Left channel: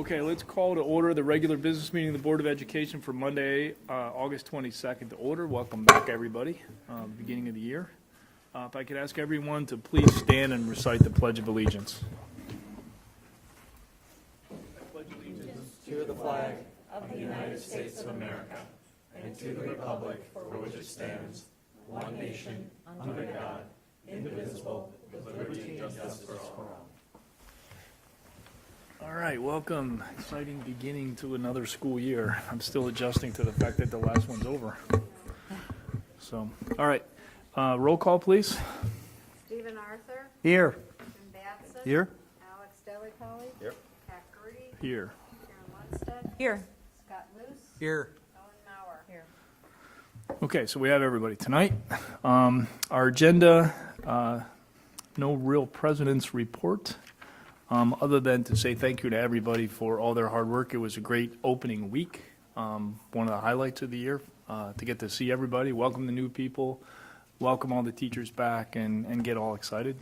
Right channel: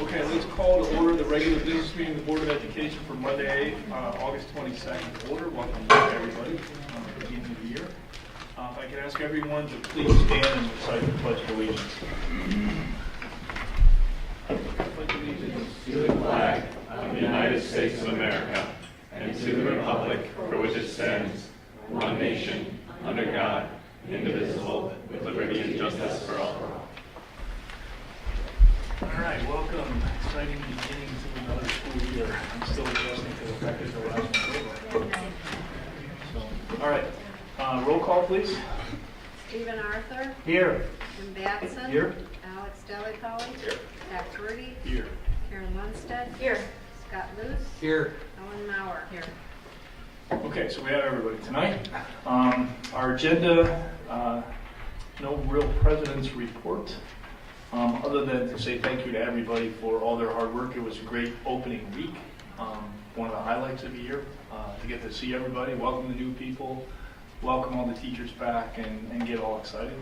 Okay, let's call to order the regular business meeting of the Board of Education for Monday, August 22nd. Order. Welcome back, everybody, beginning of the year. If I could ask everyone to please stand and recite the Pledge of Allegiance. I pledge allegiance to the flag of the United States of America and to the republic for which it stands, one nation, under God, indivisible, with liberty and justice for all. All right, welcome. Exciting beginning to another school year. I'm still adjusting to the fact that the last one's over. So, all right, roll call, please. Stephen Arthur. Here. Jim Batson. Here. Alex Dellicoe. Here. Pat Purdy. Here. Karen Lundstedt. Here. Scott Luce. Here. Ellen Mauer. Here. Okay, so we have everybody tonight. Our agenda, no real president's report, other than to say thank you to everybody for all their hard work. It was a great opening week, one of the highlights of the year, to get to see everybody, welcome the new people, welcome all the teachers back, and get all excited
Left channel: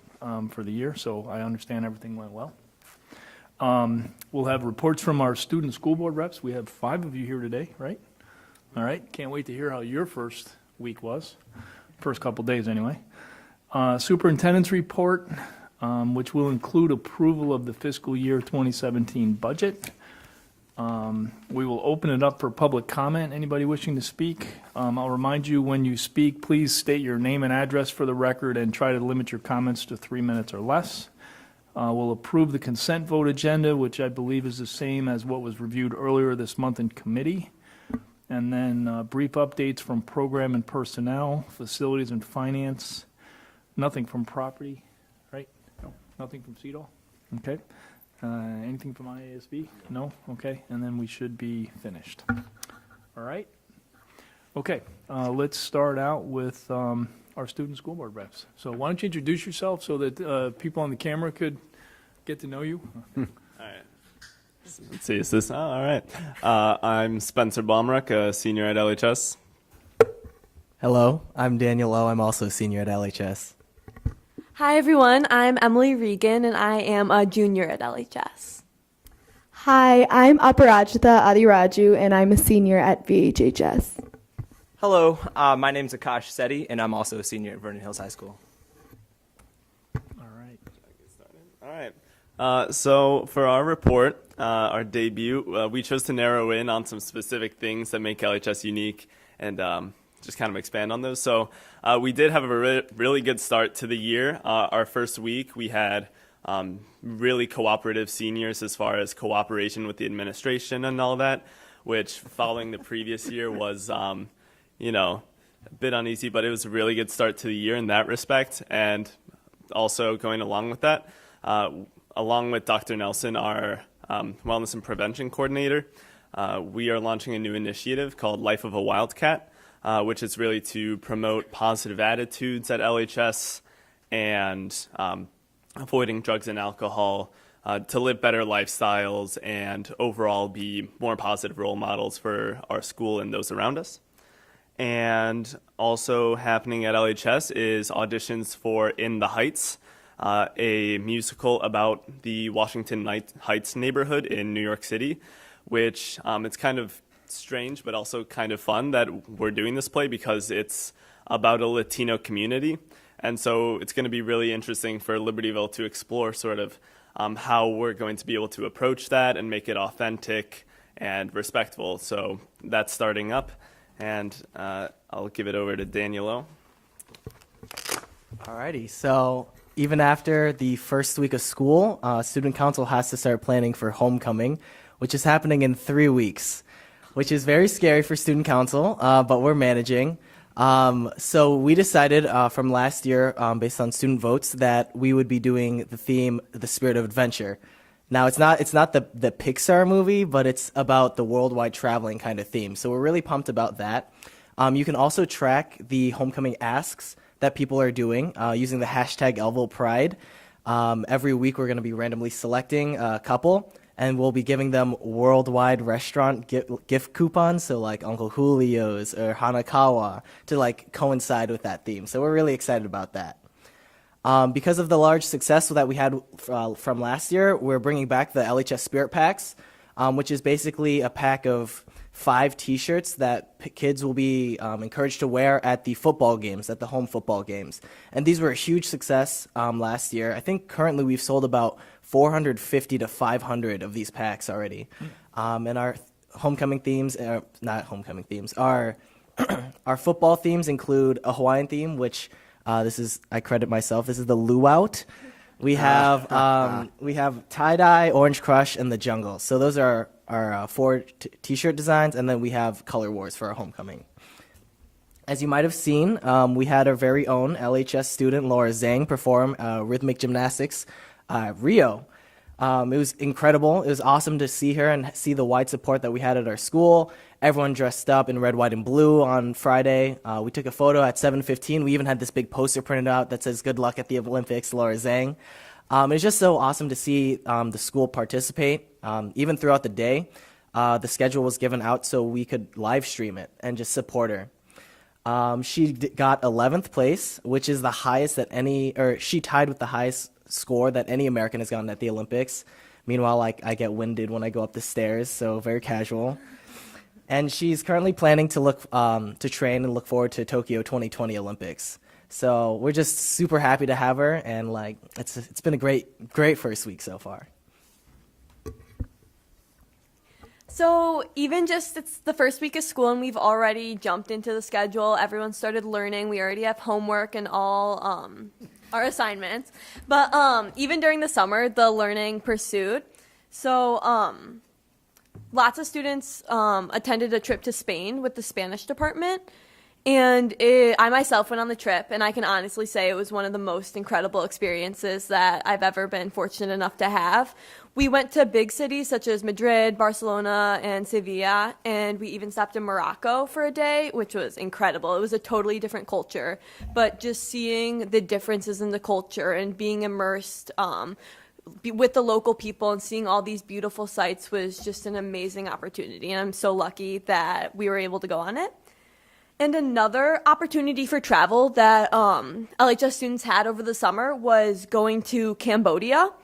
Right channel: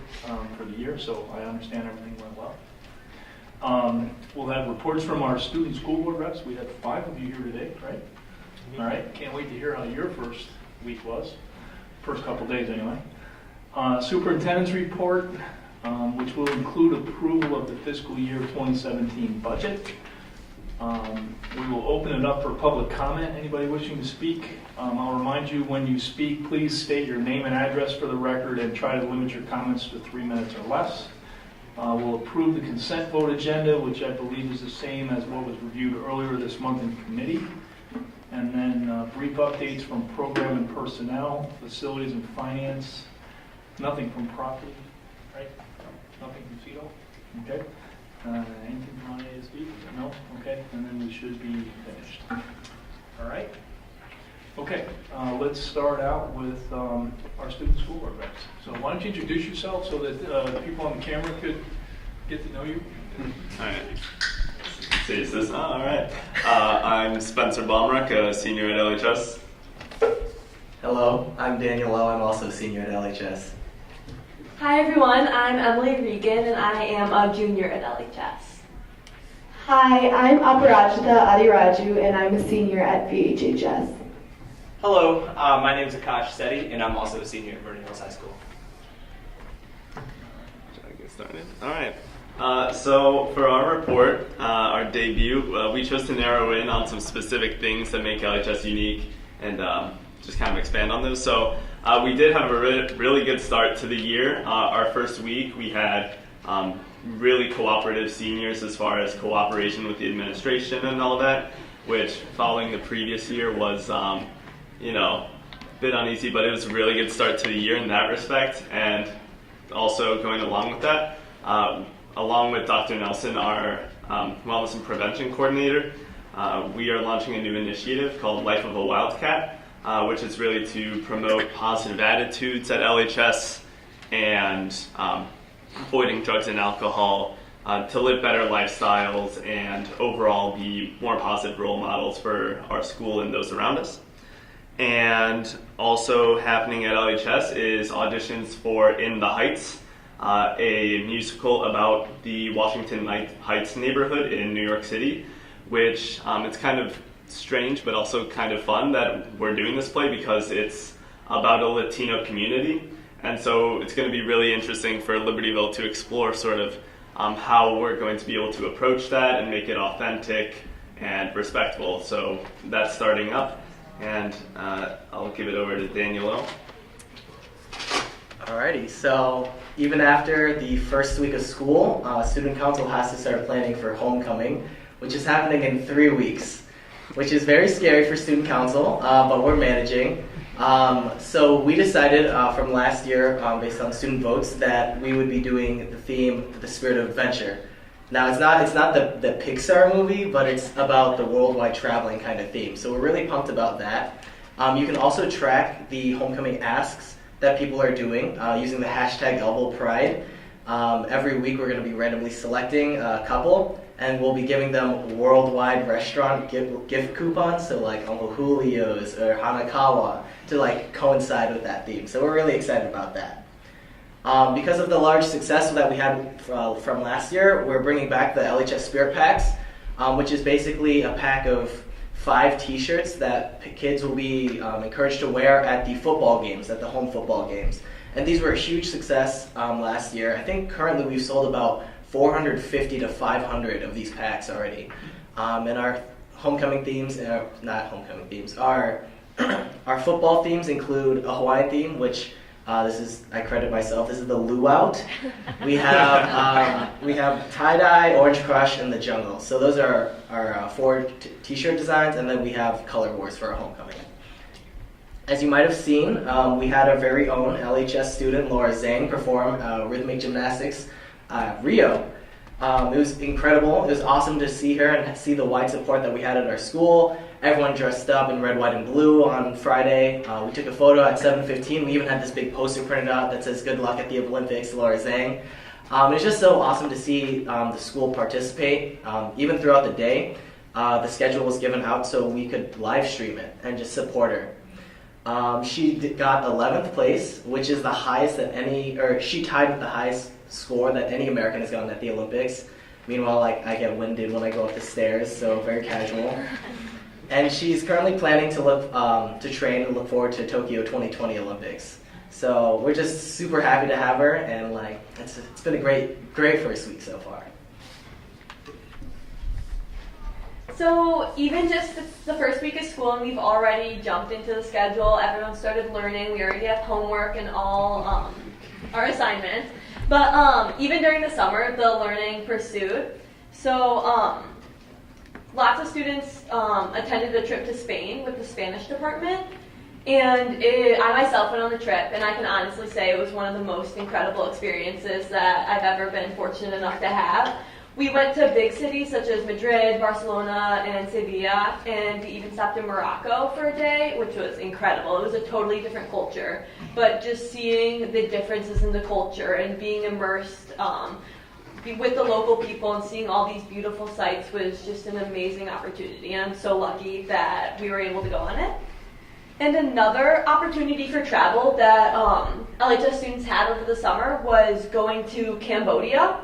for the year. So I understand everything went well. We'll have reports from our student school board reps. We had 5 of you here today, right? All right, can't wait to hear how your first week was. First couple days anyway. Superintendent's report, which will include approval of the fiscal year 2017 budget. We will open it up for public comment. Anybody wishing to speak? I'll remind you, when you speak, please state your name and address for the record and try to limit your comments to 3 minutes or less. We'll approve the consent vote agenda, which I believe is the same as what was reviewed earlier this month in committee. And then brief updates from program and personnel, facilities and finance. Nothing from property, right? Nothing from CEDO? Okay. Anything from IASD? No? Okay. And then we should be finished. All right. Okay. Let's start out with our student school board reps. So why don't you introduce yourself so that people on the camera could get to know you? All right. Let's see, is this? All right. I'm Spencer Baumruck, a senior at LHS. Hello, I'm Daniel Lowe. I'm also a senior at LHS. Hi everyone, I'm Emily Regan and I am a junior at LHS. Hi, I'm Aparajita Adiraju and I'm a senior at VHHS. Hello, my name is Akash Sethi and I'm also a senior at Vernon Hills High School. Shall I get started? All right. So for our report, our debut, we chose to narrow in on some specific things that make LHS unique and just kind of expand on those. So we did have a really good start to the year. Our first week, we had really cooperative seniors as far as cooperation with the administration and all that, which following the previous year was, a bit uneasy, but it was a really good start to the year in that respect. And also going along with that, along with Dr. Nelson, our Wellness and Prevention Coordinator, we are launching a new initiative called Life of a Wildcat, which is really to promote positive attitudes at LHS and avoiding drugs and alcohol, to live better lifestyles and overall be more positive role models for our school and those around us. And also happening at LHS is auditions for In the Heights, a musical about the Washington Heights neighborhood in New York City, which it's kind of strange but also kind of fun that we're doing this play because it's about a Latino community. And so it's going to be really interesting for Libertyville to explore sort of how we're going to be able to approach that and make it authentic and respectful. So that's starting up, and I'll give it over to Daniel Lowe. Alrighty, so even after the first week of school, Student Council has to start planning for homecoming, which is happening in 3 weeks, which is very scary for Student Council, but we're managing. So we decided from last year, based on student votes, that we would be doing the theme, The Spirit of Adventure. Now, it's not the Pixar movie, but it's about the worldwide traveling kind of theme. So we're really pumped about that. You can also track the homecoming asks that people are doing using the hashtag #ElvoPride. Every week we're going to be randomly selecting a couple, and we'll be giving them worldwide restaurant gift coupons, so like Uncle Julio's or Hanakawa, to like coincide with that theme. So we're really excited about that. Because of the large success that we had from last year, we're bringing back the LHS Spirit Packs. which is basically a pack of 5 t-shirts that kids will be encouraged to wear at the football games, at the home football games. And these were a huge success last year. I think currently we've sold about 450 to 500 of these packs already. And our homecoming themes, not homecoming themes, our football themes include a Hawaiian theme, which I credit myself, this is the luau. We have tie-dye, orange crush, and the jungle. So those are our 4 t-shirt designs, and then we have color wars for our homecoming. As you might have seen, we had our very own LHS student, Laura Zhang, perform rhythmic gymnastics at Rio. It was incredible. It was awesome to see her and see the wide support that we had at our school. Everyone dressed up in red, white, and blue on Friday. We took a photo at 7:15. We even had this big poster printed out that says, "Good luck at the Olympics, Laura Zhang." It was just so awesome to see the school participate. Even throughout the day, the schedule was given out so we could live stream it and just support her. She got 11th place, which is the highest that she tied with the highest score that any American has gotten at the Olympics. Meanwhile, I get winded when I go up the stairs, so very casual. And she's currently planning to train and look forward to Tokyo 2020 Olympics. So we're just super happy to have her, and it's been a great first week so far. So even just it's the first week of school and we've already jumped into the schedule. Everyone started learning. We already have homework and all our assignments. But even during the summer, the learning pursued. So lots of students attended a trip to Spain with the Spanish department. And I myself went on the trip, and I can honestly say it was one of the most incredible experiences that I've ever been fortunate enough to have. We went to big cities such as Madrid, Barcelona, and Sevilla, and we even stopped in Morocco for a day, which was incredible. It was a totally different culture, but just seeing the differences in the culture and being immersed with the local people and seeing all these beautiful sights was just an amazing opportunity, and I'm so lucky that we were able to go on it. And another opportunity for travel that LHS students had over the summer was going to Cambodia.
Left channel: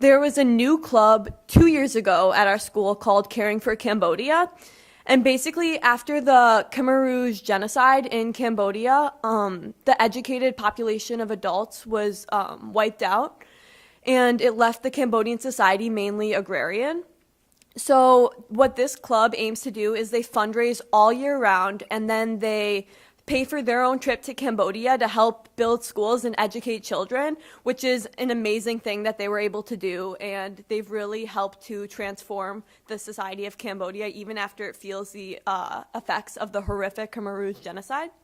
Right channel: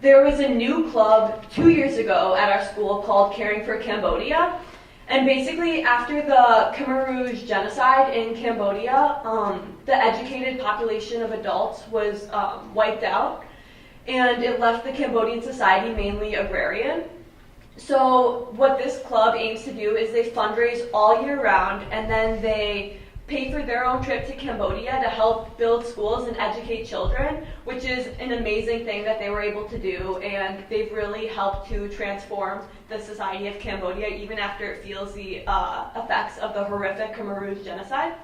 There was a new club 2 years ago at our school called Caring for Cambodia. And basically, after the Khmer Rouge genocide in Cambodia, the educated population of adults was wiped out, and it left the Cambodian society mainly agrarian. So what this club aims to do is they fundraise all year round, and then they pay for their own trip to Cambodia to help build schools and educate children, which is an amazing thing that they were able to do, and they've really helped to transform the society of Cambodia even after it feels the effects of the horrific Khmer Rouge genocide.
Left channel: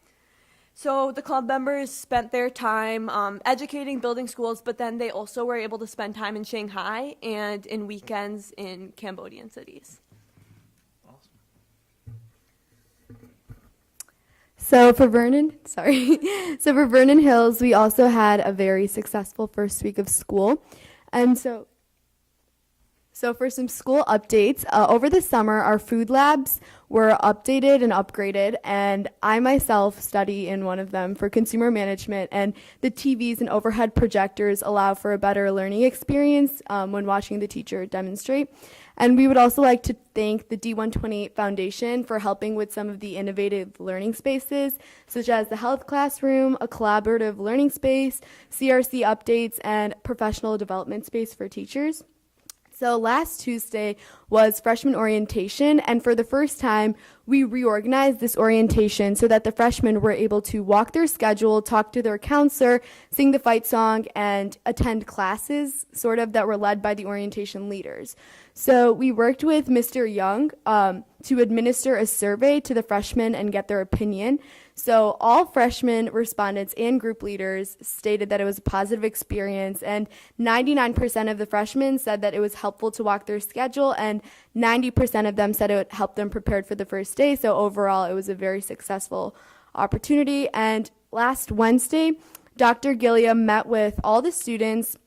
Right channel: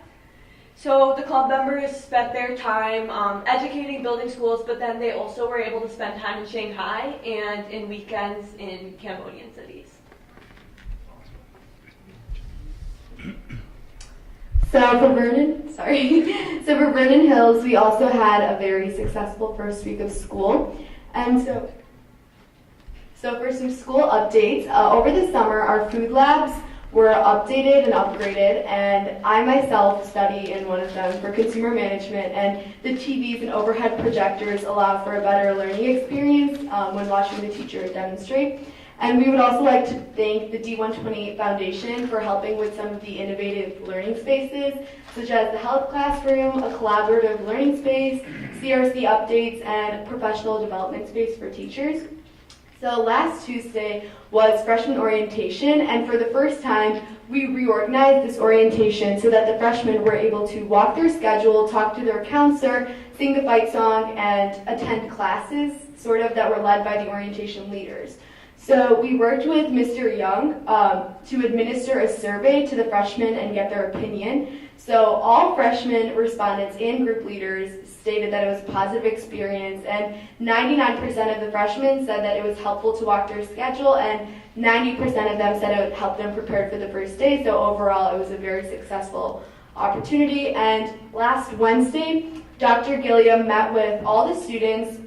So the club members spent their time educating, building schools, but then they also were able to spend time in Shanghai and in weekends in Cambodian cities. So for Vernon Hills, we also had a very successful first week of school. And so for some school updates, over the summer, our food labs were updated and upgraded, and I myself study in one of them for consumer management, and the TVs and overhead projectors allow for a better learning experience when watching the teacher demonstrate. And we would also like to thank the D128 Foundation for helping with some of the innovative learning spaces, such as the health classroom, a collaborative learning space, CRC updates, and professional development space for teachers. So last Tuesday was freshman orientation, and for the first time, we reorganized this orientation so that the freshmen were able to walk their schedule, talk to their counselor, sing the fight song, and attend classes that were led by the orientation leaders. So we worked with Mr. Young to administer a survey to the freshmen and get their opinion. So all freshman respondents and group leaders stated that it was a positive experience, and 99% of the freshmen said that it was helpful to walk their schedule, and 90% of them said it helped them prepare for the first day. So overall, it was a very successful opportunity. And last Wednesday, Dr. Gilliam met with all the students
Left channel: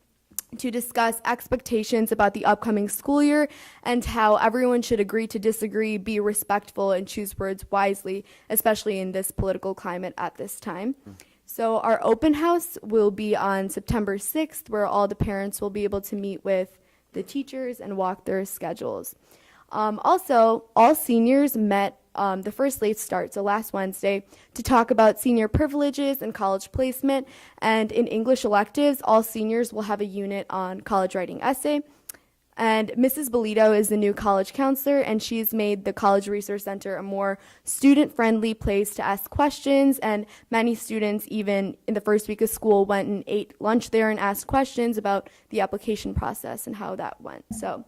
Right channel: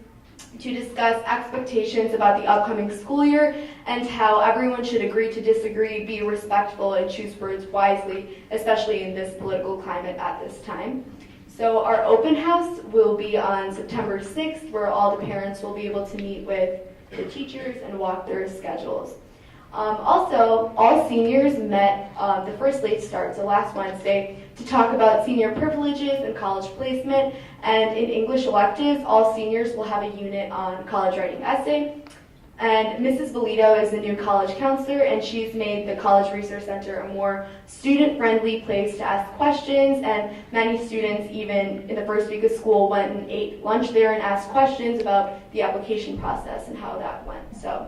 to discuss expectations about the upcoming school year and how everyone should agree to disagree, be respectful, and choose words wisely, especially in this political climate at this time. So our open house will be on September 6th, where all the parents will be able to meet with the teachers and walk their schedules. Also, all seniors met the first late start, so last Wednesday, to talk about senior privileges and college placement. And in English electives, all seniors will have a unit on college writing essay. And Mrs. Bolito is the new college counselor, and she's made the College Resource Center a more student-friendly place to ask questions, and many students, even in the first week of school, went and ate lunch there and asked questions about the application process and how that went. So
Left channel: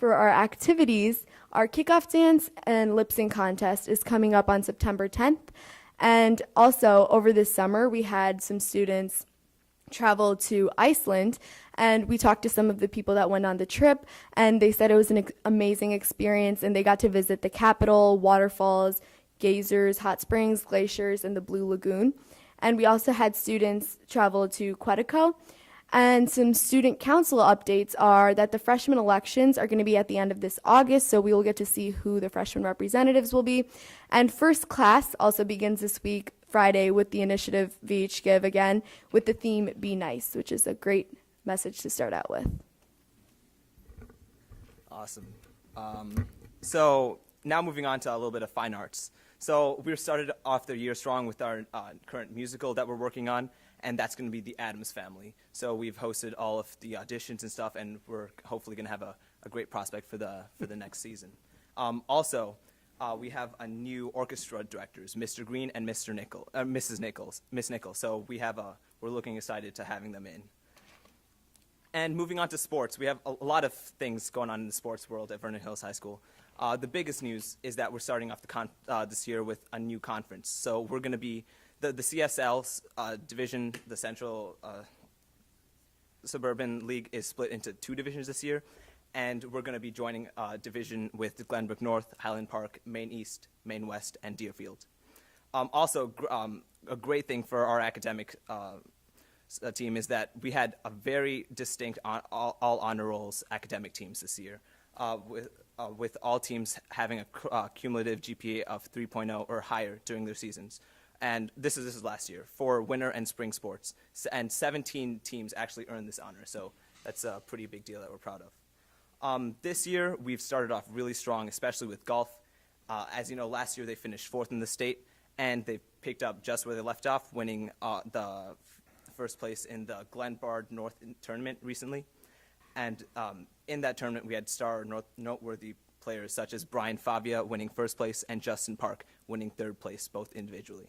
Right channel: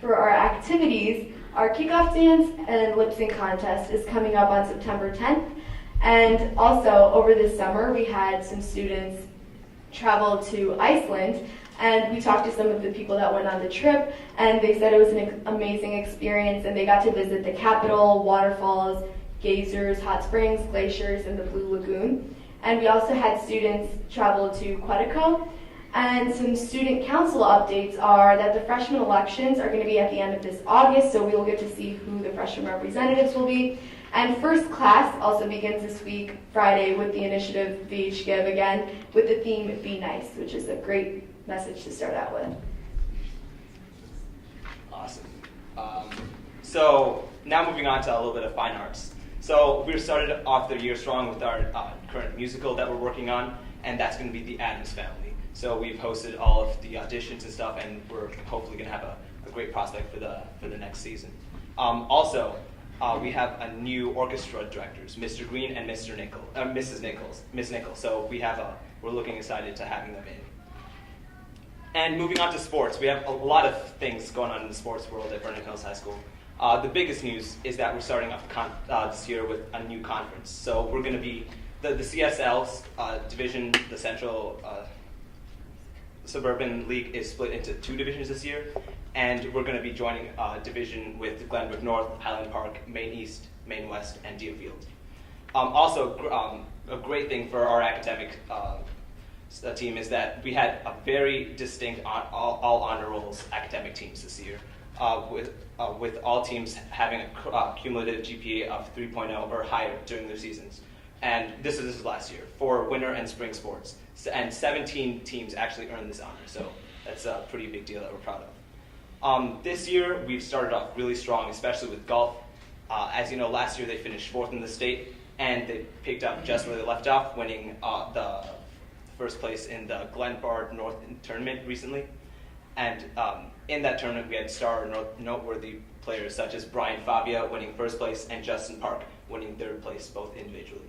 for our activities, our kickoff dance and lip sync contest is coming up on September 10th. And also, over this summer, we had some students travel to Iceland, and we talked to some of the people that went on the trip, and they said it was an amazing experience, and they got to visit the capital, waterfalls, geysers, hot springs, glaciers, and the Blue Lagoon. And we also had students travel to Quetico. And some student council updates are that the freshman elections are going to be at the end of this August, so we will get to see who the freshman representatives will be. And first class also begins this week, Friday, with the initiative VH Give again, with the theme Be Nice, which is a great message to start out with. Awesome. So now moving on to a little bit of fine arts. So we started off the year strong with our current musical that we're working on, and that's going to be The Addams Family. So we've hosted all of the auditions and stuff, and we're hopefully going to have a great prospect for the next season. Also, we have a new orchestra directors, Mr. Green and Mrs. Nichols. So we're looking excited to having them in. And moving on to sports, we have a lot of things going on in the sports world at Vernon Hills High School. The biggest news is that we're starting off this year with a new conference. So we're going to be the CSL division, the Central Suburban League is split into 2 divisions this year, and we're going to be joining a division with Glenbrook North, Highland Park, Maine East, Maine West, and Deerfield. Also, a great thing for our academic team is that we had a very distinct all honor rolls academic teams this year, with all teams having a cumulative GPA of 3.0 or higher during their seasons. And this is last year for winter and spring sports. And 17 teams actually earned this honor, so that's a pretty big deal that we're proud of. This year, we've started off really strong, especially with golf. As you know, last year they finished 4th in the state, and they picked up just where they left off, winning the first place in the Glenbard North tournament recently. And in that tournament, we had star noteworthy players such as Brian Fabia winning first place and Justin Park winning 3rd place, both individually.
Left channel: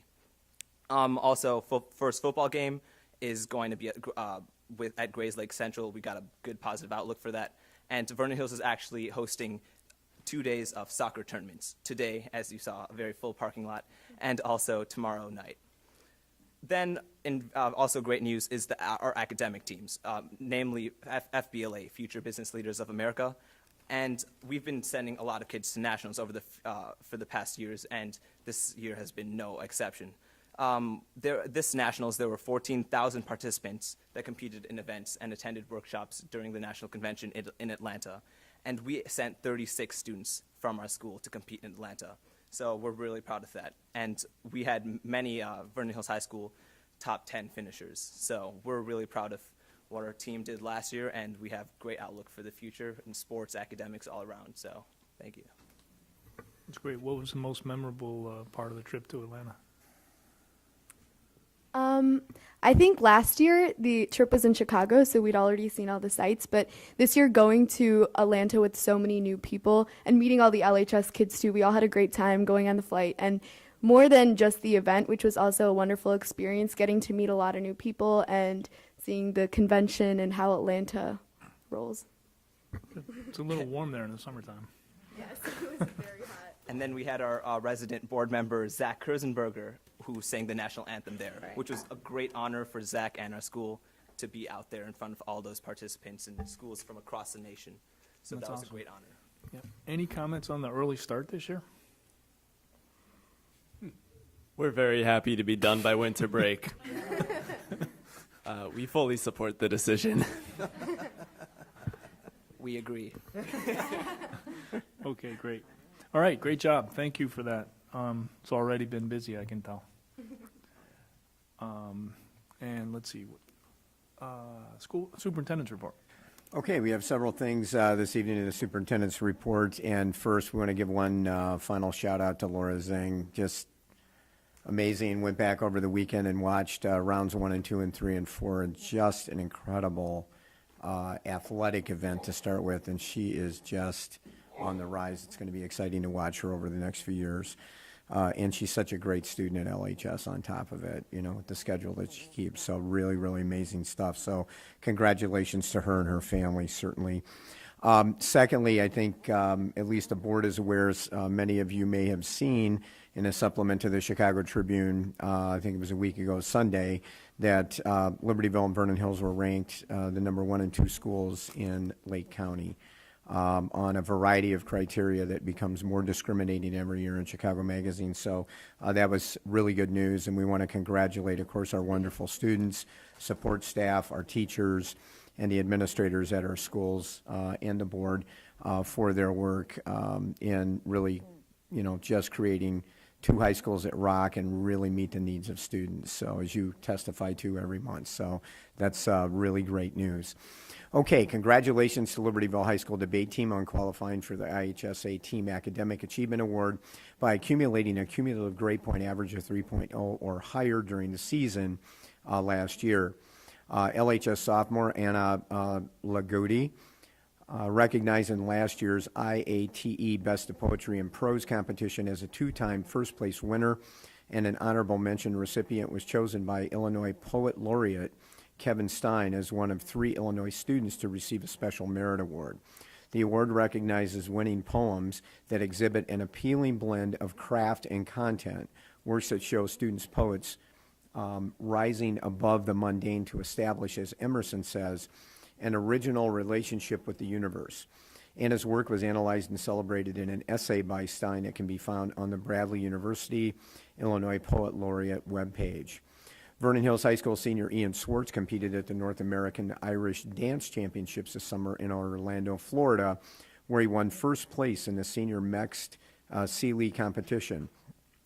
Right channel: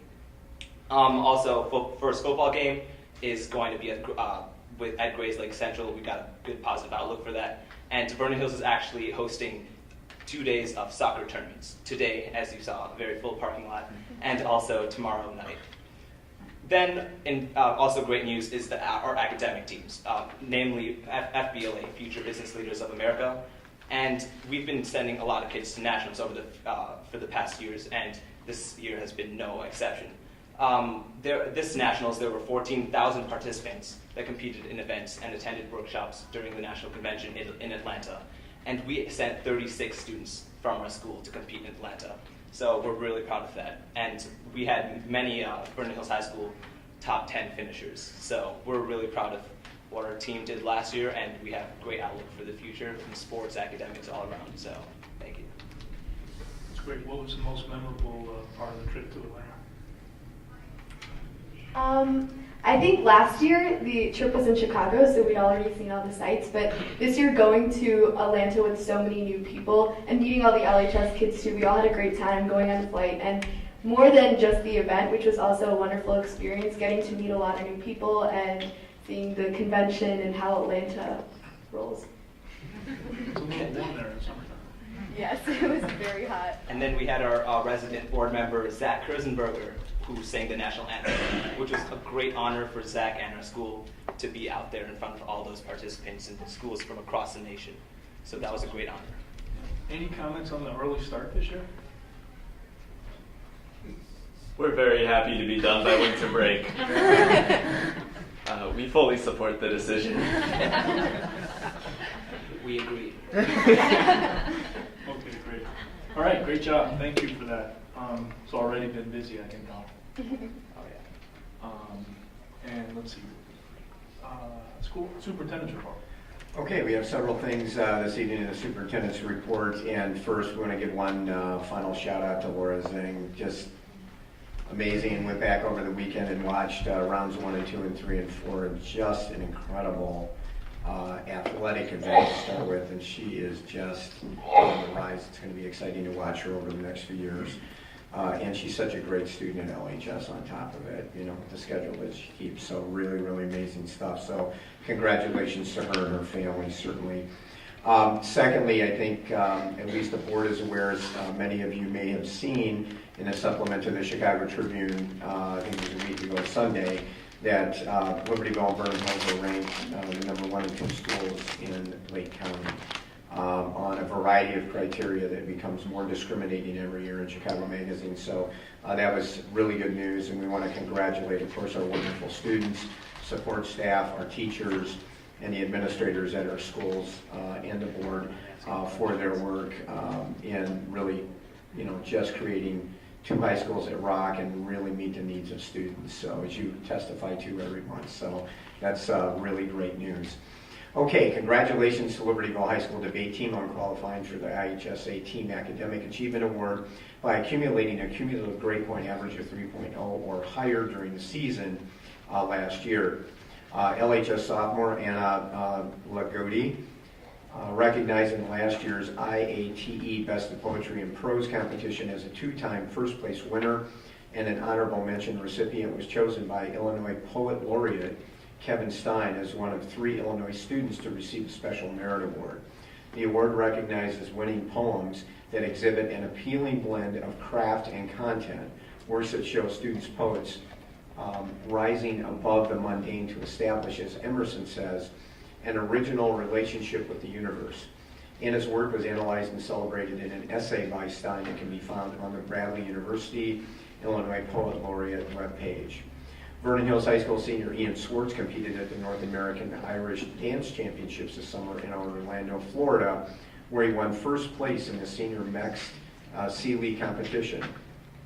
Also, first football game is going to be at Grays Lake Central. We got a good positive outlook for that. And Vernon Hills is actually hosting 2 days of soccer tournaments. Today, as you saw, a very full parking lot, and also tomorrow night. Then, also great news is our academic teams, namely FBLA, Future Business Leaders of America. And we've been sending a lot of kids to nationals for the past years, and this year has been no exception. This nationals, there were 14,000 participants that competed in events and attended workshops during the national convention in Atlanta. And we sent 36 students from our school to compete in Atlanta. So we're really proud of that. And we had many Vernon Hills High School top 10 finishers. So we're really proud of what our team did last year, and we have a great outlook for the future in sports, academics, all around. So thank you. That's great. What was the most memorable part of the trip to Atlanta? I think last year the trip was in Chicago, so we'd already seen all the sights, but this year going to Atlanta with so many new people and meeting all the LHS kids too, we all had a great time going on the flight, and more than just the event, which was also a wonderful experience, getting to meet a lot of new people and seeing the convention and how Atlanta rolls. It's a little warm there in the summertime. Yes, it was very hot. And then we had our resident board member, Zach Kurzenberger, who sang the national anthem, which was a great honor for Zach and our school to be out there in front of all those participants and schools from across the nation. So that was a great honor. Yeah. Any comments on the early start this year? We're very happy to be done by winter break. We fully support the decision. We agree. Okay, great. All right, great job. Thank you for that. It's already been busy, I can tell. Oh, yeah. And let's see. School superintendent's report. Okay, we have several things this evening in the superintendent's report, and first we want to give one final shout out to Laura Zing. Just amazing. Went back over the weekend and watched rounds 1 and 2 and 3 and 4, and just an incredible athletic event to start with, and she is just on the rise. It's going to be exciting to watch her over the next few years. And she's such a great student at LHS on top of it, you know, the schedule that she keeps. So really, really amazing stuff. So congratulations to her and her family, certainly. Secondly, I think at least the board is aware, as many of you may have seen in a supplement to the Chicago Tribune, I think it was a week ago Sunday, that Libertyville and Vernon Hills were ranked the number 1 and 2 schools in Lake County. On a variety of criteria that becomes more discriminating every year in Chicago Magazine. So that was really good news, and we want to congratulate, of course, our wonderful students, support staff, our teachers, and the administrators at our schools and the board for their work in really, you know, just creating 2 high schools that rock and really meet the needs of students. So as you testify to every month, so that's really great news. Okay, congratulations to Libertyville High School debate team on qualifying for the IHSA Team Academic Achievement Award by accumulating a cumulative grade point average of 3.0 or higher during the season last year. LHS sophomore Anna Lagodi, recognized in last year's IATE Best of Poetry and Prose competition as a 2-time first place winner, and an honorable mention recipient, was chosen by Illinois Poet Laureate Kevin Stein as one of 3 Illinois students to receive a Special Merit Award. The award recognizes winning poems that exhibit an appealing blend of craft and content, works that show students' poets rising above the mundane to establish, as Emerson says, an original relationship with the universe. Anna's work was analyzed and celebrated in an essay by Stein that can be found on the Bradley University Illinois Poet Laureate webpage. Vernon Hills High School senior Ian Swartz competed at the North American Irish Dance Championships this summer in Orlando, Florida, where he won first place in the senior mixed C-League competition.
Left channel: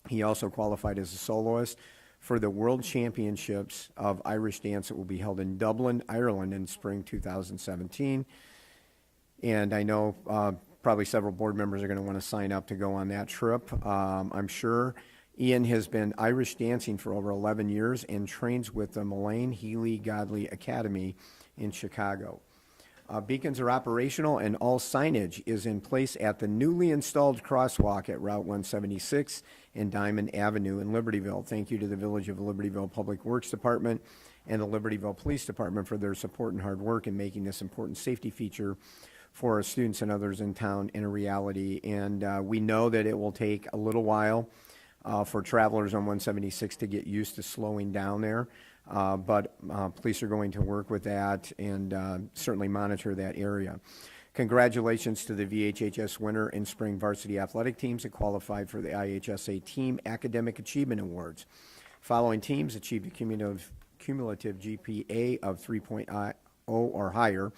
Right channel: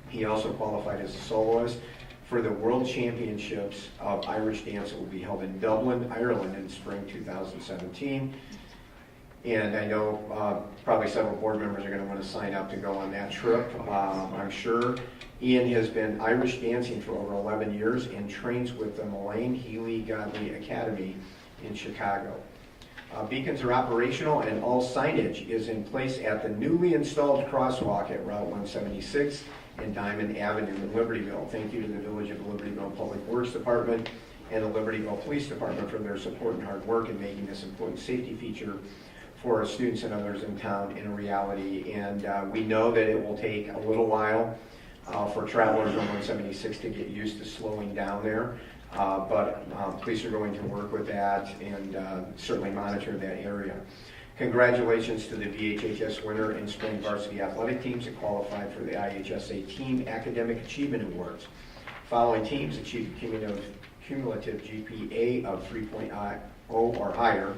He also qualified as a soloist for the World Championships of Irish Dance that will be held in Dublin, Ireland in spring 2017. And I know probably several board members are going to want to sign up to go on that trip, I'm sure. Ian has been Irish dancing for over 11 years and trains with the Mullane Healy Godley Academy in Chicago. Beacons are operational and all signage is in place at the newly installed crosswalk at Route 176 and Diamond Avenue in Libertyville. Thank you to the Village of Libertyville Public Works Department and the Libertyville Police Department for their support and hard work in making this important safety feature for our students and others in town in reality. And we know that it will take a little while for travelers on 176 to get used to slowing down there, but police are going to work with that and certainly monitor that area. Congratulations to the VHHS winner and spring varsity athletic teams that qualified for the IHSA Team Academic Achievement Awards. Following teams achieved a cumulative GPA of 3.0 or higher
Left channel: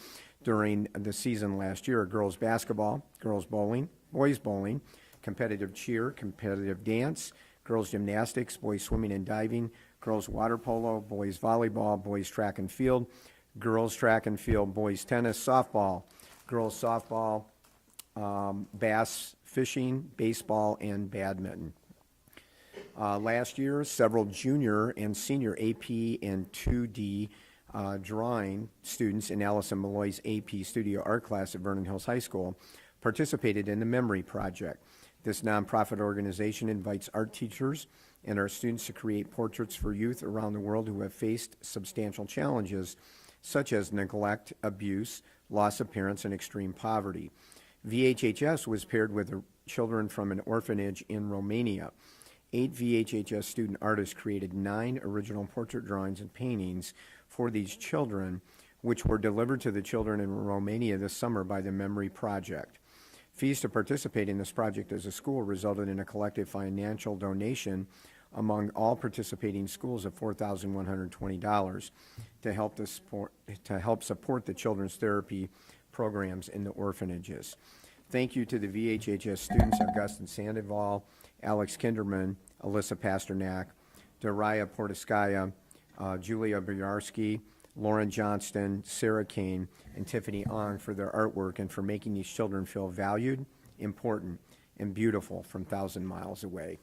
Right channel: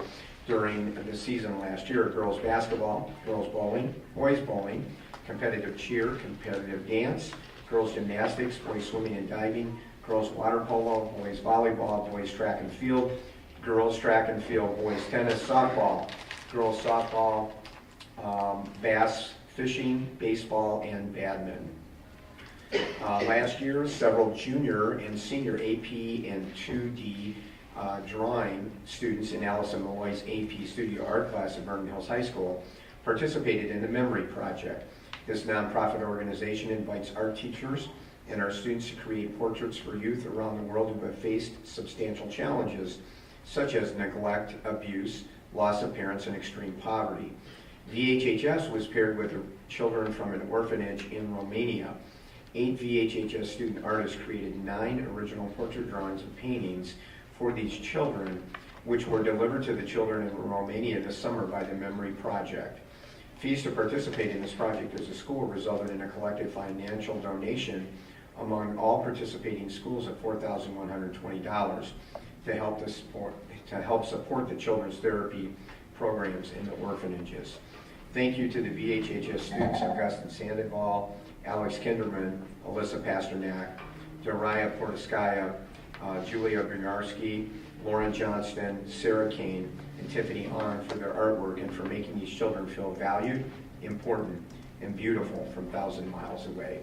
during the season last year: girls basketball, girls bowling, boys bowling, competitive cheer, competitive dance, girls gymnastics, boys swimming and diving, girls water polo, boys volleyball, boys track and field, girls track and field, boys tennis, softball, girls softball, bass fishing, baseball, and badminton. Last year, several junior and senior AP and 2D drawing students in Allison Malloy's AP Studio Art class at Vernon Hills High School participated in the Memory Project. This nonprofit organization invites art teachers and our students to create portraits for youth around the world who have faced substantial challenges such as neglect, abuse, loss of parents, and extreme poverty. VHHS was paired with children from an orphanage in Romania. 8 VHHS student artists created 9 original portrait drawings and paintings for these children, which were delivered to the children in Romania this summer by the Memory Project. Fees to participate in this project as a school resulted in a collective financial donation among all participating schools of $4,120 to help support the children's therapy programs in the orphanages. Thank you to the VHHS students Augustin Sandoval, Alex Kinderman, Alyssa Pasternak, Daria Portiskaya, Julia Grinarski, Lauren Johnston, Sarah Kane, and Tiffany Ahn for their artwork and for making these children feel valued, important, and beautiful from 1,000 miles away.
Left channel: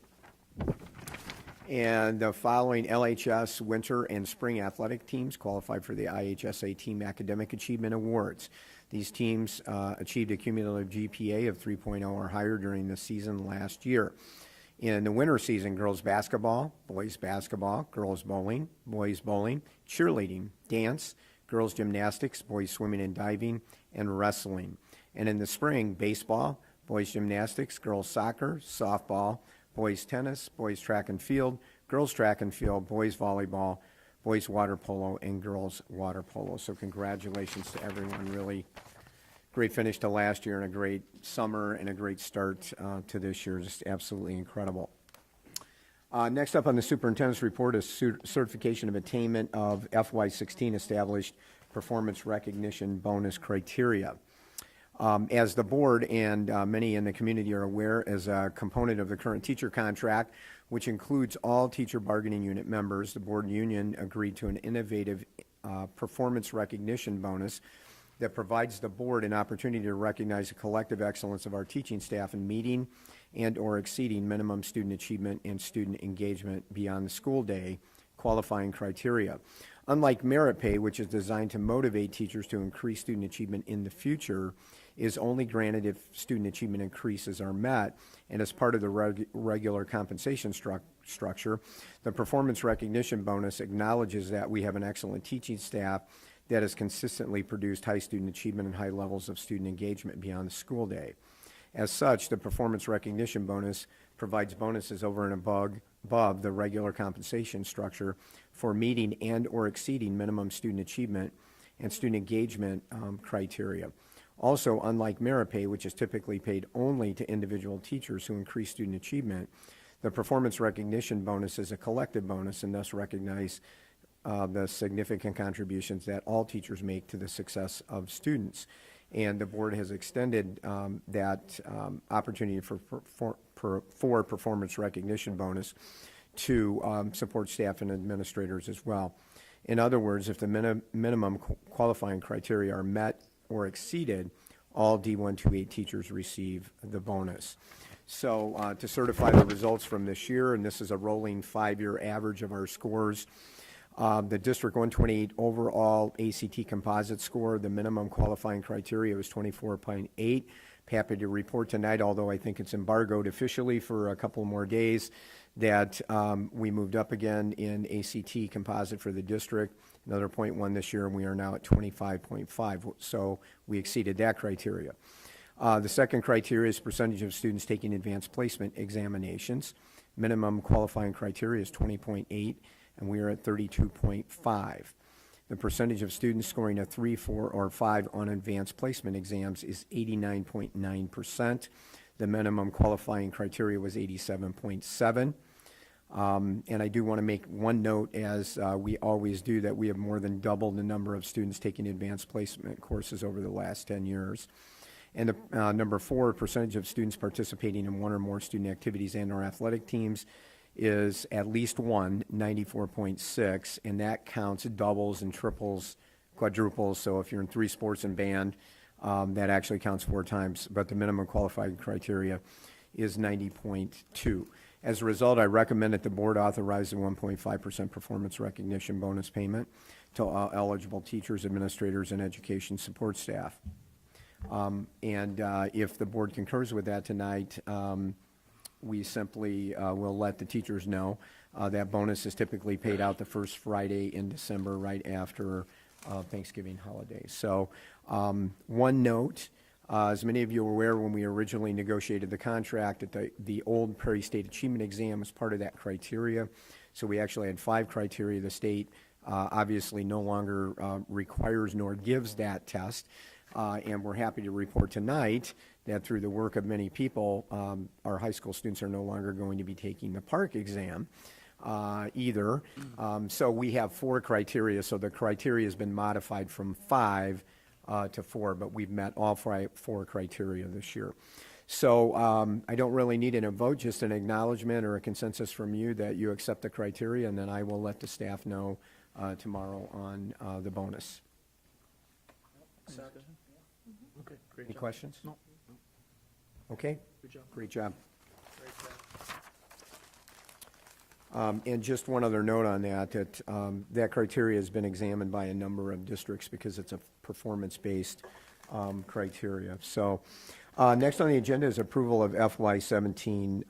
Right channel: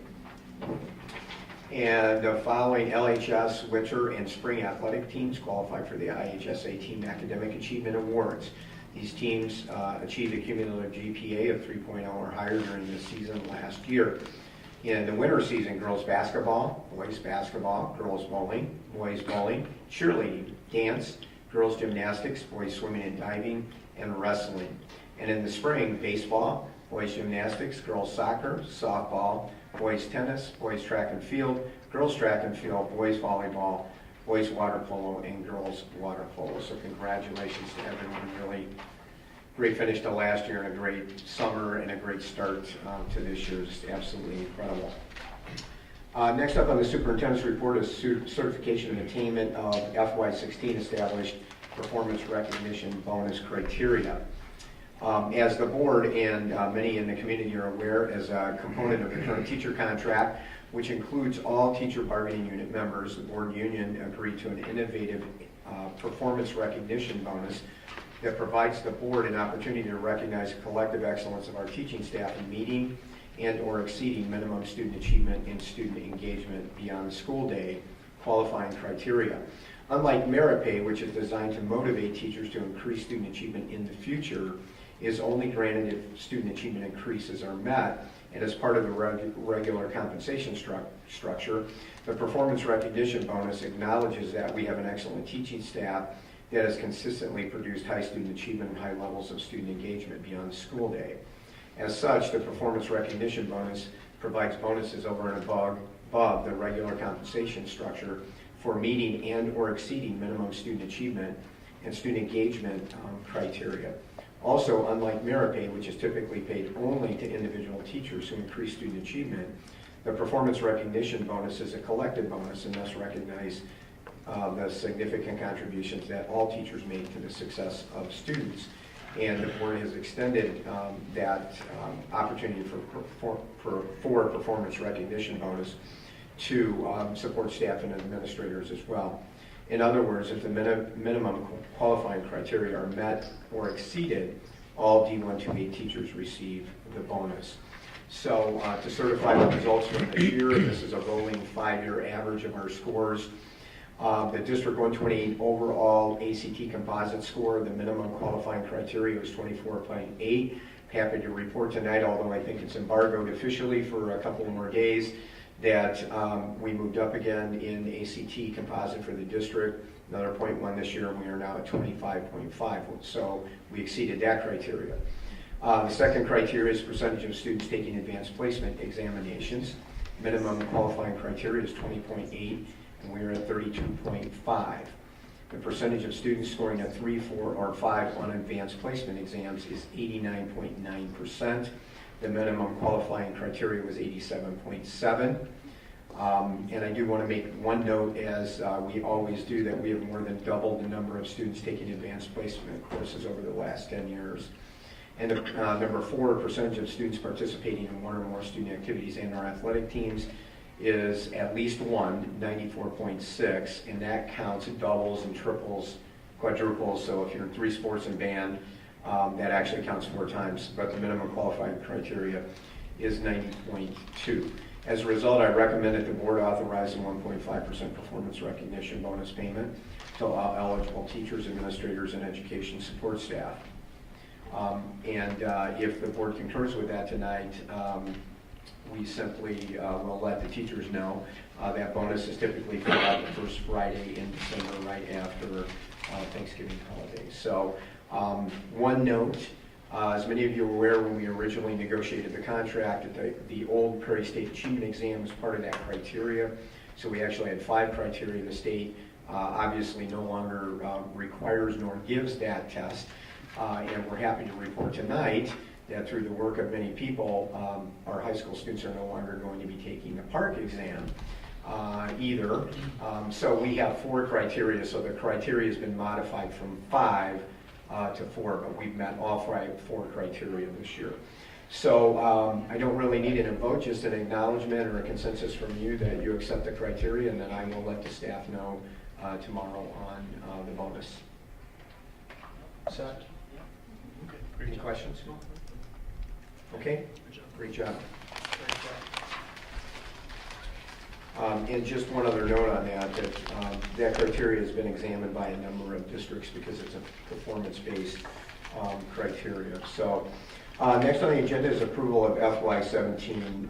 And the following LHS winter and spring athletic teams qualified for the IHSA Team Academic Achievement Awards. These teams achieved a cumulative GPA of 3.0 or higher during the season last year. In the winter season, girls basketball, boys bowling, cheerleading, dance, girls gymnastics, boys swimming and diving, and wrestling. And in the spring, baseball, boys gymnastics, girls soccer, softball, boys tennis, boys track and field, girls track and field, boys volleyball, boys water polo, and girls water polo. So congratulations to everyone. Really great finish to last year and a great summer and a great start to this year. Just absolutely incredible. Next up on the superintendent's report is certification of attainment of FY16 established performance recognition bonus criteria. As the board and many in the community are aware, as a component of the current teacher contract, which includes all teacher bargaining unit members, the board union agreed to an innovative performance recognition bonus that provides the board an opportunity to recognize the collective excellence of our teaching staff in meeting and or exceeding minimum student achievement and student engagement beyond the school day qualifying criteria. Unlike merit pay, which is designed to motivate teachers to increase student achievement in the future, is only granted if student achievement increases are met, and as part of the regular compensation structure, the performance recognition bonus acknowledges that we have an excellent teaching staff that has consistently produced high student achievement and high levels of student engagement beyond the school day. As such, the performance recognition bonus provides bonuses over and above the regular compensation structure for meeting and or exceeding minimum student achievement and student engagement criteria. Also, unlike merit pay, which is typically paid only to individual teachers who increase student achievement, the performance recognition bonus is a collective bonus and thus recognize the significant contributions that all teachers make to the success of students. And the board has extended that opportunity for performance recognition bonus to support staff and administrators as well. In other words, if the minimum qualifying criteria are met or exceeded, all D128 teachers receive the bonus. So to certify the results from this year, this is a rolling 5-year average of our scores. The District 128 overall ACT composite score, the minimum qualifying criteria was 24.8. Happy to report tonight, although I think it's embargoed officially for a couple more days, that we moved up again in ACT composite for the district, another 0.1 this year, and we are now at 25.5, so we exceeded that criteria. The second criteria is percentage of students taking advanced placement examinations. Minimum qualifying criteria is 20.8, and we are at 32.5. The percentage of students scoring a 3, 4, or 5 on advanced placement exams is 89.9%. The minimum qualifying criteria was 87.7. And I do want to make one note, as we always do, that we have more than doubled the number of students taking advanced placement courses over the last 10 years. And the number 4, percentage of students participating in one or more student activities and or athletic teams is at least 94.6, and that counts doubles and triples, quadruples. So if you're in 3 sports and band, that actually counts 4 times, but the minimum qualified criteria is 90.2. As a result, I recommend that the board authorize a 1.5% performance recognition bonus payment to eligible teachers, administrators, and education support staff. If the board concurs with that tonight, we simply will let the teachers know. That bonus is typically paid out the first Friday in December, right after Thanksgiving holiday. So one note, as many of you are aware, when we originally negotiated the contract, the old Prairie State Achievement Exam was part of that criteria. So we actually had 5 criteria. The state obviously no longer requires nor gives that test. And we're happy to report tonight that through the work of many people, our high school students are no longer going to be taking the PARCC exam either. So we have 4 criteria, so the criteria has been modified from 5 to 4, but we've met all 4 criteria this year. So I don't really need a vote, just an acknowledgement or a consensus from you that you accept the criteria, and then I will let the staff know tomorrow on the bonus. Set. Any questions? Okay, great job. And just one other note on that, that criteria has been examined by a number of districts because it's a performance-based criteria. So next on the agenda is approval of FY17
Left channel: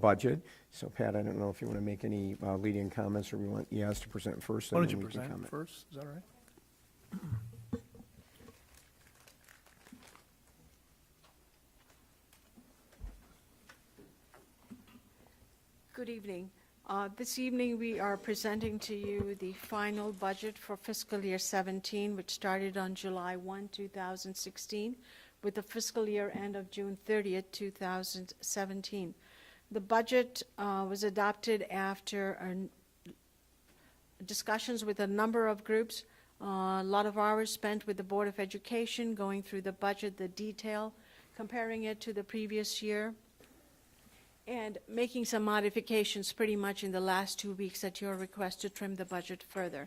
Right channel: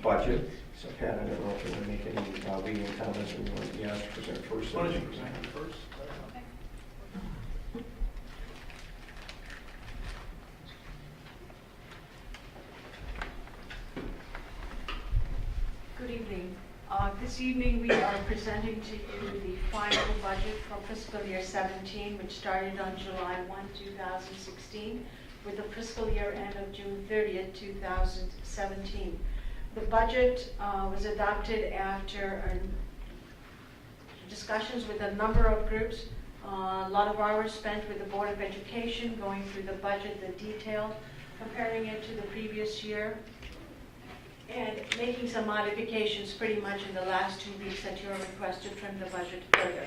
budget. So Pat, I don't know if you want to make any leading comments or you want me asked to present first. Why don't you present it first? Good evening. This evening we are presenting to you the final budget for fiscal year 17, which started on July 1, 2016, with the fiscal year end of June 30th, 2017. The budget was adopted after discussions with a number of groups, a lot of hours spent with the Board of Education going through the budget, the detail, comparing it to the previous year, and making some modifications pretty much in the last 2 weeks at your request to trim the budget further.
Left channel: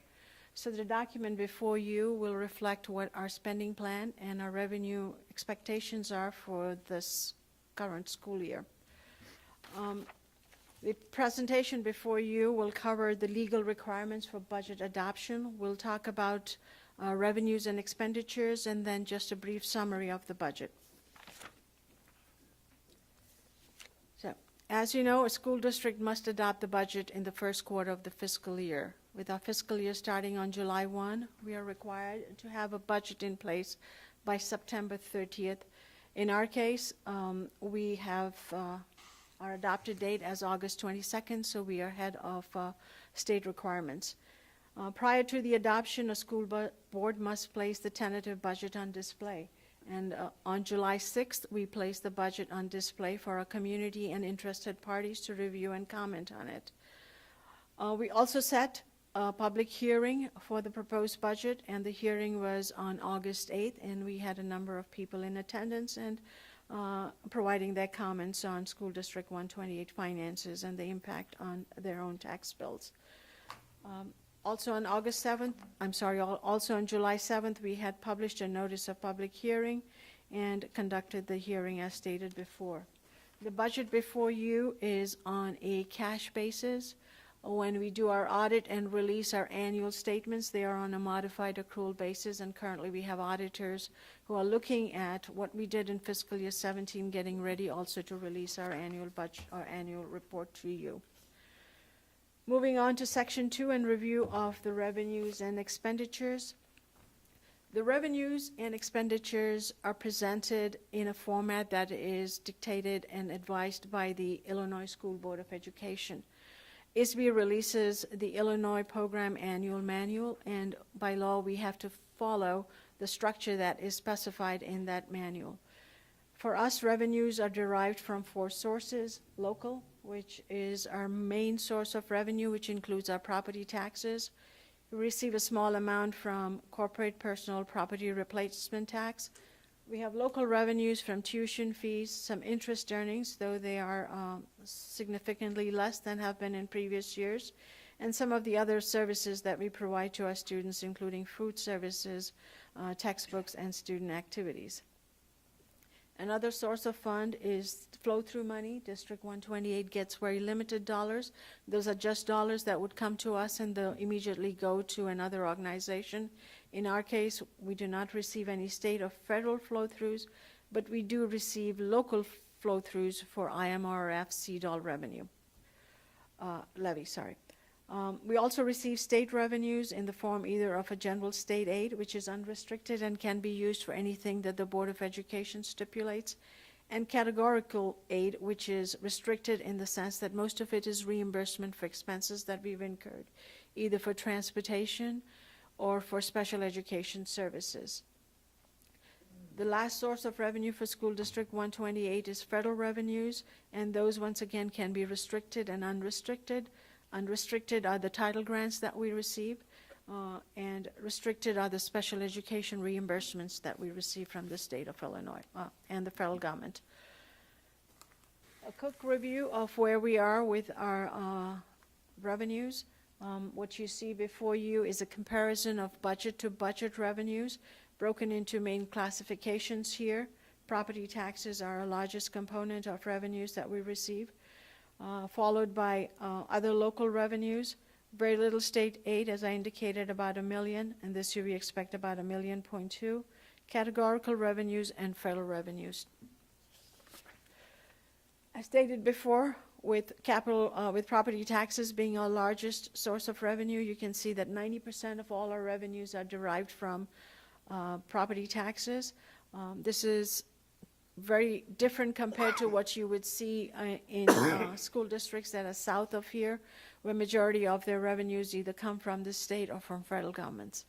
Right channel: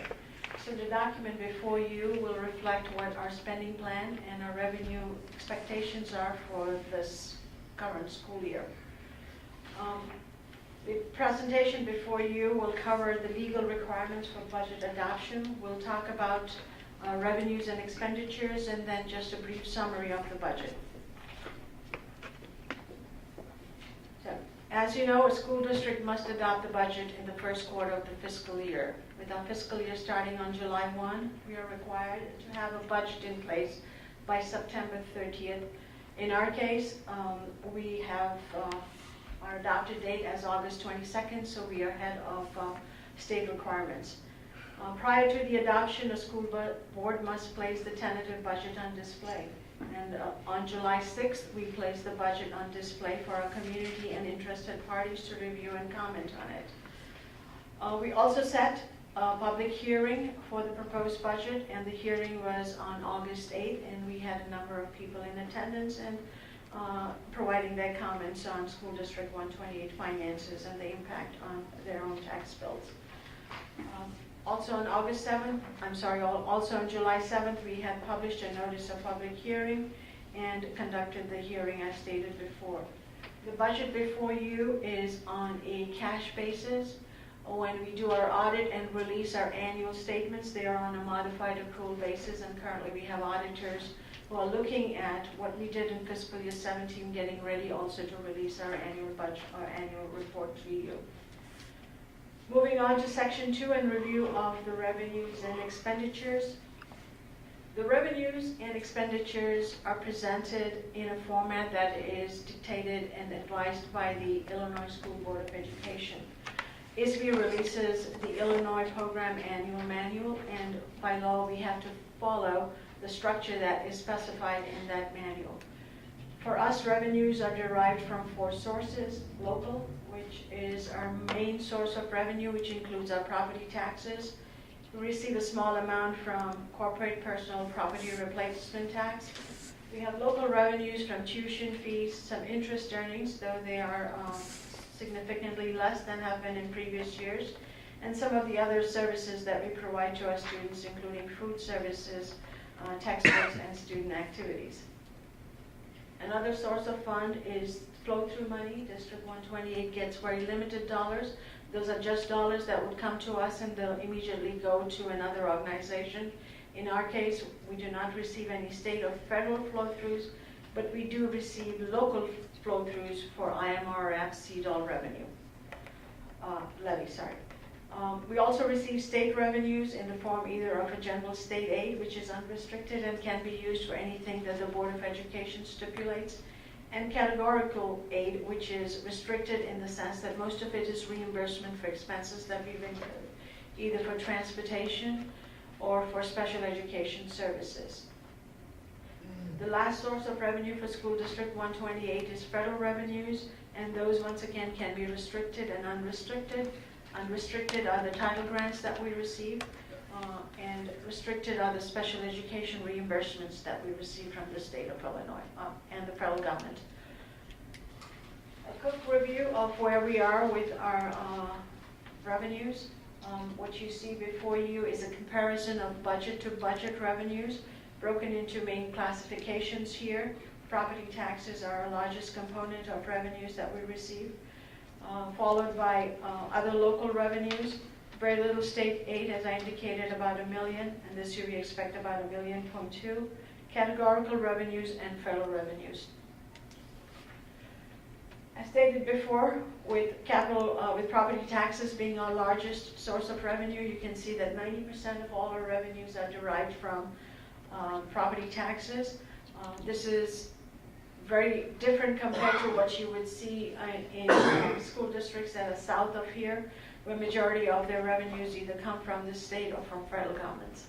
So the document before you will reflect what our spending plan and our revenue expectations are for this current school year. The presentation before you will cover the legal requirements for budget adoption. We'll talk about revenues and expenditures, and then just a brief summary of the budget. So, as you know, a school district must adopt the budget in the first quarter of the fiscal year. With our fiscal year starting on July 1, we are required to have a budget in place by September 30th. In our case, we have our adopted date as August 22nd, so we are ahead of state requirements. Prior to the adoption, a school board must place the tentative budget on display. And on July 6th, we placed the budget on display for our community and interested parties to review and comment on it. We also set a public hearing for the proposed budget, and the hearing was on August 8th, and we had a number of people in attendance and providing their comments on School District 128 finances and the impact on their own tax bills. Also on also on July 7th, we had published a notice of public hearing and conducted the hearing as stated before. The budget before you is on a cash basis. When we do our audit and release our annual statements, they are on a modified accrual basis, and currently we have auditors who are looking at what we did in fiscal year 17, getting ready also to release our annual budget, our annual report to you. Moving on to section 2 and review of the revenues and expenditures. The revenues and expenditures are presented in a format that is dictated and advised by the Illinois School Board of Education. ISBE releases the Illinois Program Annual Manual, and by law we have to follow the structure that is specified in that manual. For us, revenues are derived from 4 sources: local, which is our main source of revenue, which includes our property taxes. We receive a small amount from corporate personal property replacement tax. We have local revenues from tuition fees, some interest earnings, though they are significantly less than have been in previous years, and some of the other services that we provide to our students, including food services, textbooks, and student activities. Another source of fund is flow-through money. District 128 gets very limited dollars. Those are just dollars that would come to us and they'll immediately go to another organization. In our case, we do not receive any state or federal flow-throughs, but we do receive local flow-throughs for IMRF CDOL revenue, levy. We also receive state revenues in the form either of a general state aid, which is unrestricted and can be used for anything that the Board of Education stipulates, and categorical aid, which is restricted in the sense that most of it is reimbursement for expenses that we've incurred, either for transportation or for special education services. The last source of revenue for School District 128 is federal revenues, and those once again can be restricted and unrestricted. Unrestricted are the title grants that we receive, and restricted are the special education reimbursements that we receive from the state of Illinois and the federal government. A quick review of where we are with our What you see before you is a comparison of budget to budget revenues broken into main classifications here. Property taxes are our largest component of revenues that we receive, followed by other local revenues. Very little state aid, as I indicated, about $1 million, and this year we expect about $1.2 million. Categorical revenues and federal revenues. As stated before, with property taxes being our largest source of revenue, you can see that 90% of all our revenues are derived from property taxes. This is very different compared to what you would see in school districts that are south of here, where majority of their revenues either come from the state or from federal governments.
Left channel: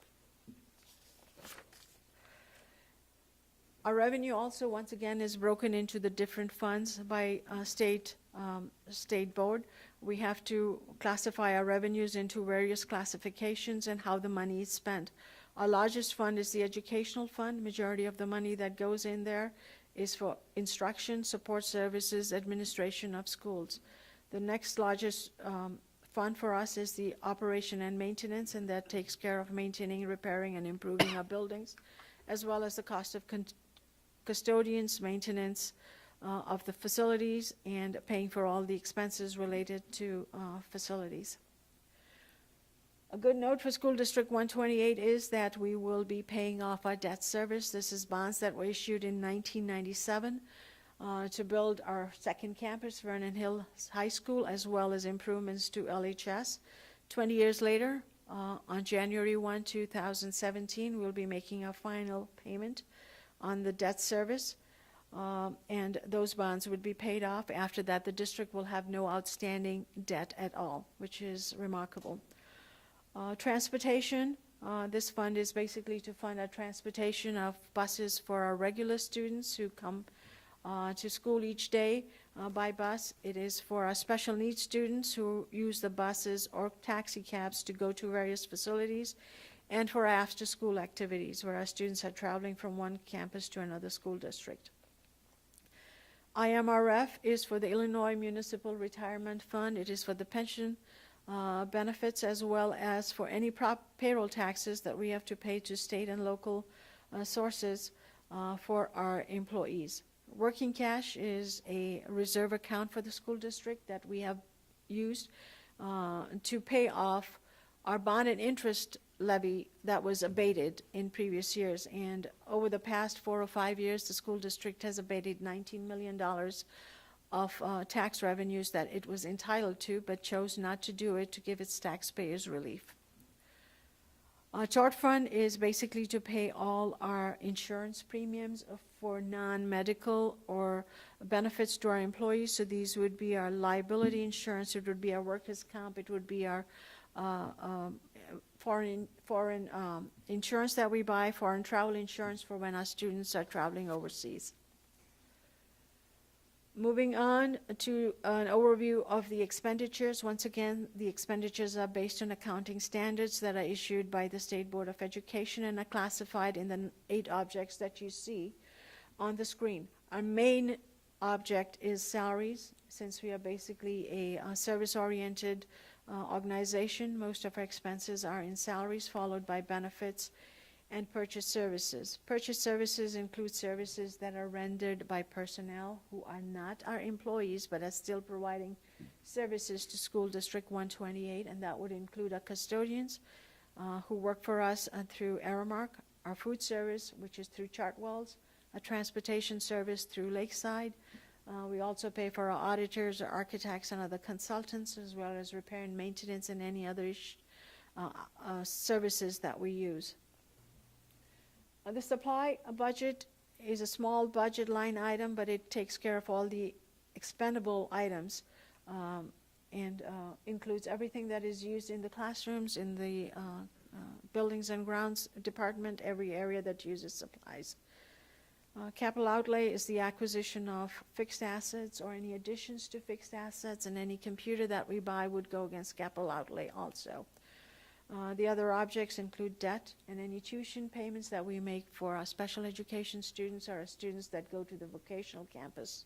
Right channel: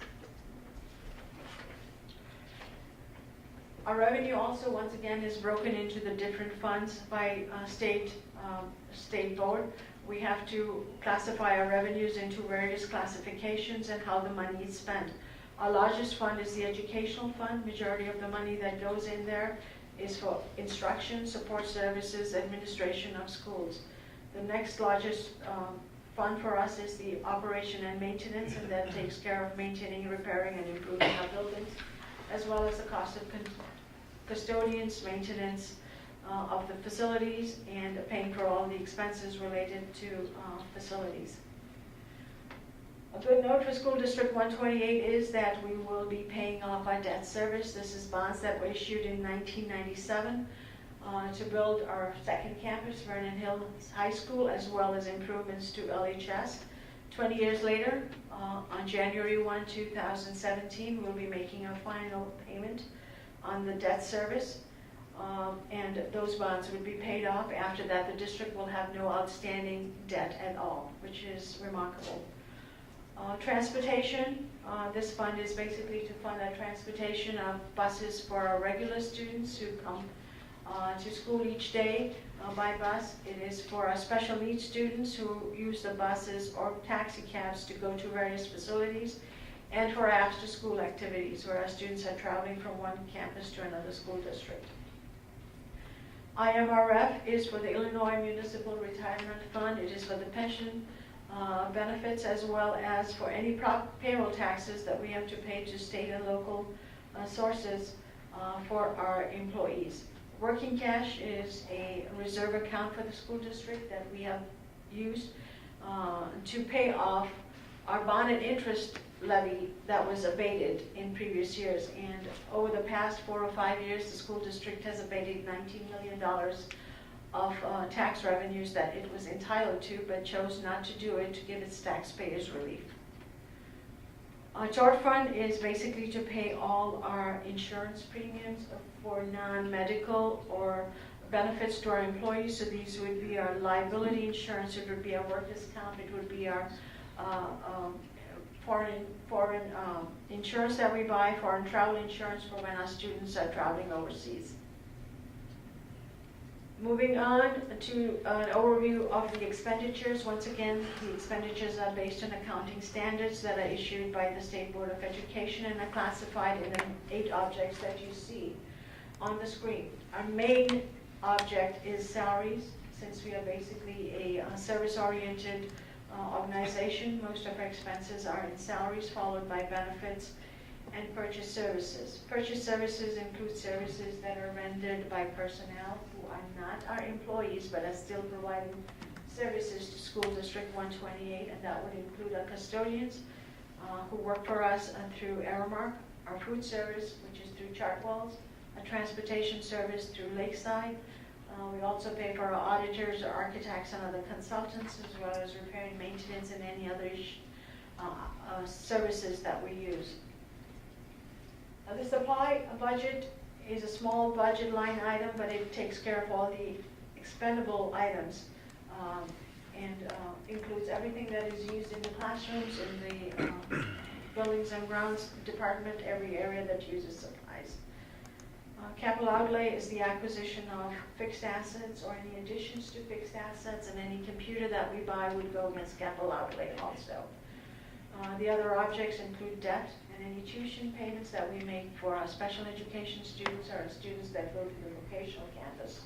Our revenue also, once again, is broken into the different funds by state board. We have to classify our revenues into various classifications and how the money is spent. Our largest fund is the educational fund. Majority of the money that goes in there is for instruction, support services, administration of schools. The next largest fund for us is the operation and maintenance, and that takes care of maintaining, repairing, and improving our buildings, as well as the cost of custodians, maintenance of the facilities, and paying for all the expenses related to facilities. A good note for School District 128 is that we will be paying off our debt service. This is bonds that were issued in 1997 to build our second campus, Vernon Hills High School, as well as improvements to LHS. 20 years later, on January 1, 2017, we'll be making our final payment on the debt service, and those bonds would be paid off. After that, the district will have no outstanding debt at all, which is remarkable. Transportation, this fund is basically to fund our transportation of buses for our regular students who come to school each day by bus. It is for our special needs students who use the buses or taxi cabs to go to various facilities, and for after-school activities where our students are traveling from one campus to another school district. IMRF is for the Illinois Municipal Retirement Fund. It is for the pension benefits, as well as for any payroll taxes that we have to pay to state and local sources for our employees. Working cash is a reserve account for the school district that we have used to pay off our bond and interest levy that was abated in previous years. And over the past 4 or 5 years, the school district has abated $19 million of tax revenues that it was entitled to, but chose not to do it to give its taxpayers relief. Our tort fund is basically to pay all our insurance premiums for non-medical or benefits to our employees. So these would be our liability insurance, it would be our workers' comp, it would be our foreign insurance that we buy, foreign travel insurance for when our students are traveling overseas. Moving on to an overview of the expenditures. Once again, the expenditures are based on accounting standards that are issued by the State Board of Education and are classified in the 8 objects that you see on the screen. Our main object is salaries, since we are basically a service-oriented organization. Most of our expenses are in salaries, followed by benefits and purchase services. Purchase services include services that are rendered by personnel who are not our employees but are still providing services to School District 128, and that would include our custodians who work for us through Aramark, our food service, which is through Chartwells, our transportation service through Lakeside. We also pay for our auditors, our architects, and other consultants, as well as repair and maintenance and any other services that we use. The supply budget is a small budget line item, but it takes care of all the expendable items and includes everything that is used in the classrooms, in the buildings and grounds department, every area that uses supplies. Capital outlay is the acquisition of fixed assets or any additions to fixed assets, and any computer that we buy would go against capital outlay also. The other objects include debt and any tuition payments that we make for our special education students or our students that go to the vocational campus.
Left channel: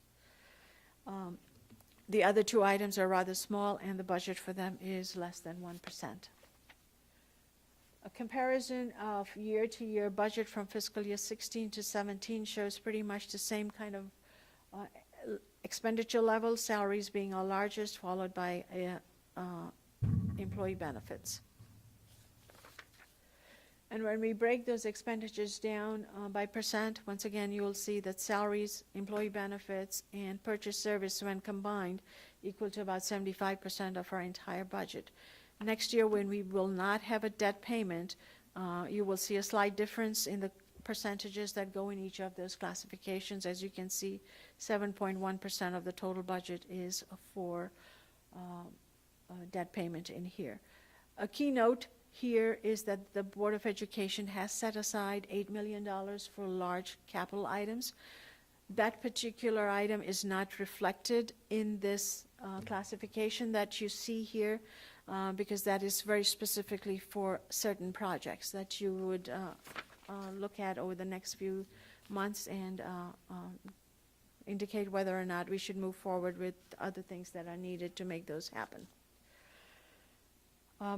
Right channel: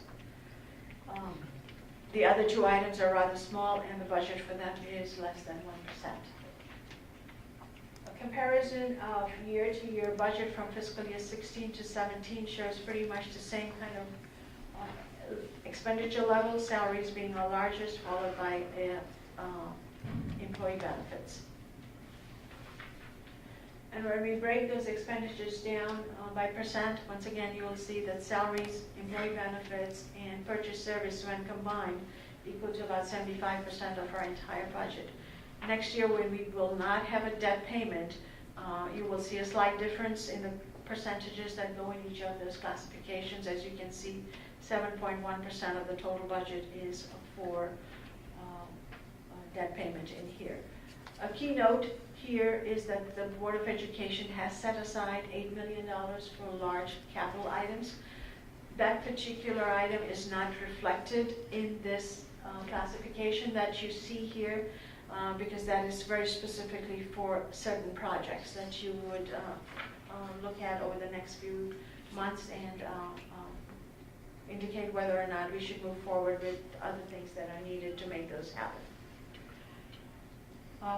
The other 2 items are rather small, and the budget for them is less than 1%. comparison of year-to-year budget from fiscal year 16 to 17 shows pretty much the same kind of expenditure levels, salaries being our largest, followed by employee benefits. And when we break those expenditures down by percent, once again, you will see that salaries, employee benefits, and purchase service when combined equal to about 75% of our entire budget. Next year, when we will not have a debt payment, you will see a slight difference in the percentages that go in each of those classifications. As you can see, 7.1% of the total budget is for debt payment in here. A key note here is that the Board of Education has set aside $8 million for large capital items. That particular item is not reflected in this classification that you see here because that is very specifically for certain projects that you would look at over the next few months and indicate whether or not we should move forward with other things that are needed to make those happen.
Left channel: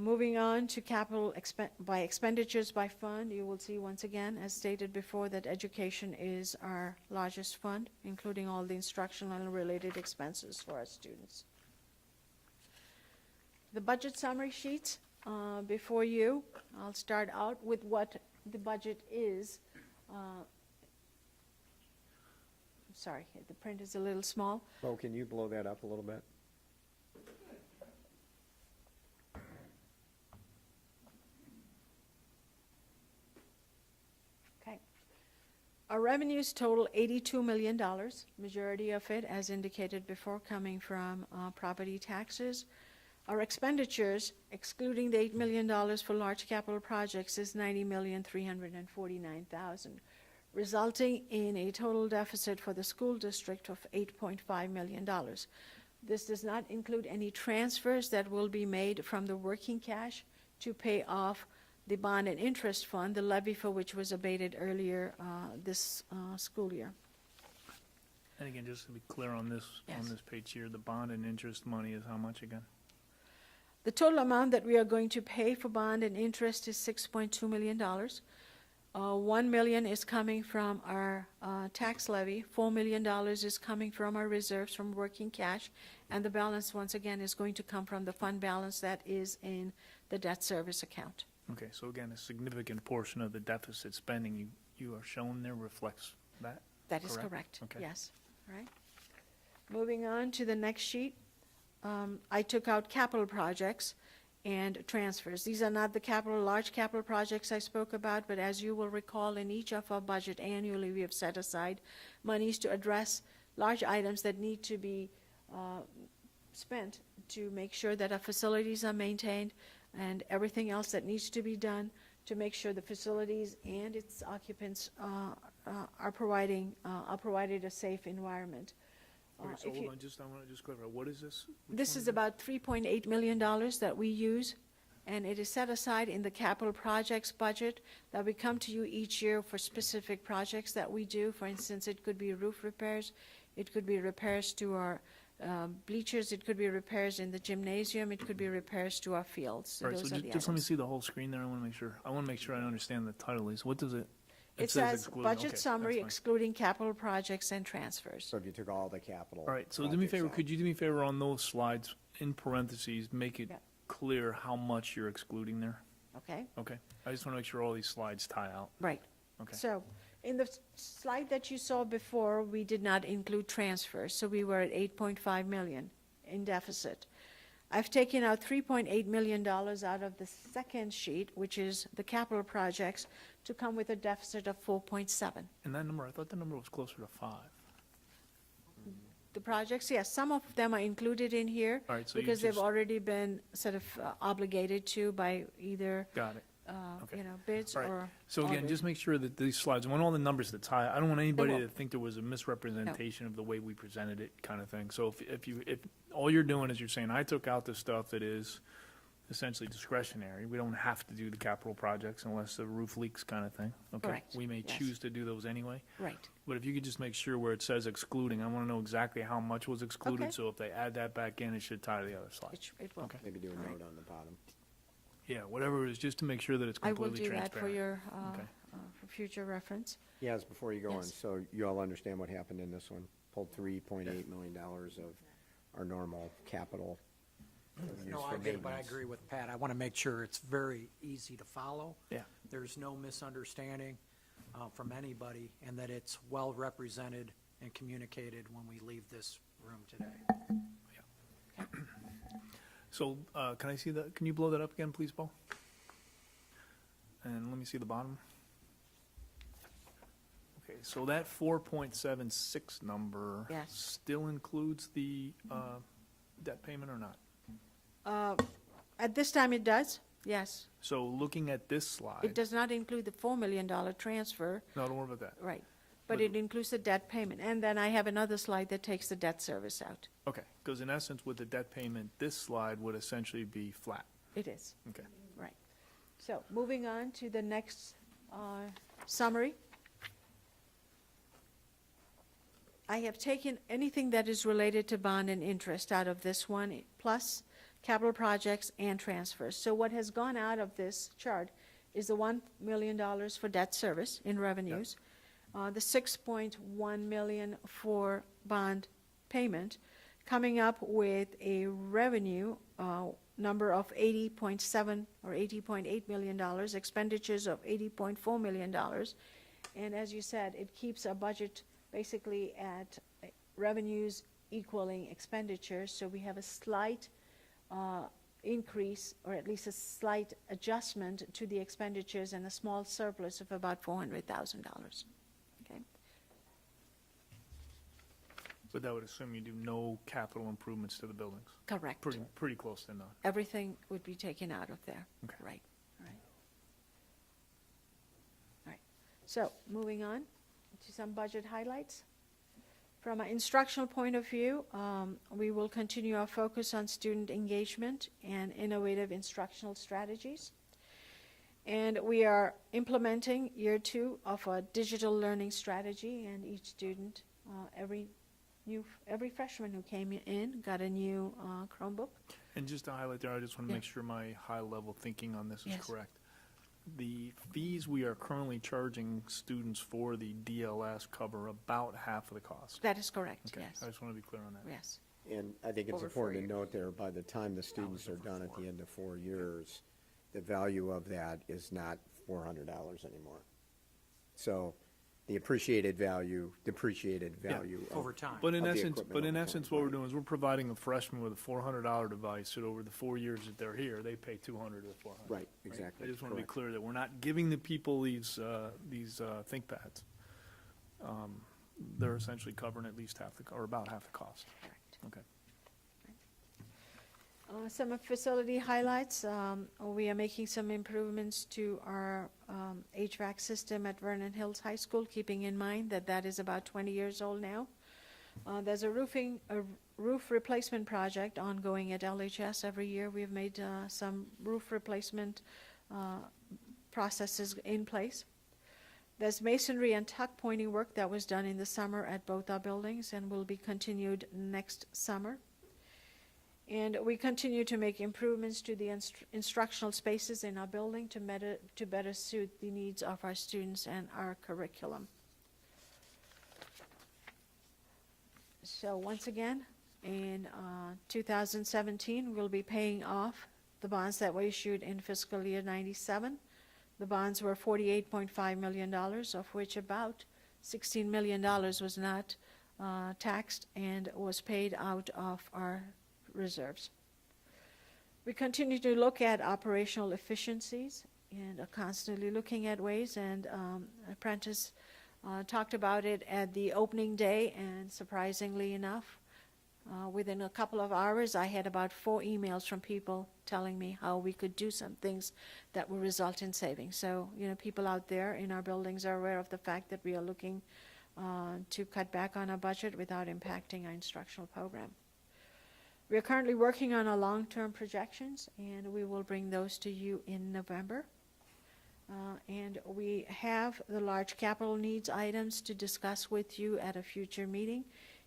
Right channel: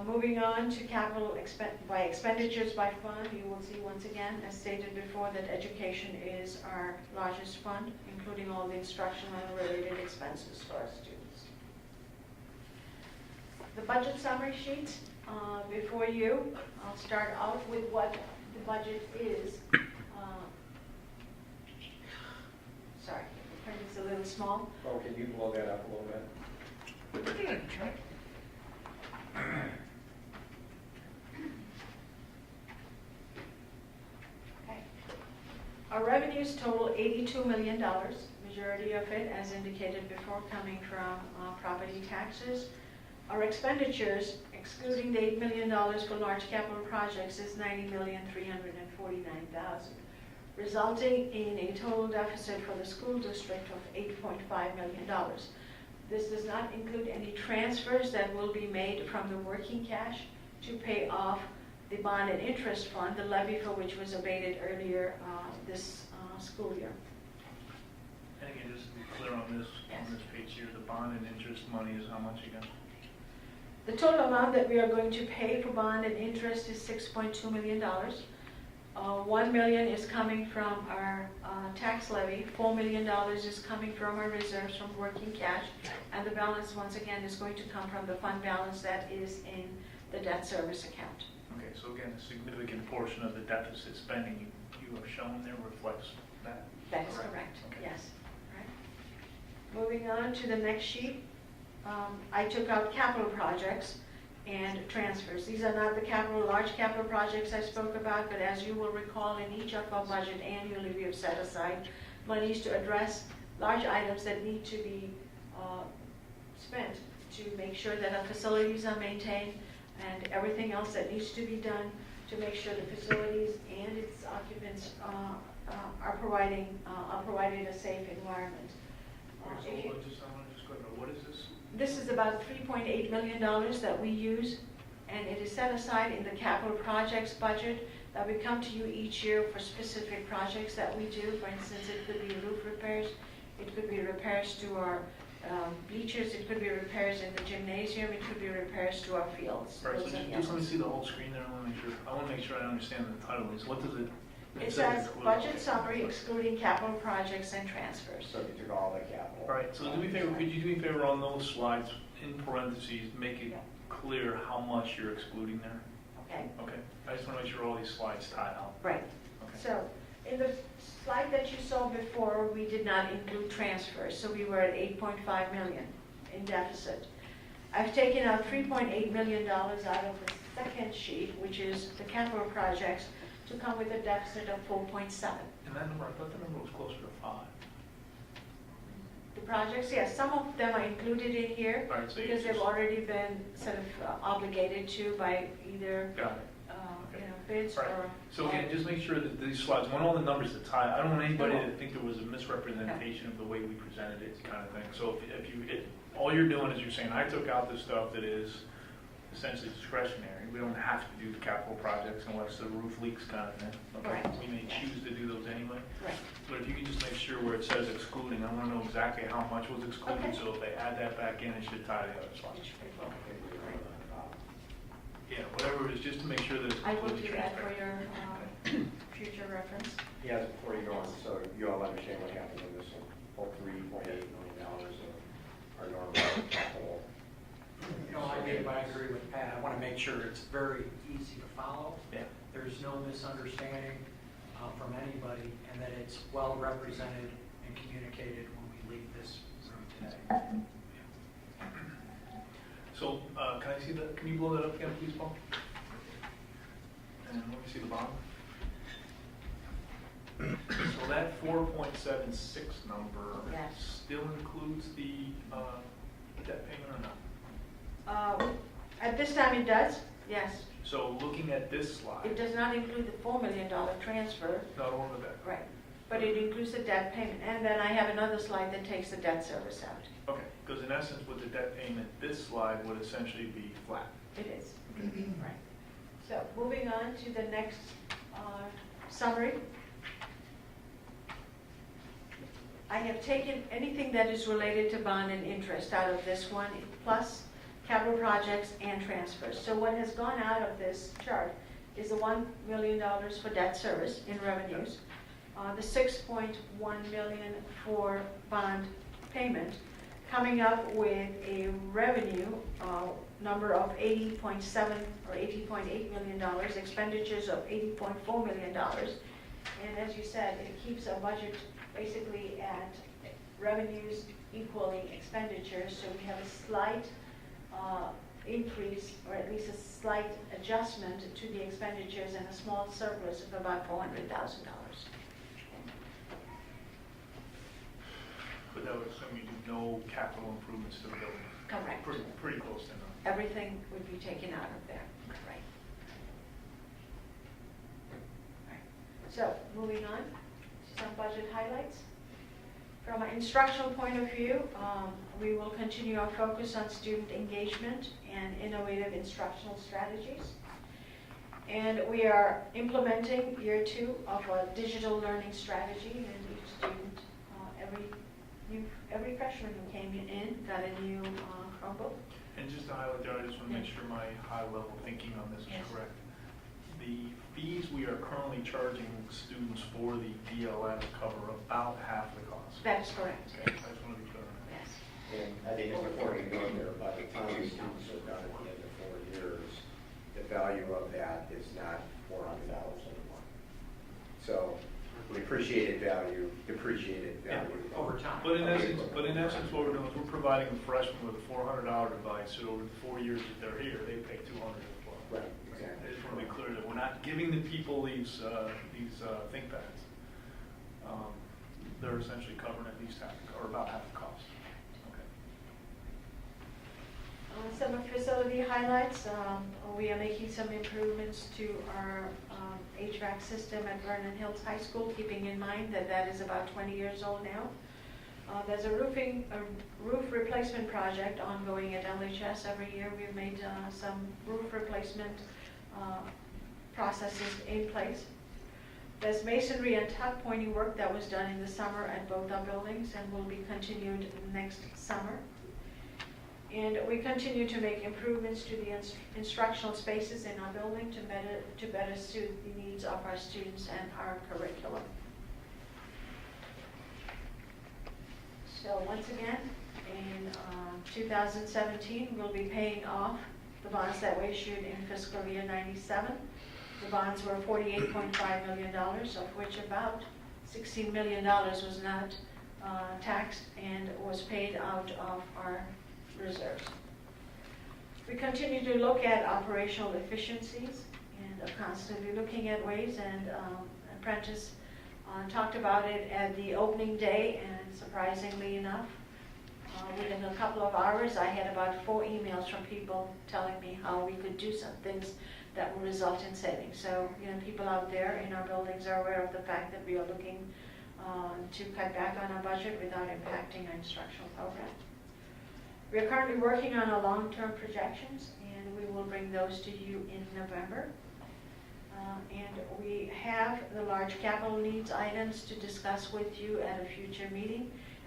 Moving on to capital by expenditures by fund, you will see once again, as stated before, that education is our largest fund, including all the instructional and related expenses for our students. The budget summary sheet before you, I'll start out with what the budget is. Sorry, the print is a little small. Well, can you blow that up a little bit? Our revenues total $82 million, majority of it, as indicated before, coming from property taxes. Our expenditures, excluding the $8 million for large capital projects, is $90,349,000, resulting in a total deficit for the school district of $8.5 million. This does not include any transfers that will be made from the working cash to pay off the bond and interest fund, the levy for which was abated earlier this school year. And again, just to be clear on this, Yes. on this page here, the bond and interest money is how much again? The total amount that we are going to pay for bond and interest is $6.2 million. $1 million is coming from our tax levy, $4 million is coming from our reserves from working cash, and the balance, once again, is going to come from the fund balance that is in the debt service account. Okay, so again, a significant portion of the deficit spending you are showing there reflects that? That is Correct. correct, Okay. yes. Right. Moving on to the next sheet, I took out capital projects and transfers. These are not the large capital projects I spoke about, but as you will recall, in each of our budget annually, we have set aside monies to address large items that need to be spent to make sure that our facilities are maintained and everything else that needs to be done to make sure the facilities and its occupants are provided a safe environment. So I want to just clarify, what is this? This is about $3.8 million that we use, and it is set aside in the capital projects budget that we come to you each year for specific projects that we do. For instance, it could be roof repairs, it could be repairs to our bleachers, it could be repairs in the gymnasium, it could be repairs to our fields. Right, so Those are the just let me items. see the whole screen there, I want to make sure I understand the title is, what does it? It says says exclude- budget okay. summary excluding capital projects and transfers. So you took all the capital. All right, so do me a favor, could you do me a favor on those slides, in parentheses, make it Yeah. clear how much you're excluding there? Okay, Okay, I just want to make sure all these slides tie out. right. Okay. So, in the slide that you saw before, we did not include transfers, so we were at 8.5 million in deficit. I've taken out $3.8 million out of the second sheet, which is the capital projects, to come with a deficit of 4.7. And that number, I thought the number was closer to 5. The projects, yes, some of them are included in here All right, so you because just, they've already been sort of obligated to by either, got it. Okay. bids All right. or. So again, just make sure that these slides, I want all the numbers to tie, I don't want anybody to think there was a misrepresentation of the way we presented it, kind of thing. So if all you're doing is you're saying, I took out the stuff that is essentially discretionary, we don't have to do the capital projects unless the roof leaks, kind of thing. Okay, Correct. we may Yes. choose to do those anyway, Right. but if you could just make sure where it says excluding, I want to know exactly how much was excluded, Okay. so if they add that back in, it should tie to the other slides. Which it will. Maybe we were on the bottom. Yeah, whatever it is, just to make sure that it's I will completely do that for transparent. your future reference. Yes, before you go on, so you all understand what happened in this one, whole $3.8 million of our normal capital. No, I agree with Pat. I want to make sure it's very easy to follow. Yeah. There's no misunderstanding from anybody, and that it's well represented and communicated when we leave this room today. So, can I see that? Can you blow that up again, please, Paul? And let me see the bottom. So that 4.76 number Yes. still includes the debt payment or not? At this time it does, yes. So looking at this It slide, does not include the $4 million transfer, not all of that. right, but it includes the debt payment. And then I have another slide that takes the debt service out. Okay, because in essence, with the debt payment, this slide would essentially be flat. It is. Okay. Right. So moving on to the next summary. I have taken anything that is related to bond and interest out of this one, plus capital projects and transfers. So what has gone out of this chart is the $1 million for debt service in revenues, the $6.1 million for bond payment, coming up with a revenue number of $80.7 or $80.8 million, expenditures of $80.4 million. And as you said, it keeps our budget basically at revenues equaling expenditures, so we have a slight increase, or at least a slight adjustment to the expenditures and a small surplus of about $400,000. But that would assume you do no capital improvements to the building. Correct. Pretty close to none. Everything would be taken out of there. Okay. Right. Right. So, moving on to some budget highlights. From an instructional point of view, we will continue our focus on student engagement and innovative instructional strategies. And we are implementing year 2 of a digital learning strategy, and each student, every freshman who came in got a new Chromebook. And just to highlight there, I just want to make Yeah. sure my high-level thinking on this Yes. is correct. The fees we are currently charging students for the DLS cover about half of the cost. That is correct. Okay, I just want to be clear on that. Yes. And I think it's important to note there, by the time the students are done at the end of 4 years, the value of that is not $400 anymore. So the appreciated value, depreciated value. Over time. But in essence, what we're doing is we're providing a freshman with a $400 device, so over the 4 years that they're here, they pay $200 as well. Right, exactly. I just want to be clear that we're not giving the people these ThinkPads. They're essentially covering at least half, or about half the cost. Okay. Some facility highlights, we are making some improvements to our HVAC system at Vernon Hills High School, keeping in mind that that is about 20 years old now. There's a roof replacement project ongoing at LHS every year. We've made some roof replacement processes in place. There's masonry and tuck pointing work that was done in the summer at both our buildings and will be continued next summer. And we continue to make improvements to the instructional spaces in our building to better suit the needs of our students and our curriculum. So once again, in 2017, we'll be paying off the bonds that were issued in fiscal year 97. The bonds were $48.5 million, of which about $16 million was not taxed and was paid out of our reserves. We continue to look at operational efficiencies and are constantly looking at ways, and Apprentice talked about it at the opening day, and surprisingly enough, within a couple of hours I had about 4 emails from people telling me how we could do some things that will result in savings. So, people out there in our buildings are aware of the fact that we are looking to cut back on our budget without impacting our instructional program. We are currently working on our long-term projections, and we will bring those to you in November. And we have the large capital needs items to discuss with you at a future meeting.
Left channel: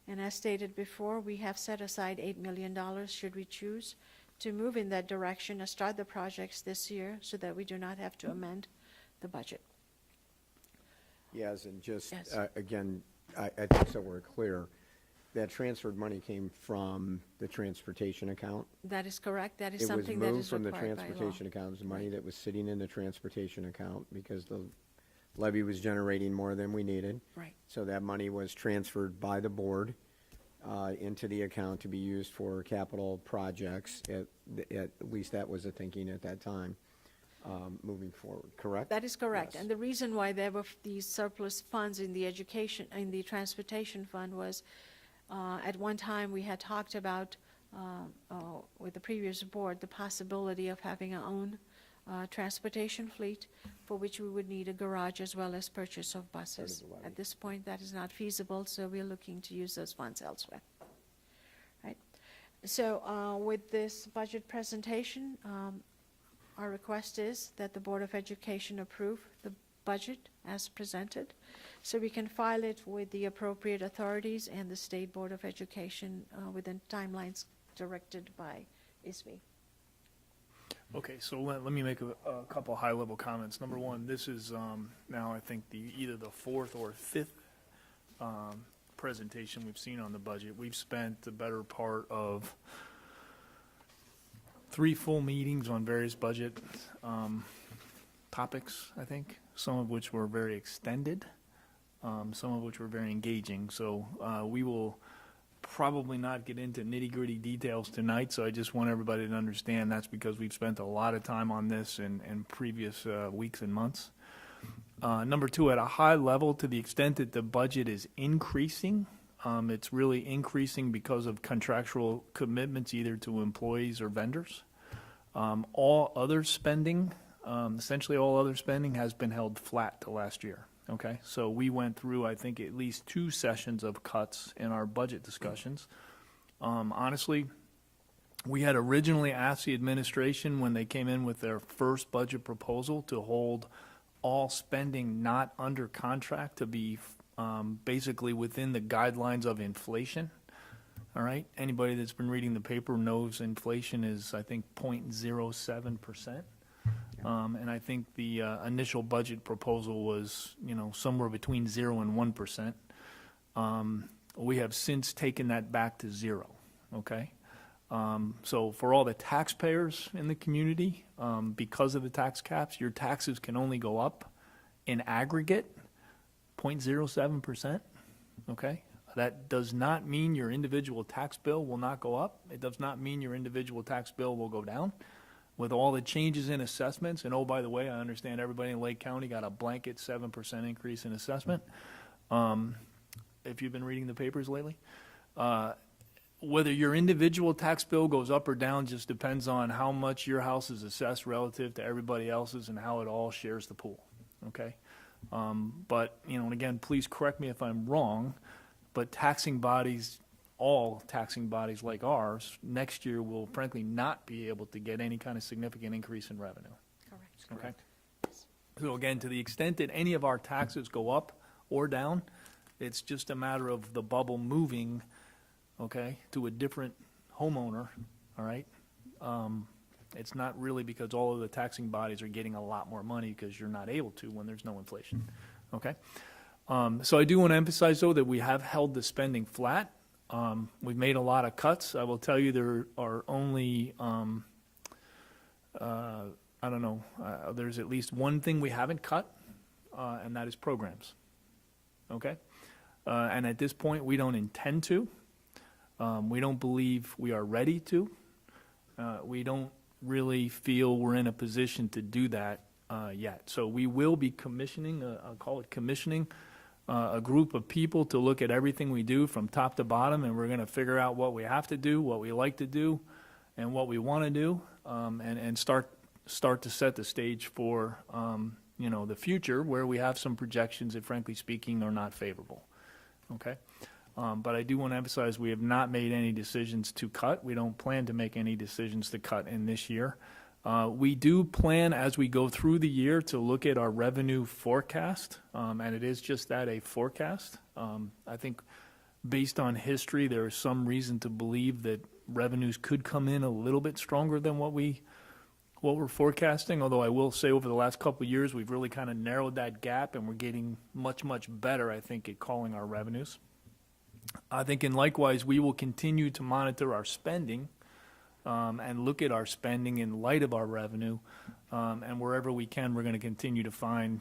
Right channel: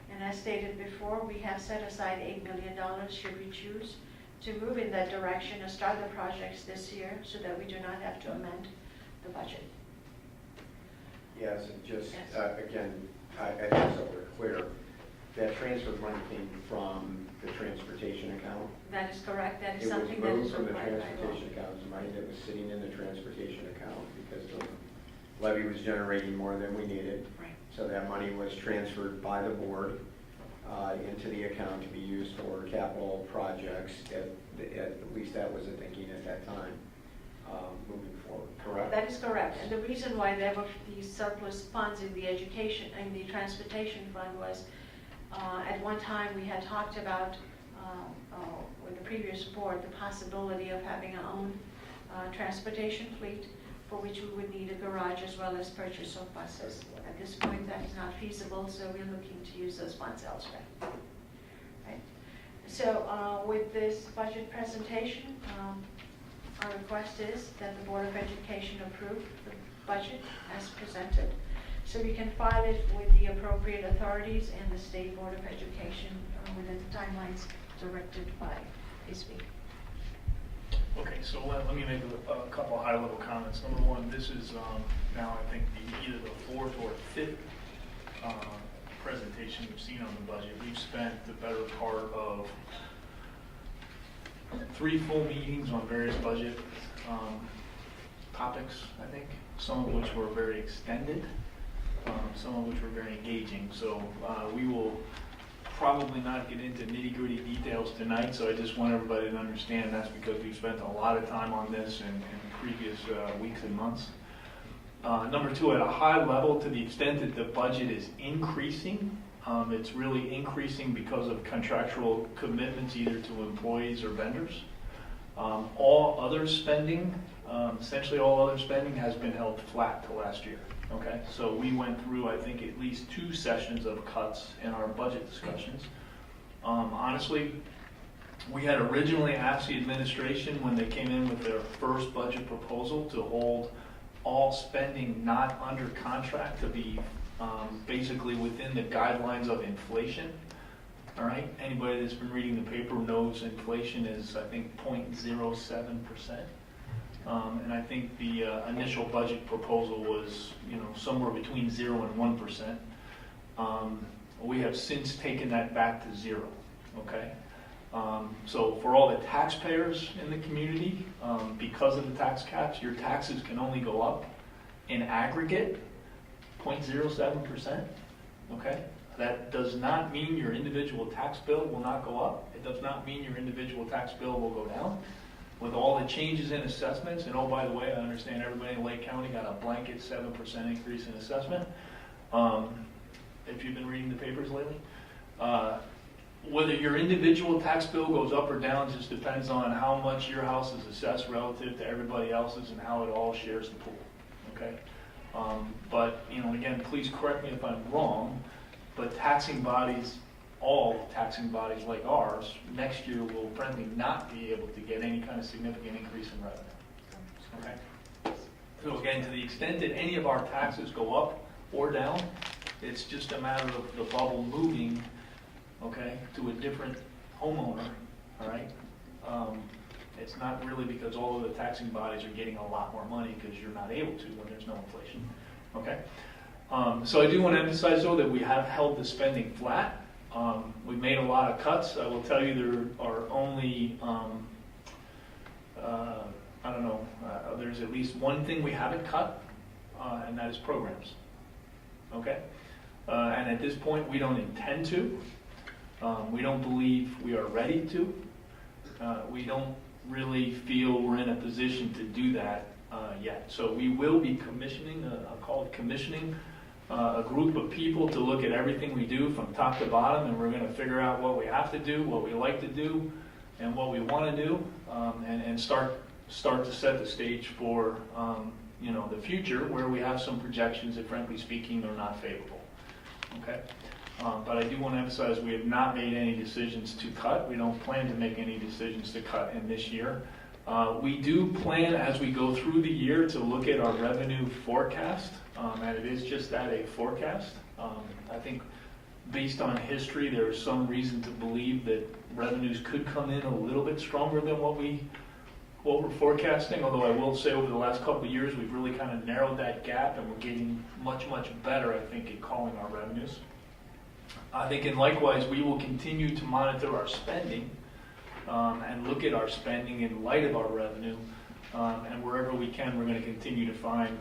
And as stated before, we have set aside $8 million should we choose to move in that direction and start the projects this year so that we do not have to amend the budget. Yes, and just, Yes. again, I think so we're clear, that transferred money came from the transportation account. That is correct. That is It was something that moved is from the required by law. transportation account, it was money that was sitting in the transportation account because the levy was generating more than we needed. Right. So that money was transferred by the board into the account to be used for capital projects. At least that was the thinking at that time, moving forward, correct? That is correct. And the reason why there were these surplus funds in the education, in the transportation fund was, at one time we had talked about, with the previous board, the possibility of having our own transportation fleet, for which we would need a garage as well as purchase of buses. At this point, that is not feasible, so we're looking to use those funds elsewhere. Right. So with this budget presentation, our request is that the Board of Education approve the budget as presented, so we can file it with the appropriate authorities and the State Board of Education within timelines directed by ISB. Okay, so let me make a couple high-level comments. Number one, this is now I think either the fourth or fifth presentation we've seen on the budget. We've spent the better part of 3 full meetings on various budget topics, I think, some of which were very extended, some of which were very engaging. So we will probably not get into nitty-gritty details tonight, so I just want everybody to understand that's because we've spent a lot of time on this in previous weeks and months. Number two, at a high level, to the extent that the budget is increasing, it's really increasing because of contractual commitments either to employees or vendors. All other spending, essentially all other spending has been held flat to last year. Okay, so we went through, I think, at least 2 sessions of cuts in our budget discussions. Honestly, we had originally asked the administration when they came in with their first budget proposal to hold all spending not under contract to be basically within the guidelines of inflation. All right, anybody that's been reading the paper knows inflation is, I think, 0.07%. And I think the initial budget proposal was, somewhere between 0 and 1%. We have since taken that back to 0. Okay, so for all the taxpayers in the community, because of the tax caps, your taxes can only go up in aggregate 0.07%. Okay, that does not mean your individual tax bill will not go up. It does not mean your individual tax bill will go down. With all the changes in assessments, and oh, by the way, I understand everybody in Lake County got a blanket 7% increase in assessment. If you've been reading the papers lately, whether your individual tax bill goes up or down just depends on how much your house is assessed relative to everybody else's and how it all shares the pool. Okay, but again, please correct me if I'm wrong, but taxing bodies. All taxing bodies like ours next year will frankly not be able to get any kind of significant increase in revenue. Okay. So again, to the extent that any of our taxes go up or down, it's just a matter of the bubble moving, okay, to a different homeowner. All right. It's not really because all of the taxing bodies are getting a lot more money because you're not able to when there's no inflation. Okay. So I do want to emphasize though that we have held the spending flat. We've made a lot of cuts. I will tell you there are only, there's at least one thing we haven't cut, and that is programs. Okay? And at this point, we don't intend to. We don't believe we are ready to. We don't really feel we're in a position to do that yet. So we will be commissioning, I'll call it commissioning, a group of people to look at everything we do from top to bottom, and we're going to figure out what we have to do, what we like to do, and what we want to do, and start to set the stage for the future where we have some projections that, frankly speaking, are not favorable. Okay, but I do want to emphasize we have not made any decisions to cut. We don't plan to make any decisions to cut in this year. We do plan as we go through the year to look at our revenue forecast, and it is just that, a forecast. I think based on history, there's some reason to believe that revenues could come in a little bit stronger than what we're forecasting. Although I will say over the last couple of years, we've really kind of narrowed that gap, and we're getting much, much better, I think, at calling our revenues. I think, and likewise, we will continue to monitor our spending and look at our spending in light of our revenue. And wherever we can, we're going to continue to find,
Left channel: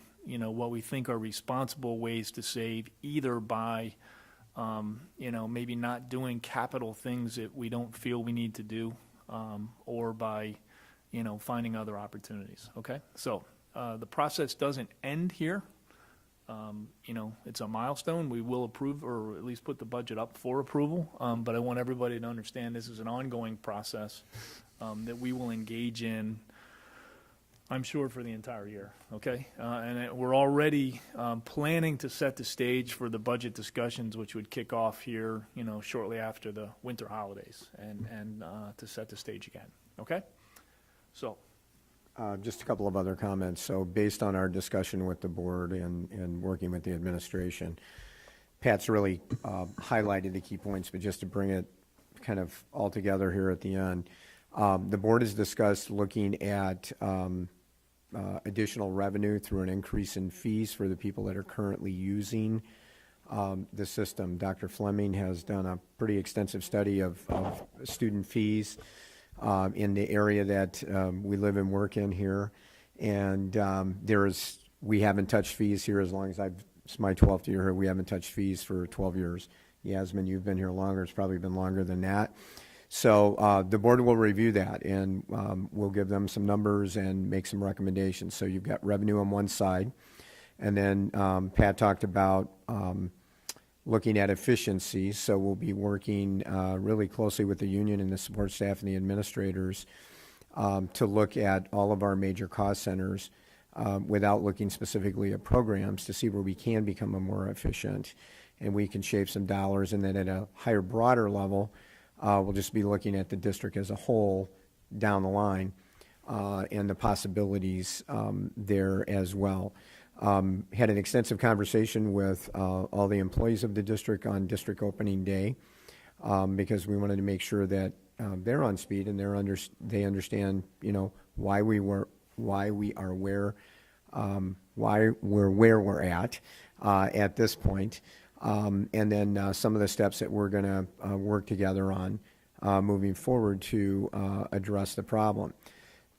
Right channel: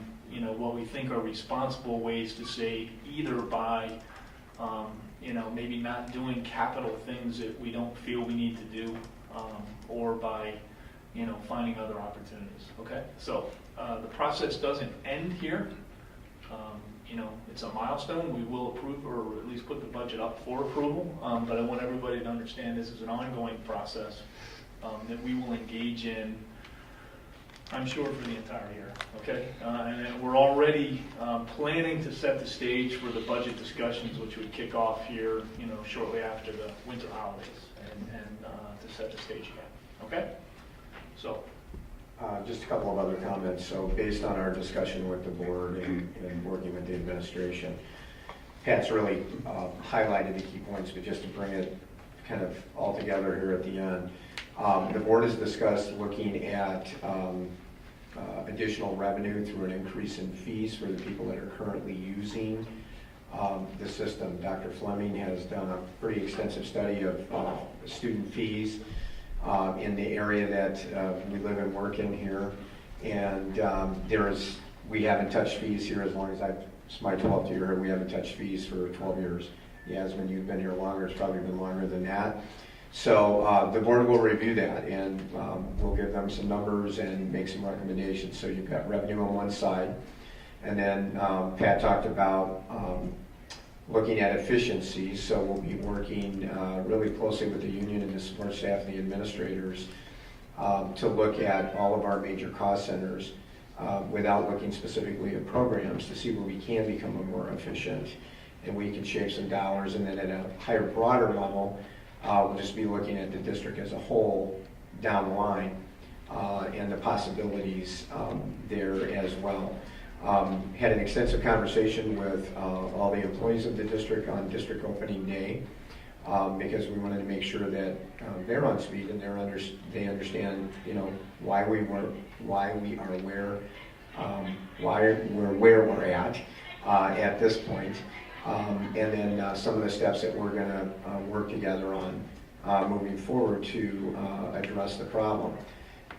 what we think are responsible ways to save, either by, maybe not doing capital things that we don't feel we need to do, or by, finding other opportunities. Okay, so the process doesn't end here. It's a milestone. We will approve, or at least put the budget up for approval. But I want everybody to understand this is an ongoing process that we will engage in, I'm sure, for the entire year. Okay, and then we're already planning to set the stage for the budget discussions, which would kick off here, shortly after the winter holidays, and to set the stage again. Okay, so. Just a couple of other comments. So based on our discussion with the board and working with the administration, Pat's really highlighted the key points, but just to bring it kind of all together here at the end, the board has discussed looking at additional revenue through an increase in fees for the people that are currently using the system. Dr. Fleming has done a pretty extensive study of student fees in the area that we live and work in here, and we haven't touched fees here as long as it's my 12th year. We haven't touched fees for 12 years. Yasmin, you've been here longer. It's probably been longer than that. So the board will review that, and we'll give them some numbers and make some recommendations. So you've got revenue on one side, and then Pat talked about looking at efficiency. So we'll be working really closely with the union and the support staff and the administrators to look at all of our major cost centers without looking specifically at programs, to see where we can become more efficient and we can shave some dollars. And then at a higher, broader level, we'll just be looking at the district as a whole down the line and the possibilities there as well. Had an extensive conversation with all the employees of the district on district opening day because we wanted to make sure that they're on speed and they understand, why we are where we're at this point, and then some of the steps that we're going to work together on moving forward to address the problem.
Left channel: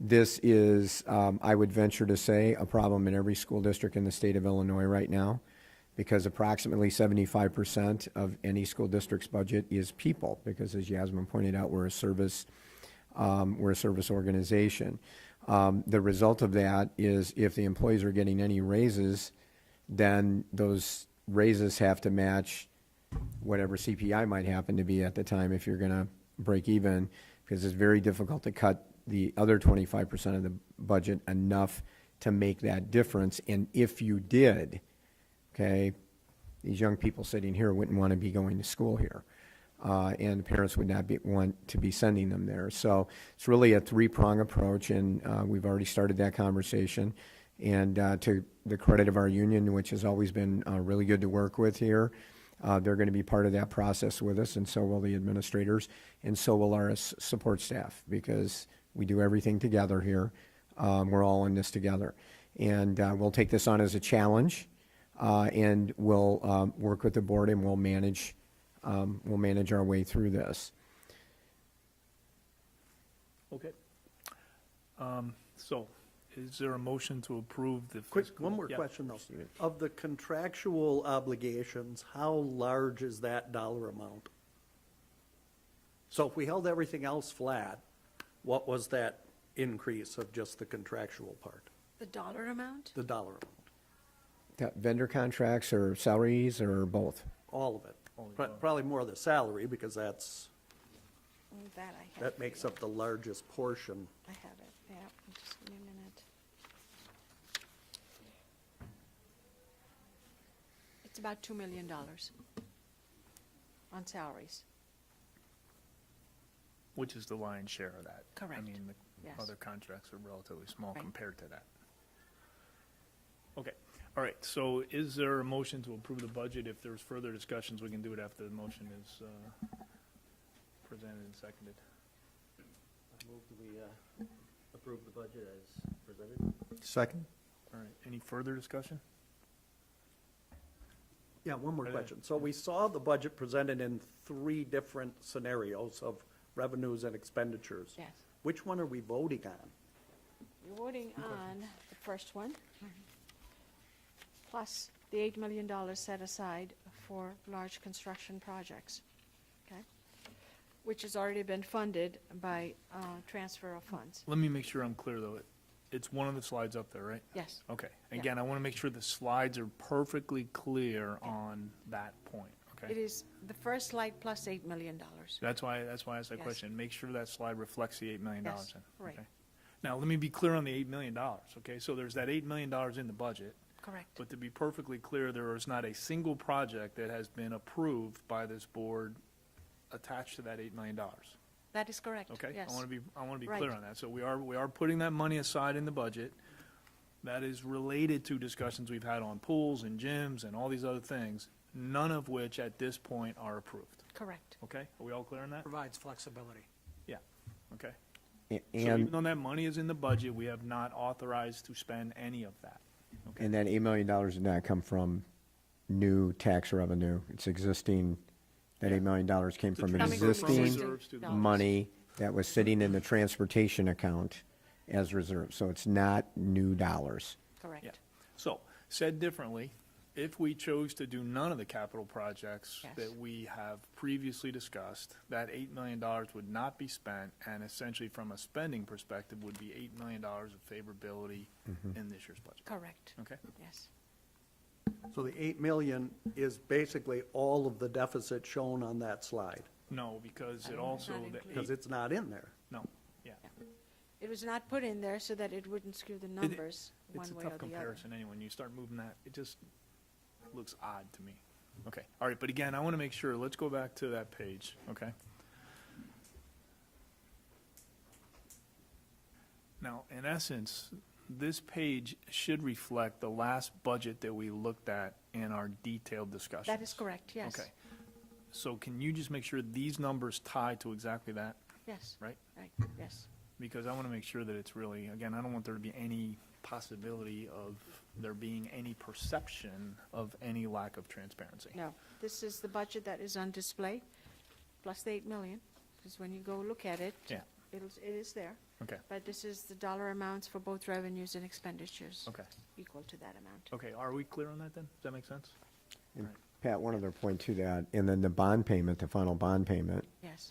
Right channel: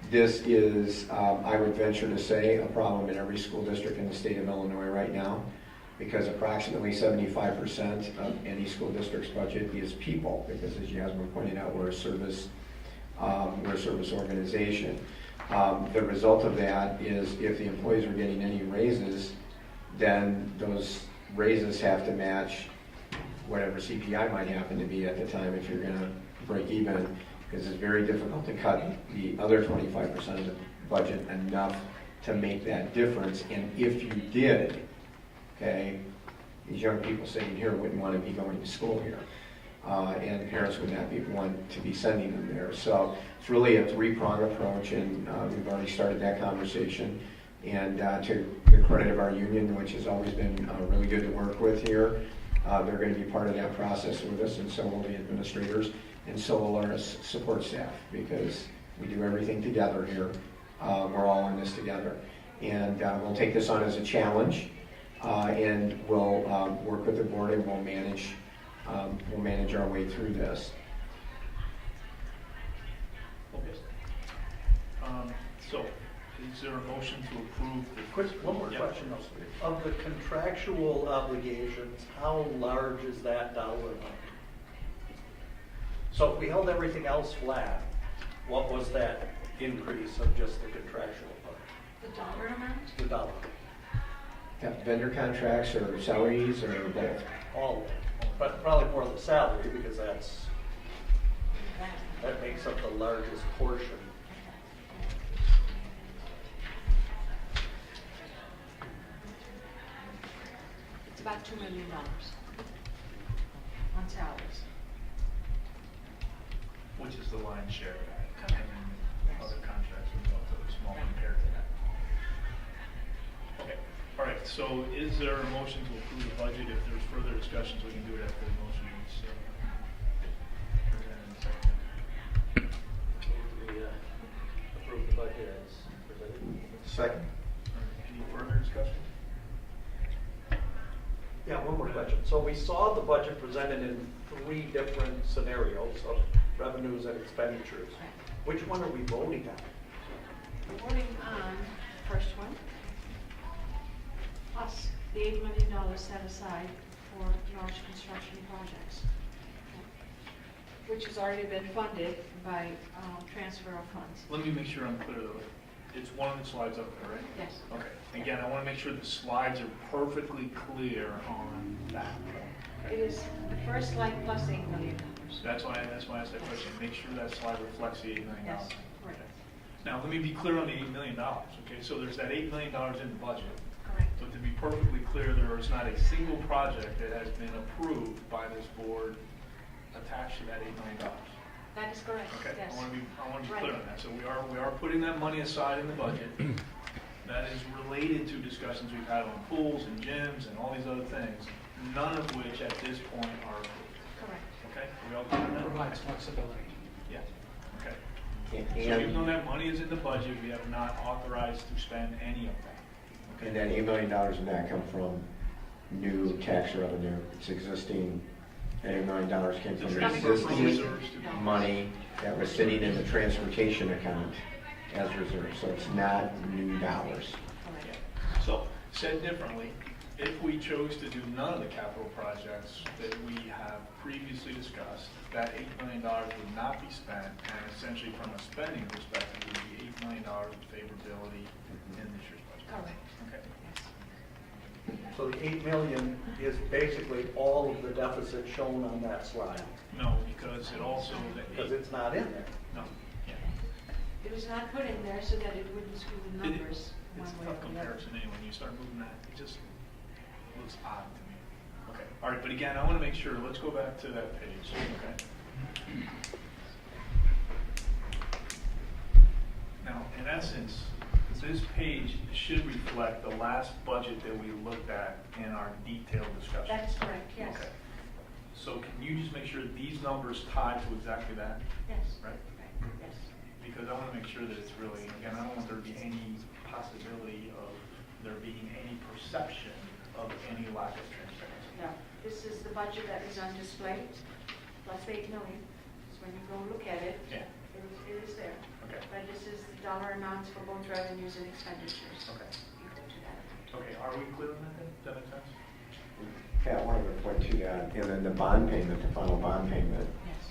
This is, I would venture to say, a problem in every school district in the state of Illinois right now, because approximately 75% of any school district's budget is people, because as Yasmin pointed out, we're a service organization. The result of that is if the employees are getting any raises, then those raises have to match whatever CPI might happen to be at the time if you're going to break even, because it's very difficult to cut the other 25% of the budget enough to make that difference. And if you did, okay, these young people sitting here wouldn't want to be going to school here, and parents would not want to be sending them there. So it's really a three-pronged approach, and we've already started that conversation. And to the credit of our union, which has always been really good to work with here, they're going to be part of that process with us, and so will the administrators. And so will our support staff, because we do everything together here. We're all in this together. And we'll take this on as a challenge, and we'll work with the board, and we'll manage our way through this. Okay. So, is there a motion to approve the... Quick, one more question. Of the contractual obligations, how large is that dollar amount? So if we held everything else flat, what was that increase of just the contractual part? The dollar amount? The dollar. Yeah, vendor contracts or salaries or both? All of it. But probably more the salary, because that makes up the largest portion. It's about $2 million on salaries. Which is the lion's share of that. Correct. And Yes. other contracts are relatively small compared to that. Okay. All right, so is there a motion to approve the budget? If there's further discussions, we can do it after the motion is presented and seconded. Approve the budget as presented. Second. All right, any further discussion? Yeah, one more question. So we saw the budget presented in 3 different scenarios of revenues and expenditures. Which one are we voting on? We're voting on the first one, plus the $8 million set aside for large construction projects, which has already been funded by transfer of funds. Let me make sure I'm clear though. It's one of the slides up there, right? Yes. Okay. Again, I want to make sure the slides are perfectly clear on that point. It Okay? is the first slide plus $8 million. That's why I said question. Make sure that slide reflects the $8 million. Yes, correct. Now, let me be clear on the $8 million. Okay, so there's that $8 million in the budget. Correct. But to be perfectly clear, there is not a single project that has been approved by this board attached to that $8 million. That is correct, Okay, yes. I want to be Right. clear on that. So we are putting that money aside in the budget. That is related to discussions we've had on pools and gyms and all these other things, none of which at this point are approved. Correct. Okay, are we all clear on that? Provides flexibility. Yeah. Okay. So And, even though that money is in the budget, we have not authorized to spend any of that. Okay? and that $8 million does not come from new tax revenue. It's existing, that $8 million came from It's existing reserves to- money that was sitting in the transportation account as reserve. So it's not new dollars. Correct. So, said differently, if we chose to do none of the capital projects that we have previously discussed, that $8 million would not be spent, and essentially from a spending perspective, would be $8 million of favorability in this year's budget. Correct. Okay. Yes. So the 8 million is basically all of the deficit shown on that slide, No, because it also, because it's not in there. no, yeah. It was not put in there so that it wouldn't screw the It- numbers one It's a way tough or the other. comparison anyway, when you start moving that, it just looks odd to me. Okay, all right, but again, I want to make sure, let's go back to that page, okay? Now, in essence, this page should reflect the last budget that we looked at in our detailed discussion. That is correct, yes. Okay. So can you just make sure these numbers tie to exactly that, Yes, right? right, yes. Because I want to make sure that it's really, again, I don't want there to be any possibility of there being any perception of any lack of transparency. No, this is the budget that is on display, plus the 8 million. Because when you go look at it, Yeah, it is there. okay, But this is the dollar amounts for both revenues and expenditures. okay. Equal to that amount. Okay, are we clear on that then? Does that make sense? Pat, one other point to that, and then the bond payment, the final bond payment, Yes,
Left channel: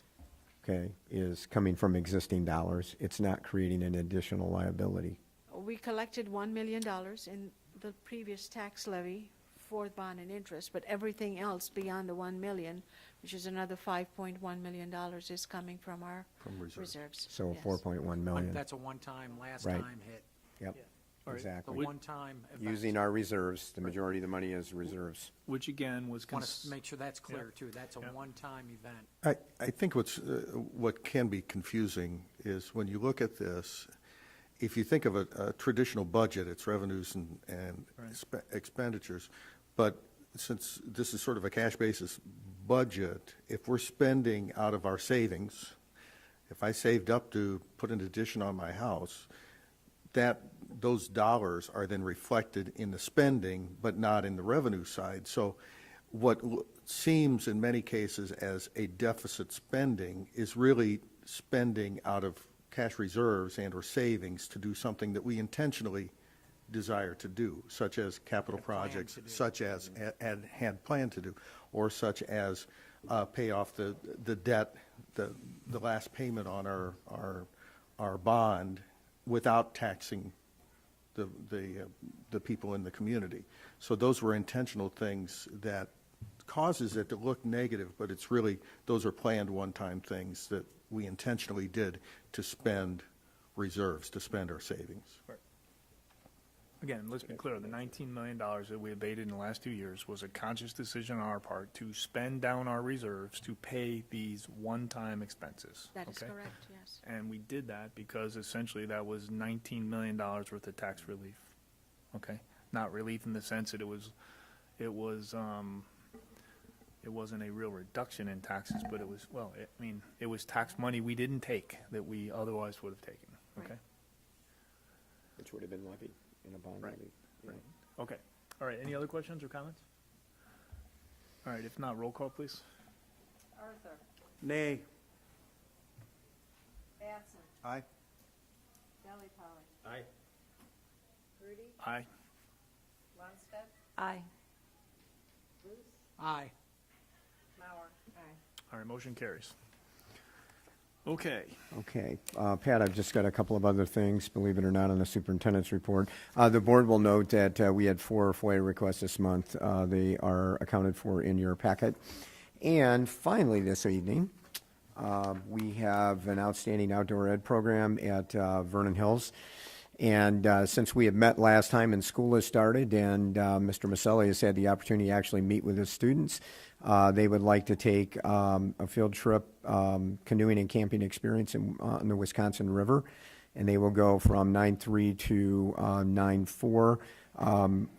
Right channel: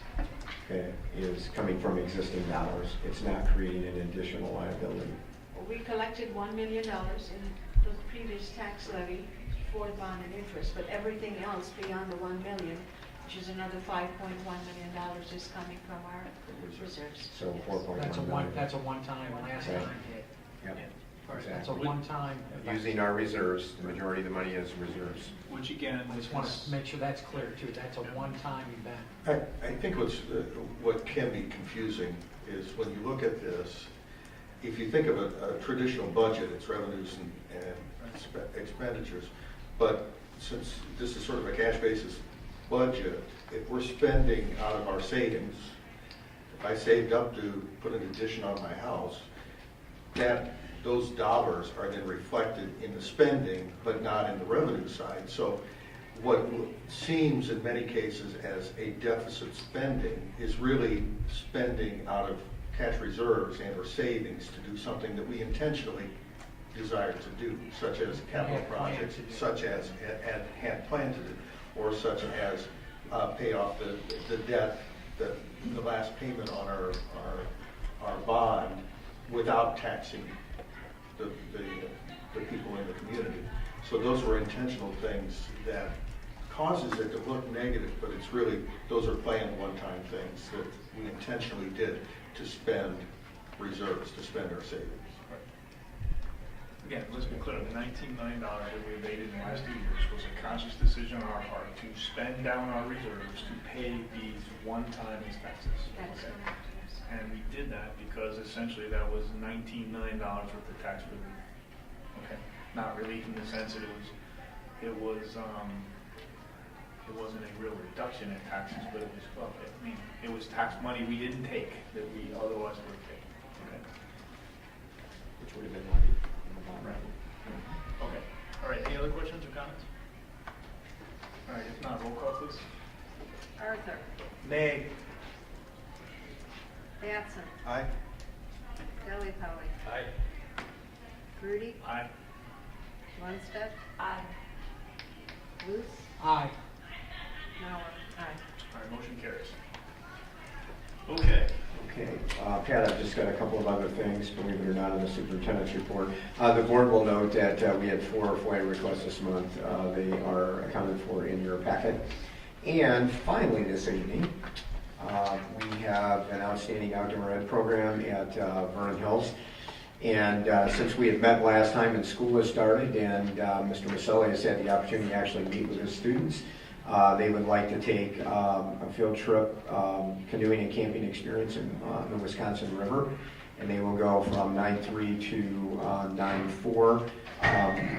okay, is coming from existing dollars. It's not creating an additional liability. well, we collected $1 million in the previous tax levy for bond and interest, but everything else beyond the 1 million, which is another $5.1 million, is coming from our reserves. So Yes. 4.1 million. That's a one-time, last Right. time hit. Yep, That's a exactly. one-time. Using our reserves, the majority of the money is reserves. Which again, I is just want to make sure that's clear too. That's a one-time event. I think what can be confusing is when you look at this, if you think of a traditional budget, it's revenues and expenditures. But since this is sort of a cash basis budget, if we're spending out of our savings, if I saved up to put an addition on my house, those dollars are then reflected in the spending, but not in the revenue side. So what seems in many cases as a deficit spending is really spending out of cash reserves and or savings to do something that we intentionally desire to do, such as capital projects, such as had planned to do, or such as pay off the debt, the last payment on our bond without taxing the people in the community. So those were intentional things that causes it to look negative, but it's really, those are planned one-time things that we intentionally did to spend reserves, to spend our savings. again, let's be clear, the $19 million that we evaded in the last few years was a conscious decision on our part to spend down our reserves to pay these one-time expenses. That is Okay? correct, yes. And we did that because essentially that was $19 million worth of tax relief. Okay? not relief in the sense that it wasn't a real reduction in taxes, but it was, well, I mean, it was tax money we didn't take that we otherwise would have taken. Okay. Which would have been money. Right. Okay. All right. Any other questions or comments? All right. If not, roll call, please. Arthur. Nay. Batson. Aye. Delli Polly. Aye. Grudy. Aye. Lundstedt. Aye. Luce. Aye. Mauer. Aye. All right. Motion carries. Okay. Okay, Pat, I've just got a couple of other things, believe it or not, on the superintendent's report. The board will note that we had 4 FOIA requests this month. They are accounted for in your packet. And finally this evening, we have an outstanding outdoor ed program at Vernon Hills. And since we had met last time and school has started and Mr. Maselli has had the opportunity to actually meet with his students, they would like to take a field trip canoeing and camping experience on the Wisconsin River. And they will go from 9/3 to 9/4.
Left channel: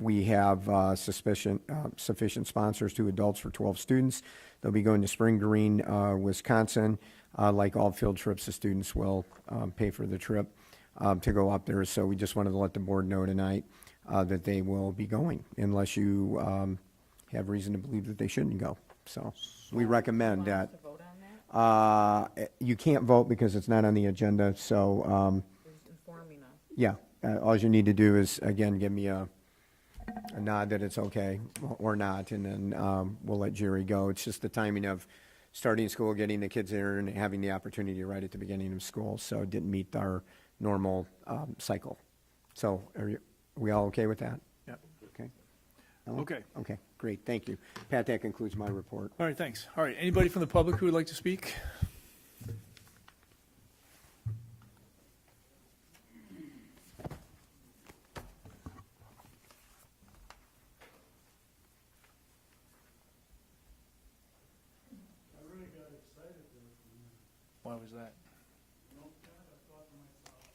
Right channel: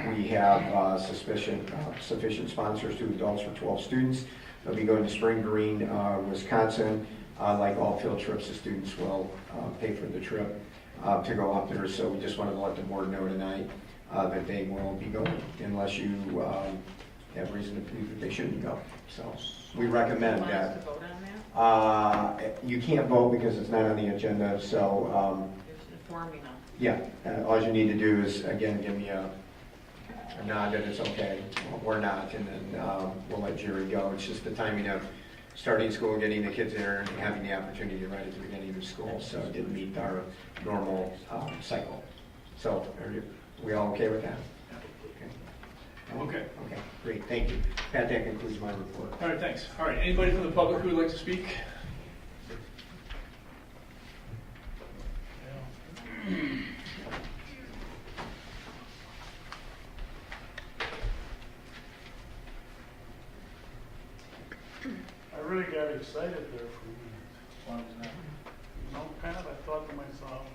We have sufficient sponsors, 2 adults for 12 students. They'll be going to Spring Green, Wisconsin. Like all field trips, the students will pay for the trip to go up there. So we just wanted to let the board know tonight that they will be going, unless you have reason to believe that they shouldn't go. So we recommend that. You can't vote because it's not on the agenda. So yeah, all you need to do is, again, give me a nod that it's okay or not, and then we'll let Jerry go. It's just the timing of starting school, getting the kids there, and having the opportunity right at the beginning of school. So it didn't meet our normal cycle. So are we all okay with that? Okay. Okay, great, thank you. Pat, that concludes my report. All right. Thanks. All right. Anybody from the public who would like to speak? I really got excited there for a minute. Why was that? You know, Pat, I thought to myself,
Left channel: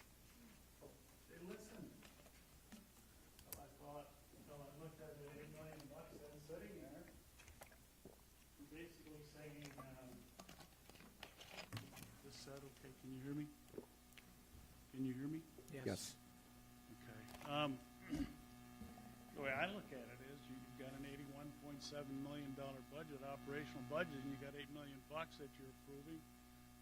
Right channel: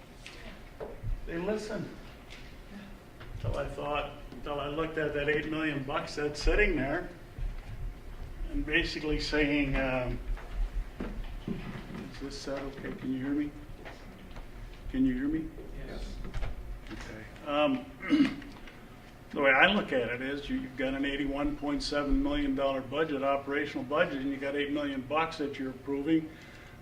they listen. Until I looked at that $8 million that's sitting there, and basically saying, is this set okay? Can you hear me? Can you hear me? Yes. Okay. The way I look at it is you've got an $81.7 million budget, operational budget, and you got $8 million that you're approving,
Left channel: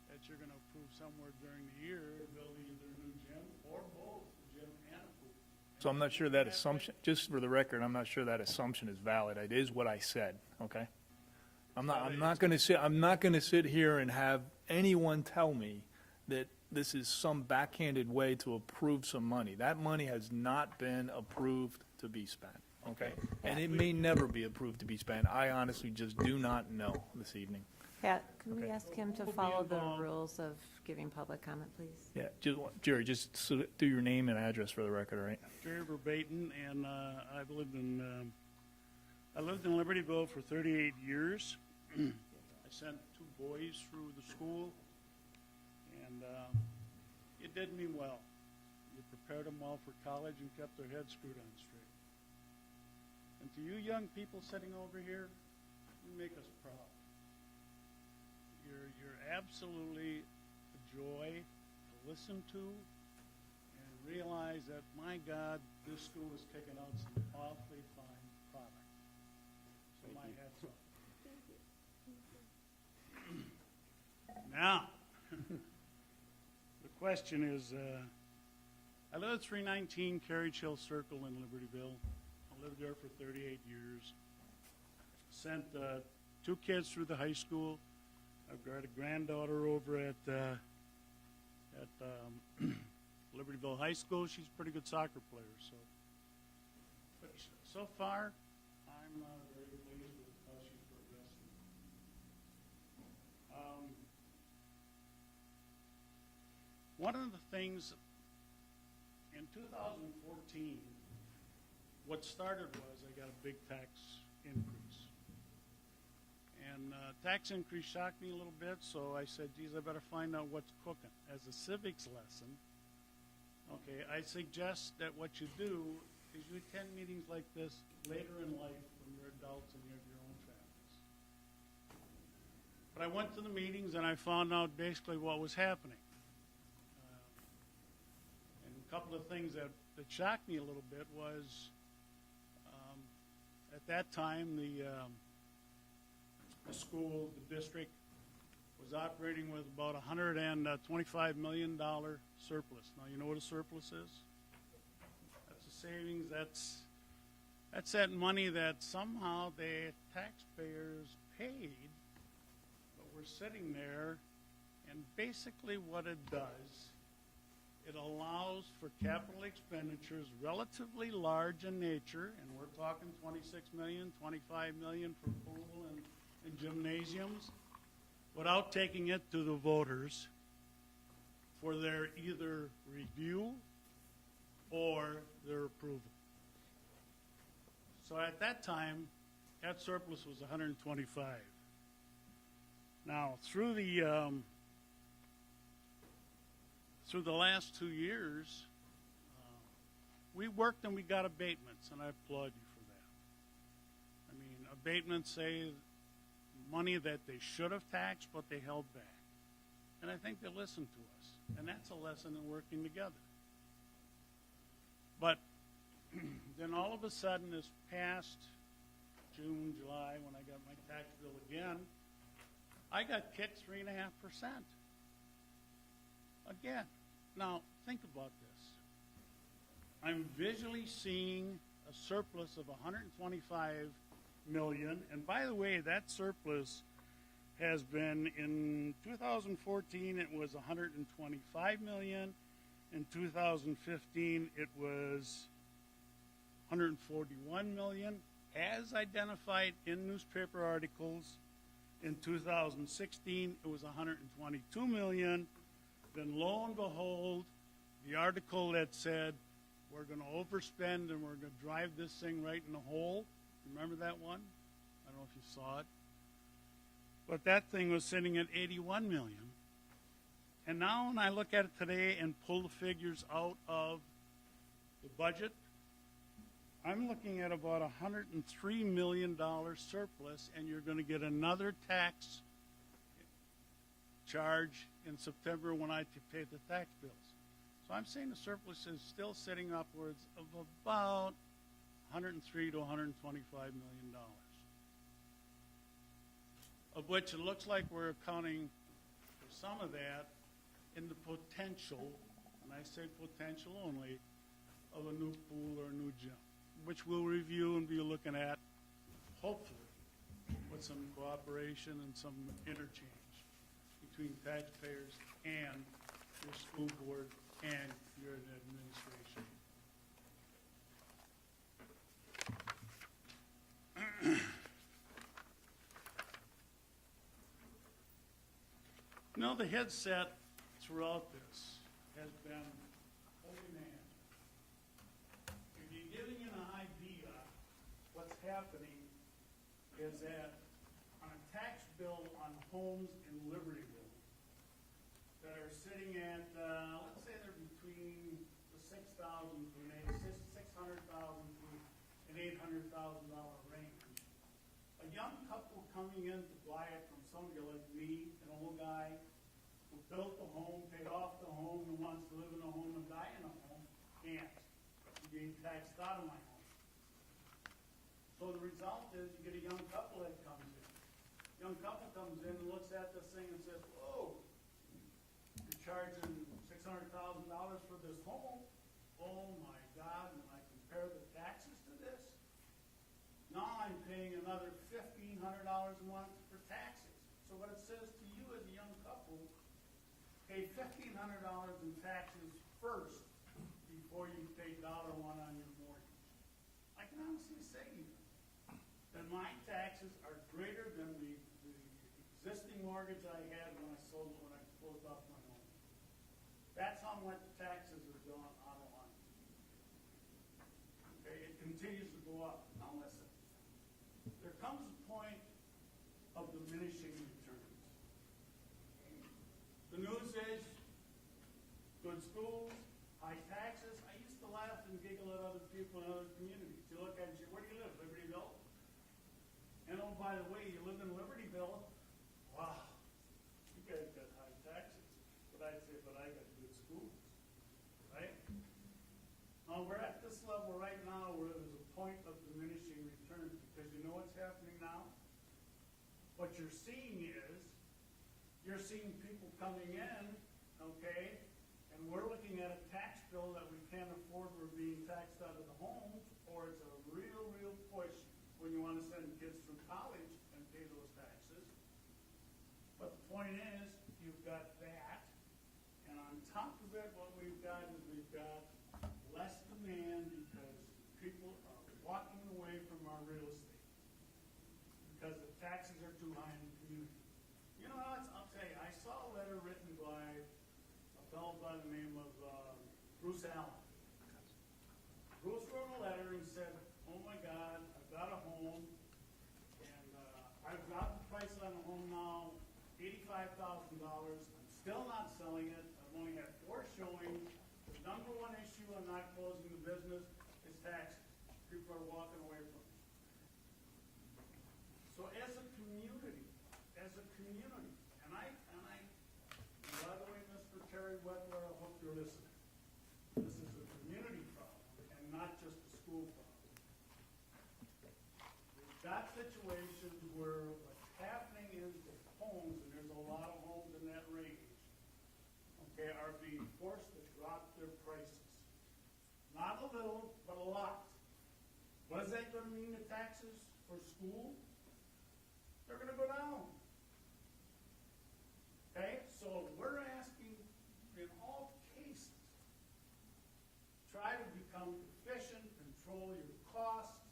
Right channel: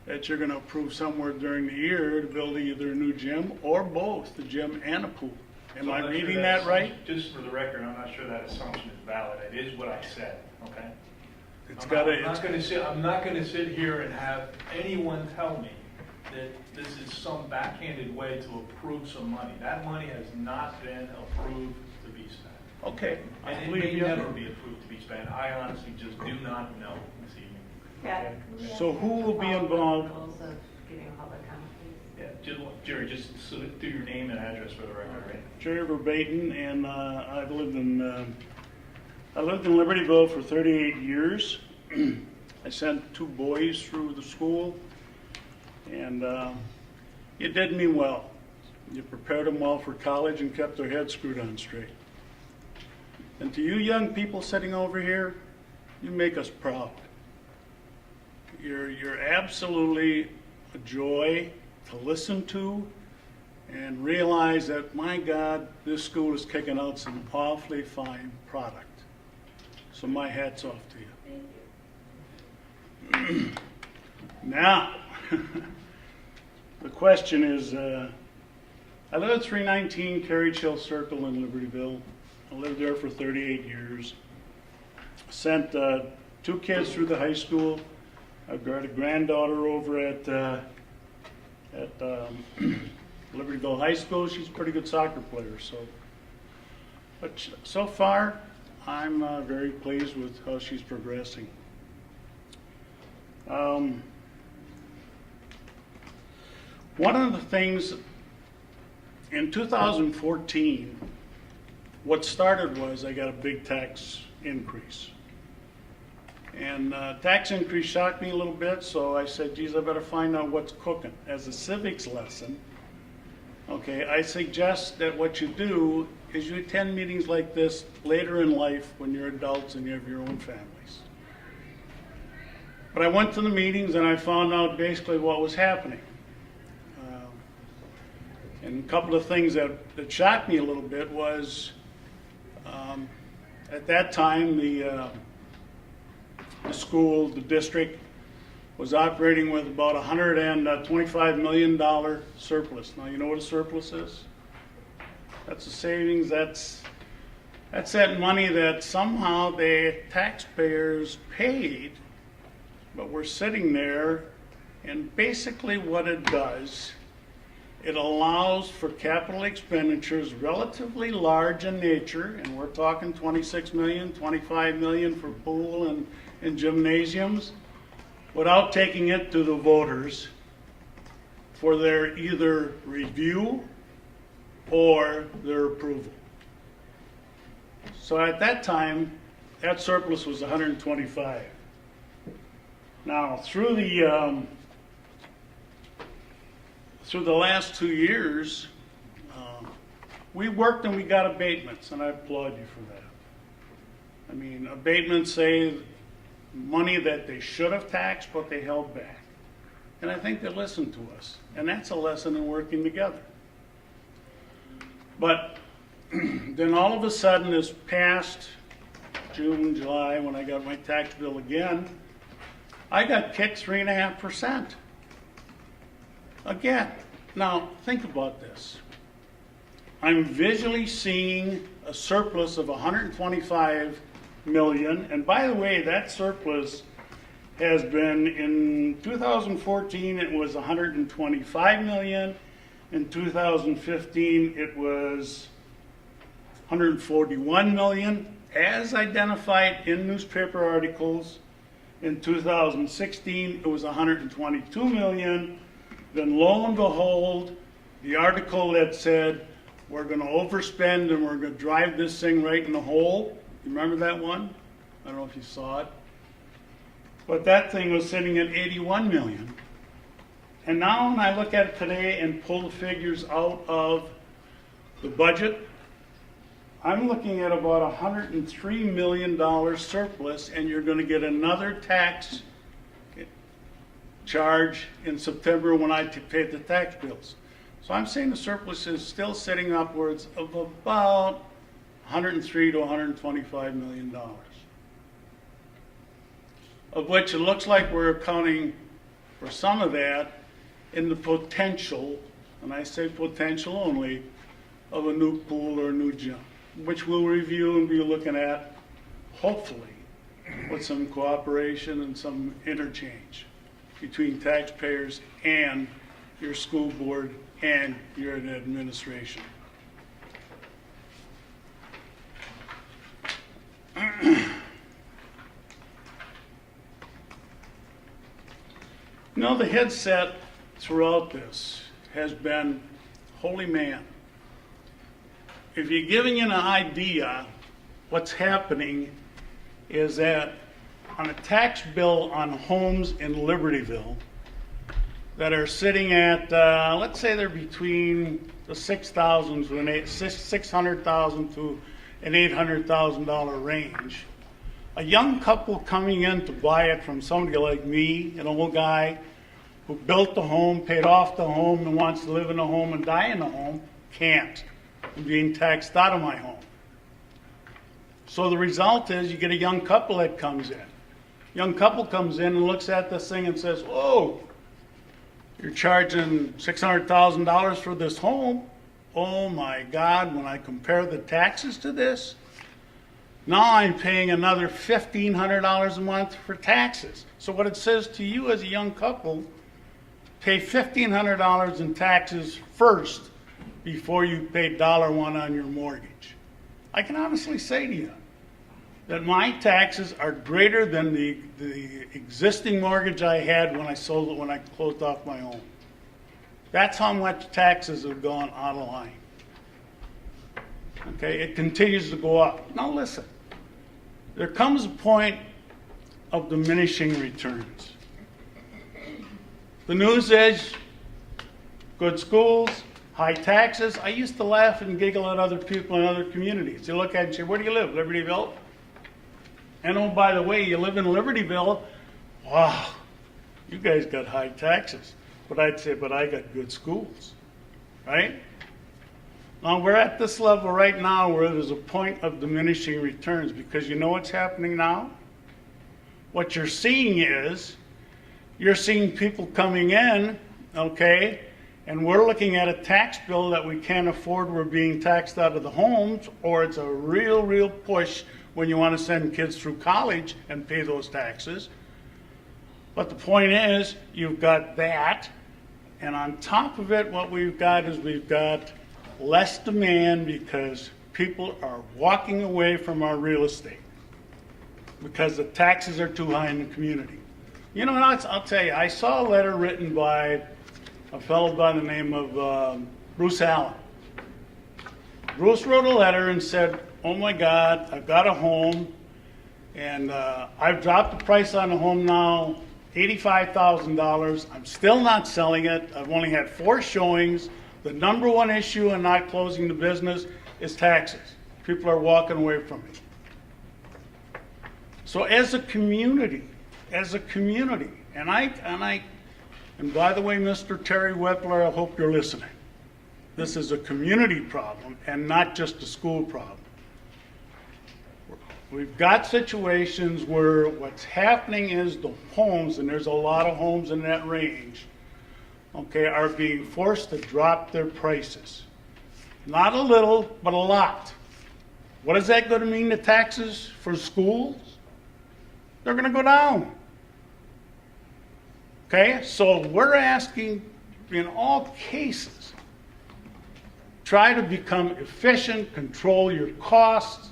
that you're going to approve somewhere during the year to build either a new gym or both, the gym and a pool. Am So I'm I not sure reading that that right? assumption- Just for the record, I'm not sure that assumption is valid. It is what I said, okay? It's I'm got not gonna sit here and have anyone tell me that this is some backhanded way to approve some money. That money has not been approved to be spent. Okay. And it may never be approved to be spent. I honestly just do not know this evening. Yeah. So who will be involved? Rules of giving public comment, please. Yeah, Jerry, just do your name and address for the record, right? Jerry Verbaten, and I've lived in Libertyville for 38 years. I sent 2 boys through the school, and you did me well. You prepared them well for college and kept their heads screwed on straight. And to you young people sitting over here, you make us proud. You're absolutely a joy to listen to, and realize that, my God, this school is kicking out some awfully fine product. So my hat's off to you. Now, the question is, I live at 319 Carriage Hill Circle in Libertyville. I lived there for 38 years. Sent 2 kids through the high school. I've got a granddaughter over at Libertyville High School. She's a pretty good soccer player. But so far, I'm very pleased with how she's progressing. One of the things in 2014, what started was I got a big tax increase. And tax increase shocked me a little bit, so I said, geez, I better find out what's cooking. As a civics lesson, okay, I suggest that what you do is you attend meetings like this later in life when you're adults and you have your own families. But I went to the meetings and I found out basically what was happening. And a couple of things that shocked me a little bit was, at that time, the school, the district, was operating with about $125 million surplus. Now, you know what a surplus is? That's a savings. That's that money that somehow the taxpayers paid, but we're sitting there, and basically what it does, it allows for capital expenditures relatively large in nature, and we're talking 26 million, 25 million for pool and gymnasiums, without taking it to the voters for their either review or their approval. So at that time, that surplus was 125. Now, through the last 2 years, we worked and we got abatements, and I applaud you for that. I mean, abatements say money that they should have taxed, but they held back. And I think they listened to us, and that's a lesson in working together. But then all of a sudden, this past June, July, when I got my tax bill again, I got kicked 3.5%. Again. Now, think about this. I'm visually seeing a surplus of 125 million, and by the way, that surplus has been, in 2014 it was 125 million, in 2015 it was 141 million, as identified in newspaper articles. In 2016 it was 122 million. Then lo and behold, the article that said we're going to overspend and we're going to drive this thing right in the hole. You remember that one? I don't know if you saw it. But that thing was sitting at 81 million. And now when I look at it today and pull the figures out of the budget, I'm looking at about $103 million surplus, and you're going to get another tax charge in September when I pay the tax bills. So I'm saying the surplus is still sitting upwards of about 103 to 125 million dollars, of which it looks like we're accounting for some of that in the potential, and I say potential only, of a new pool or a new gym, which we'll review and be looking at, hopefully, with some cooperation and some interchange between taxpayers and your school board and your administration. You know, the headset throughout this has been, holy man, if you're giving an idea, what's happening is that on a tax bill on homes in Libertyville that are sitting at, let's say they're between the $600,000 to an $800,000 range. A young couple coming in to buy it from somebody like me, an old guy who built the home, paid off the home, and wants to live in the home and die in the home, can't. I'm being taxed out of my home. So the result is you get a young couple that comes in. Young couple comes in and looks at this thing and says, "Whoa, you're charging $600,000 for this home. Oh my God, when I compare the taxes to this, now I'm paying another $1,500 a month for taxes." So what it says to you as a young couple, pay $1,500 in taxes first before you pay $1 on your mortgage. I can honestly say to you that my taxes are greater than the existing mortgage I had when I sold it, when I closed off my home. That's how much taxes have gone out of line. Okay, it continues to go up. Now listen, there comes a point of diminishing returns. The news is good schools, high taxes. I used to laugh and giggle at other people in other communities. You look at it and say, where do you live? Libertyville? And oh, by the way, you live in Libertyville? Wow, you guys got high taxes. But I'd say, but I got good schools, right? Now, we're at this level right now where there's a point of diminishing returns, because you know what's happening now? What you're seeing is, you're seeing people coming in, okay, and we're looking at a tax bill that we can't afford. We're being taxed out of the homes, or it's a real push when you want to send kids through college and pay those taxes. But the point is, you've got that, and on top of it, what we've got is we've got less demand because people are walking away from our real estate because the taxes are too high in the community. You know, I'll tell you, I saw a letter written by a fellow by the name of Bruce Allen. Bruce wrote a letter and said, oh my God, I've got a home, and I've dropped the price on the home now, $85,000. I'm still not selling it. I've only had 4 showings. The number one issue in not closing the business is taxes. People are walking away from it. So as a community, and by the way, Mr. Terry Wepler, I hope you're listening. This is a community problem and not just a school problem. We've got situations where what's happening is the homes, and there's a lot of homes in that range, okay, are being forced to drop their prices. Not a little, but a lot. What is that going to mean to taxes for schools? They're going to go down. Okay, so we're asking, in all cases, try to become efficient, control your costs,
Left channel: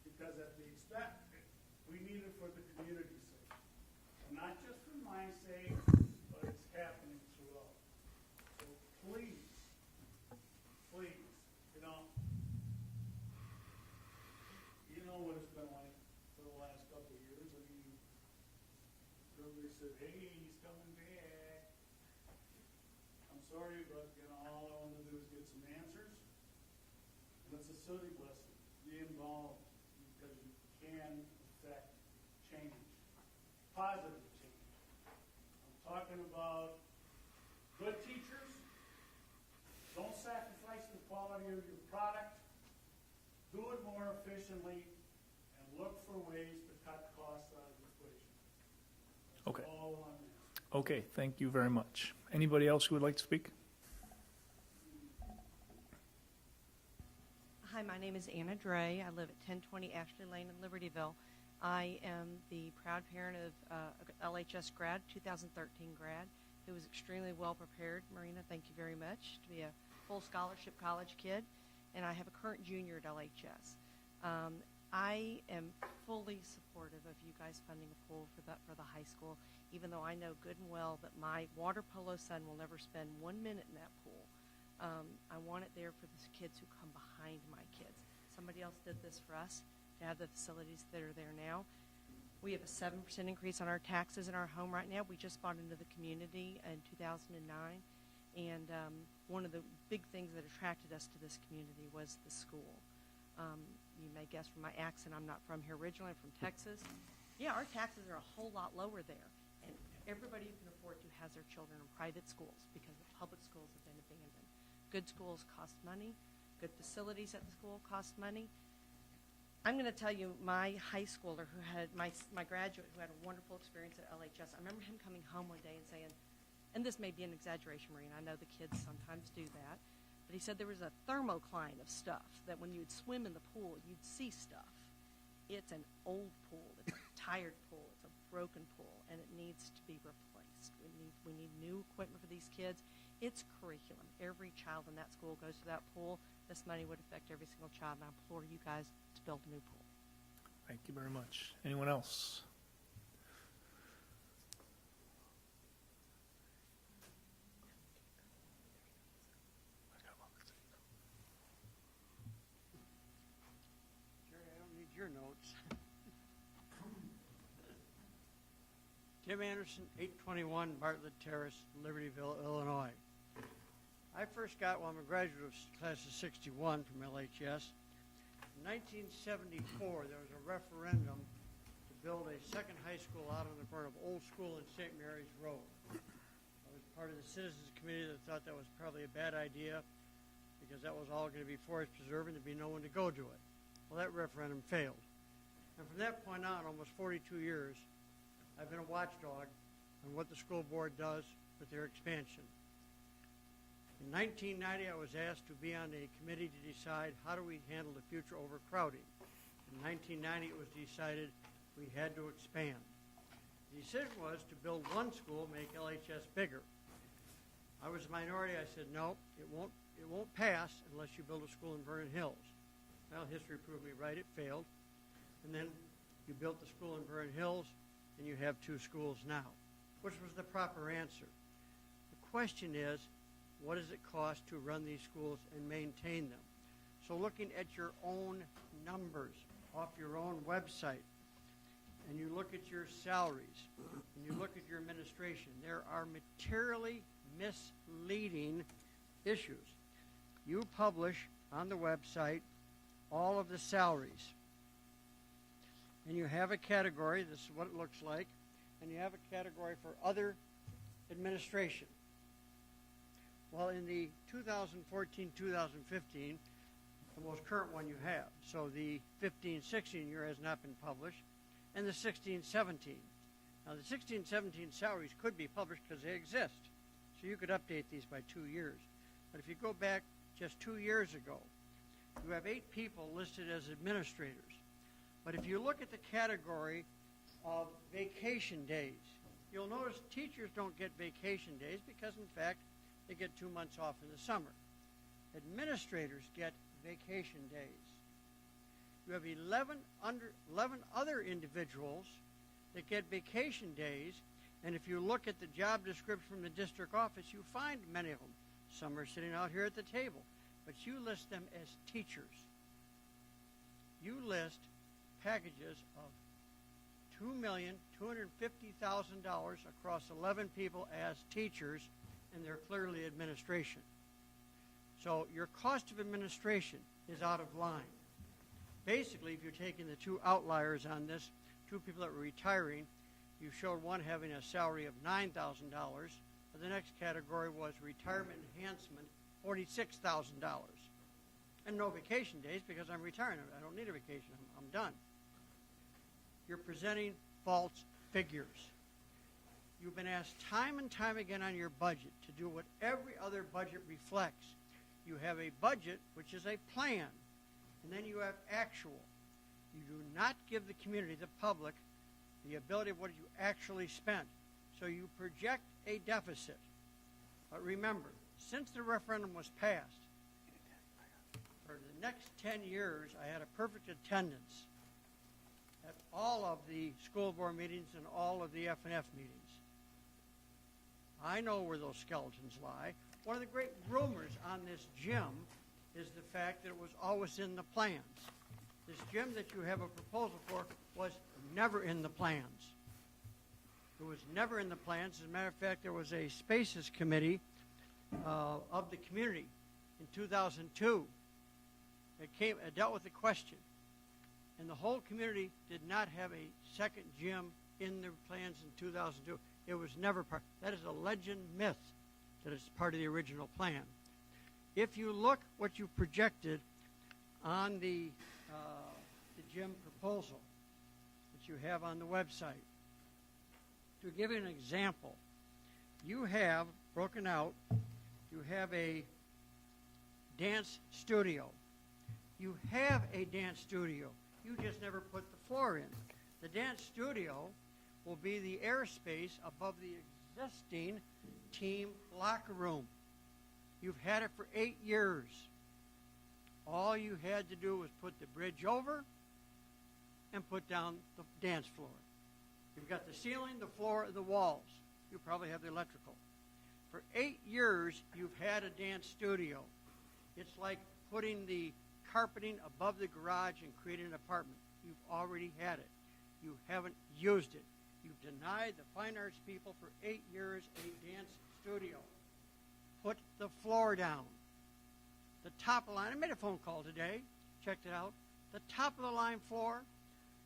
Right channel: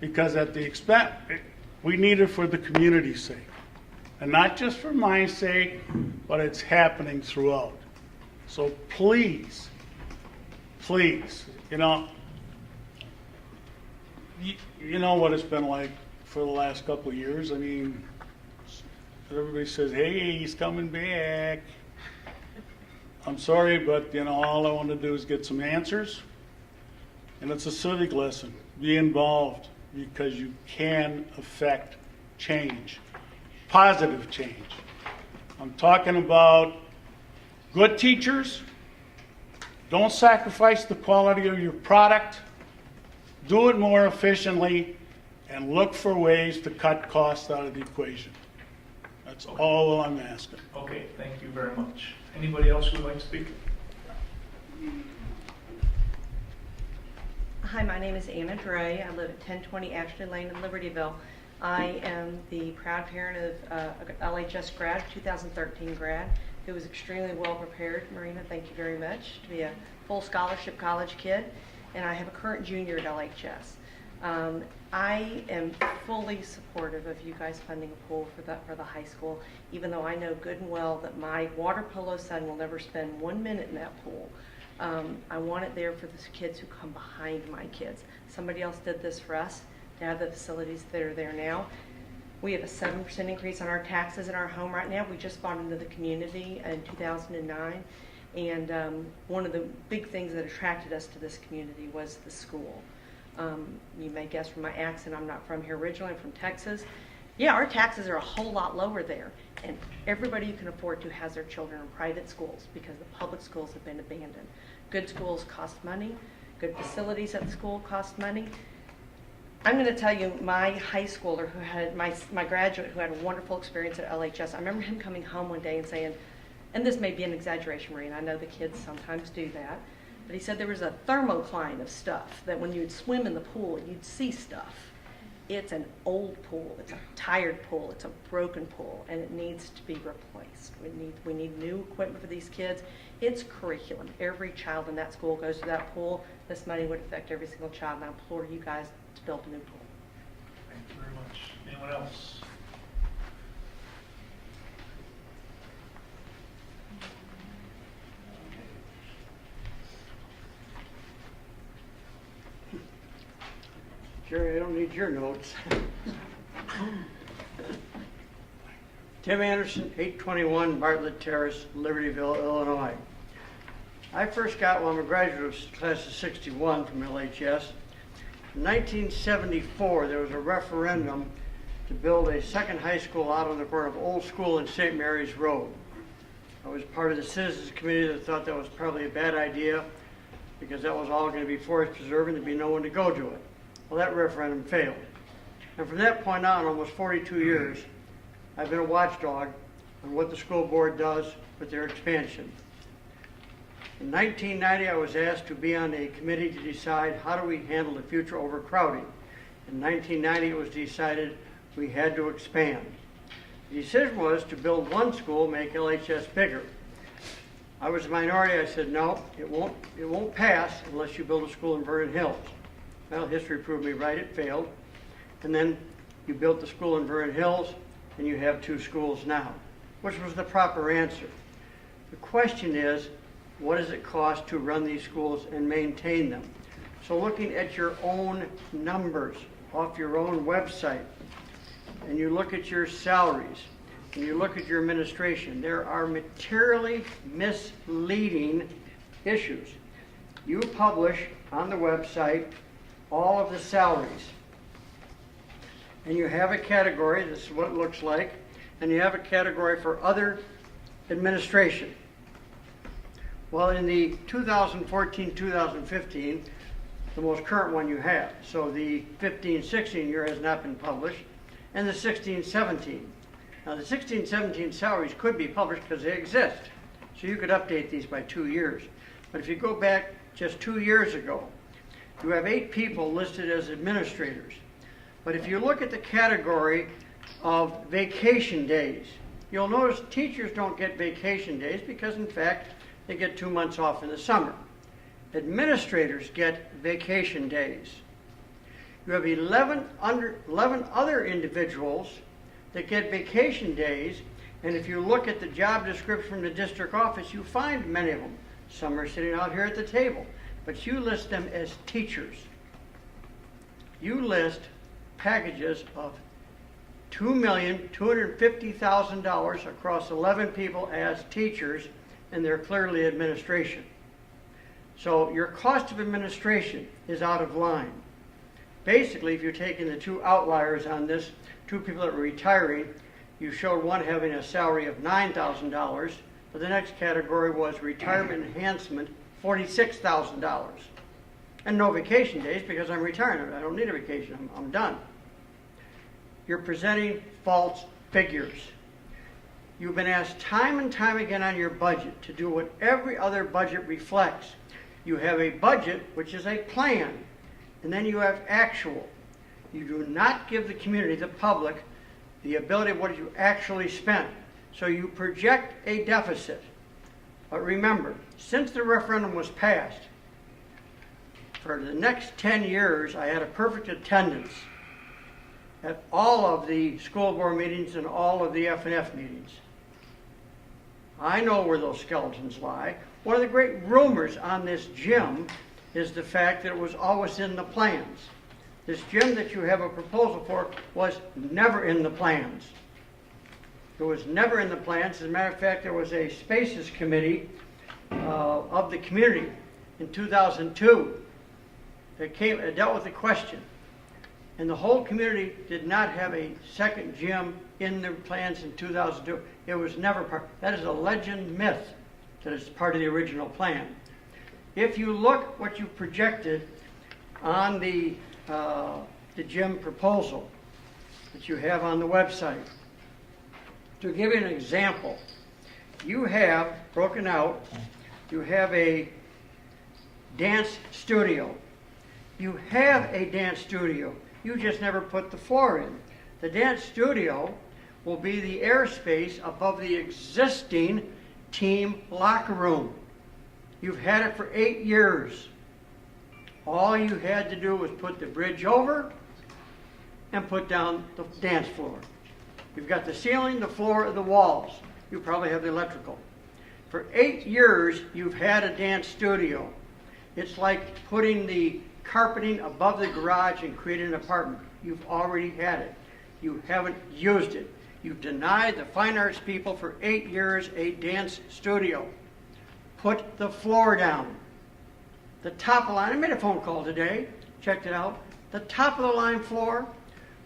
because at the expense, we need it for the community's sake. And not just for my sake, but it's happening throughout. So please, you know what it's been like for the last couple of years. I mean, everybody says, hey, he's coming back. I'm sorry, but all I want to do is get some answers. And it's a civic lesson. Be involved, because you can affect change, positive change. I'm talking about good teachers. Don't sacrifice the quality of your product. Do it more efficiently, and look for ways to cut costs out of the equation. That's all I'm asking. Okay, thank you very much. Anybody else who would like to speak? Hi, my name is Anna Dre. I live at 1020 Ashley Lane in Libertyville. I am the proud parent of LHS grad, 2013 grad, who was extremely well prepared. Marina, thank you very much, to be a full scholarship college kid. And I have a current junior at LHS. I am fully supportive of you guys funding a pool for the high school, even though I know good and well that my water polo son will never spend 1 minute in that pool. I want it there for the kids who come behind my kids. Somebody else did this for us to have the facilities that are there now. We have a 7% increase on our taxes in our home right now. We just bought into the community in 2009. And one of the big things that attracted us to this community was the school. You may guess from my accent, I'm not from here originally, I'm from Texas. Yeah, our taxes are a whole lot lower there. And everybody who can afford to has their children in private schools because the public schools have been abandoned. Good schools cost money. Good facilities at the school cost money. I'm going to tell you, my high schooler who had, my graduate who had a wonderful experience at LHS, I remember him coming home one day and saying, and this may be an exaggeration, Maureen, I know the kids sometimes do that, but he said there was a thermocline of stuff that when you'd swim in the pool, you'd see stuff. It's an old pool, it's a tired pool, it's a broken pool, and it needs to be replaced. We need new equipment for these kids. It's curriculum. Every child in that school goes to that pool. This money would affect every single child, and I implore you guys to build a new pool. Thank you very much. Anyone else? Jerry, I don't need your notes. Tim Anderson, 821 Bartlett Terrace, Libertyville, Illinois. I first got, well, I'm a graduate of class of 61 from LHS. In 1974, there was a referendum to build a second high school out on the corner of Old School and St. Mary's Road. I was part of the citizens committee that thought that was probably a bad idea because that was all going to be forest preserve and there'd be no one to go to it. Well, that referendum failed. And from that point on, almost 42 years, I've been a watchdog on what the school board does with their expansion. In 1990, I was asked to be on a committee to decide how do we handle the future overcrowding. In 1990, it was decided we had to expand. The decision was to build one school, make LHS bigger. I was a minority. I said, no, it won't pass unless you build a school in Vernon Hills. Well, history proved me right. It failed. And then you built the school in Vernon Hills, and you have 2 schools now, which was the proper answer. The question is, what does it cost to run these schools and maintain them? So looking at your own numbers off your own website, and you look at your salaries, and you look at your administration, there are materially misleading issues. You publish on the website all of the salaries. And you have a category, this is what it looks like, and you have a category for other administration. Well, in the 2014-2015, the most current one you have, so the 15-16 year has not been published, and the 16-17. Now the 16-17 salaries could be published because they exist, so you could update these by 2 years. But if you go back just 2 years ago, you have 8 people listed as administrators. But if you look at the category of vacation days, you'll notice teachers don't get vacation days because, in fact, they get 2 months off in the summer. Administrators get vacation days. You have 11 other individuals that get vacation days, and if you look at the job description from the district office, you find many of them. Some are sitting out here at the table, but you list them as teachers. You list packages of $2,250,000 across 11 people as teachers, and they're clearly administration. So your cost of administration is out of line. Basically, if you're taking the 2 outliers on this, 2 people that were retiring, you showed one having a salary of $9,000, but the next category was retirement enhancement, $46,000. And no vacation days because I'm retiring. I don't need a vacation. I'm done. You're presenting false figures. You've been asked time and time again on your budget to do what every other budget reflects. You have a budget, which is a plan, and then you have actual. You do not give the community, the public, the ability of what you actually spent. So you project a deficit. But remember, since the referendum was passed, for the next 10 years, I had a perfect attendance at all of the school board meetings and all of the F&F meetings. I know where those skeletons lie. One of the great rumors on this gym is the fact that it was always in the plans. This gym that you have a proposal for was never in the plans. It was never in the plans. As a matter of fact, there was a spaces committee of the community in 2002 that dealt with the question. And the whole community did not have a second gym in their plans in 2002. It was never part. That is a legend myth that is part of the original plan. If you look what you projected on the gym proposal that you have on the website, to give you an example, you have broken out, you have a dance studio. You have a dance studio. You just never put the floor in. The dance studio will be the airspace above the existing team locker room. You've had it for 8 years. All you had to do was put the bridge over and put down the dance floor. You've got the ceiling, the floor, and the walls. You probably have the electrical. For 8 years, you've had a dance studio. It's like putting the carpeting above the garage and creating an apartment. You've already had it. You haven't used it. You've denied the fine arts people for 8 years a dance studio. put the floor down. The top of the line, I made a phone call today, checked it out. The top of the line floor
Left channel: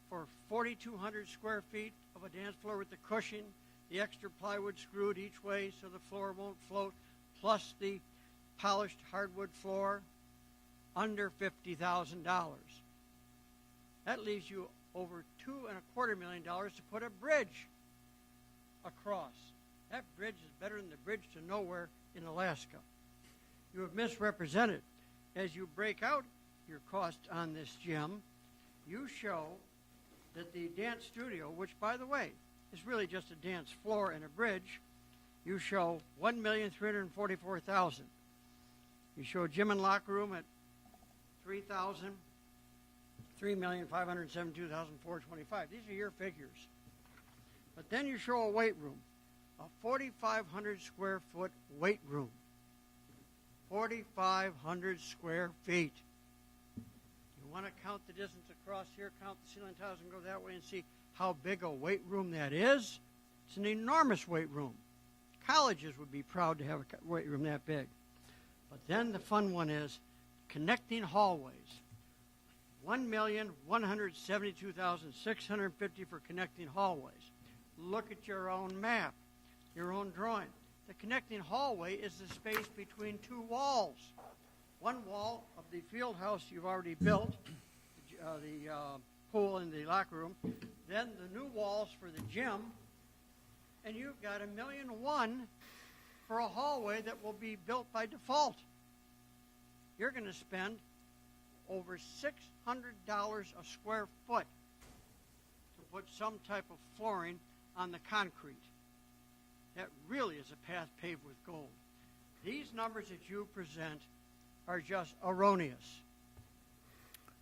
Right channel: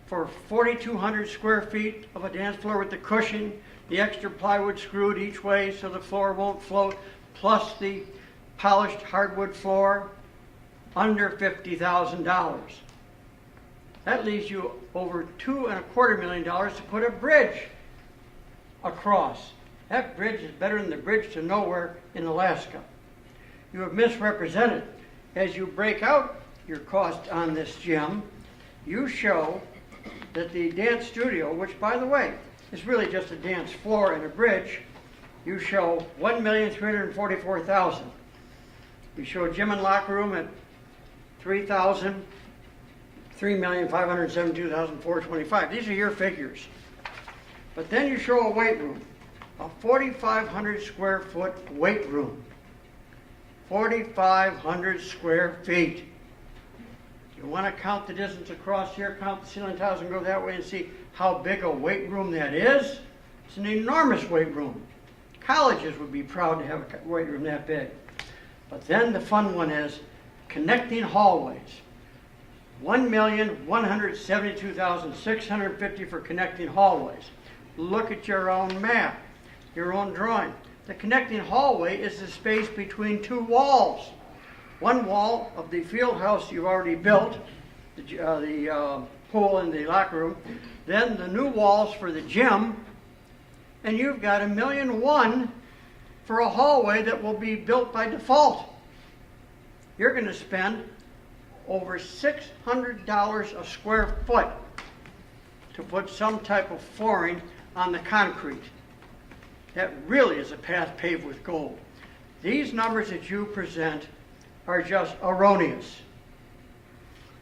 for 4,200 square feet of a dance floor with the cushion, the extra plywood screwed each way so the floor won't float, plus the polished hardwood floor, under $50,000. That leaves you over $2.25 million to put a bridge across. That bridge is better than the bridge to nowhere in Alaska. You have misrepresented. As you break out your cost on this gym, you show that the dance studio, which by the way, is really just a dance floor and a bridge, you show $1,344,000. We show gym and locker room at $3,572,425. These are your figures. But then you show a weight room, a 4,500 square foot weight room. 4,500 square feet. You want to count the distance across here, count the ceiling tiles and go that way and see how big a weight room that is? It's an enormous weight room. Colleges would be proud to have a weight room that big. But then the fun one is connecting hallways. $1,172,650 for connecting hallways. Look at your own map, your own drawing. The connecting hallway is the space between two walls. One wall of the field house you've already built, the pool and the locker room, then the new walls for the gym, and you've got $1.1 million for a hallway that will be built by default. You're going to spend over $600 a square foot to put some type of flooring on the concrete. That really is a path paved with gold. These numbers that you present are just erroneous.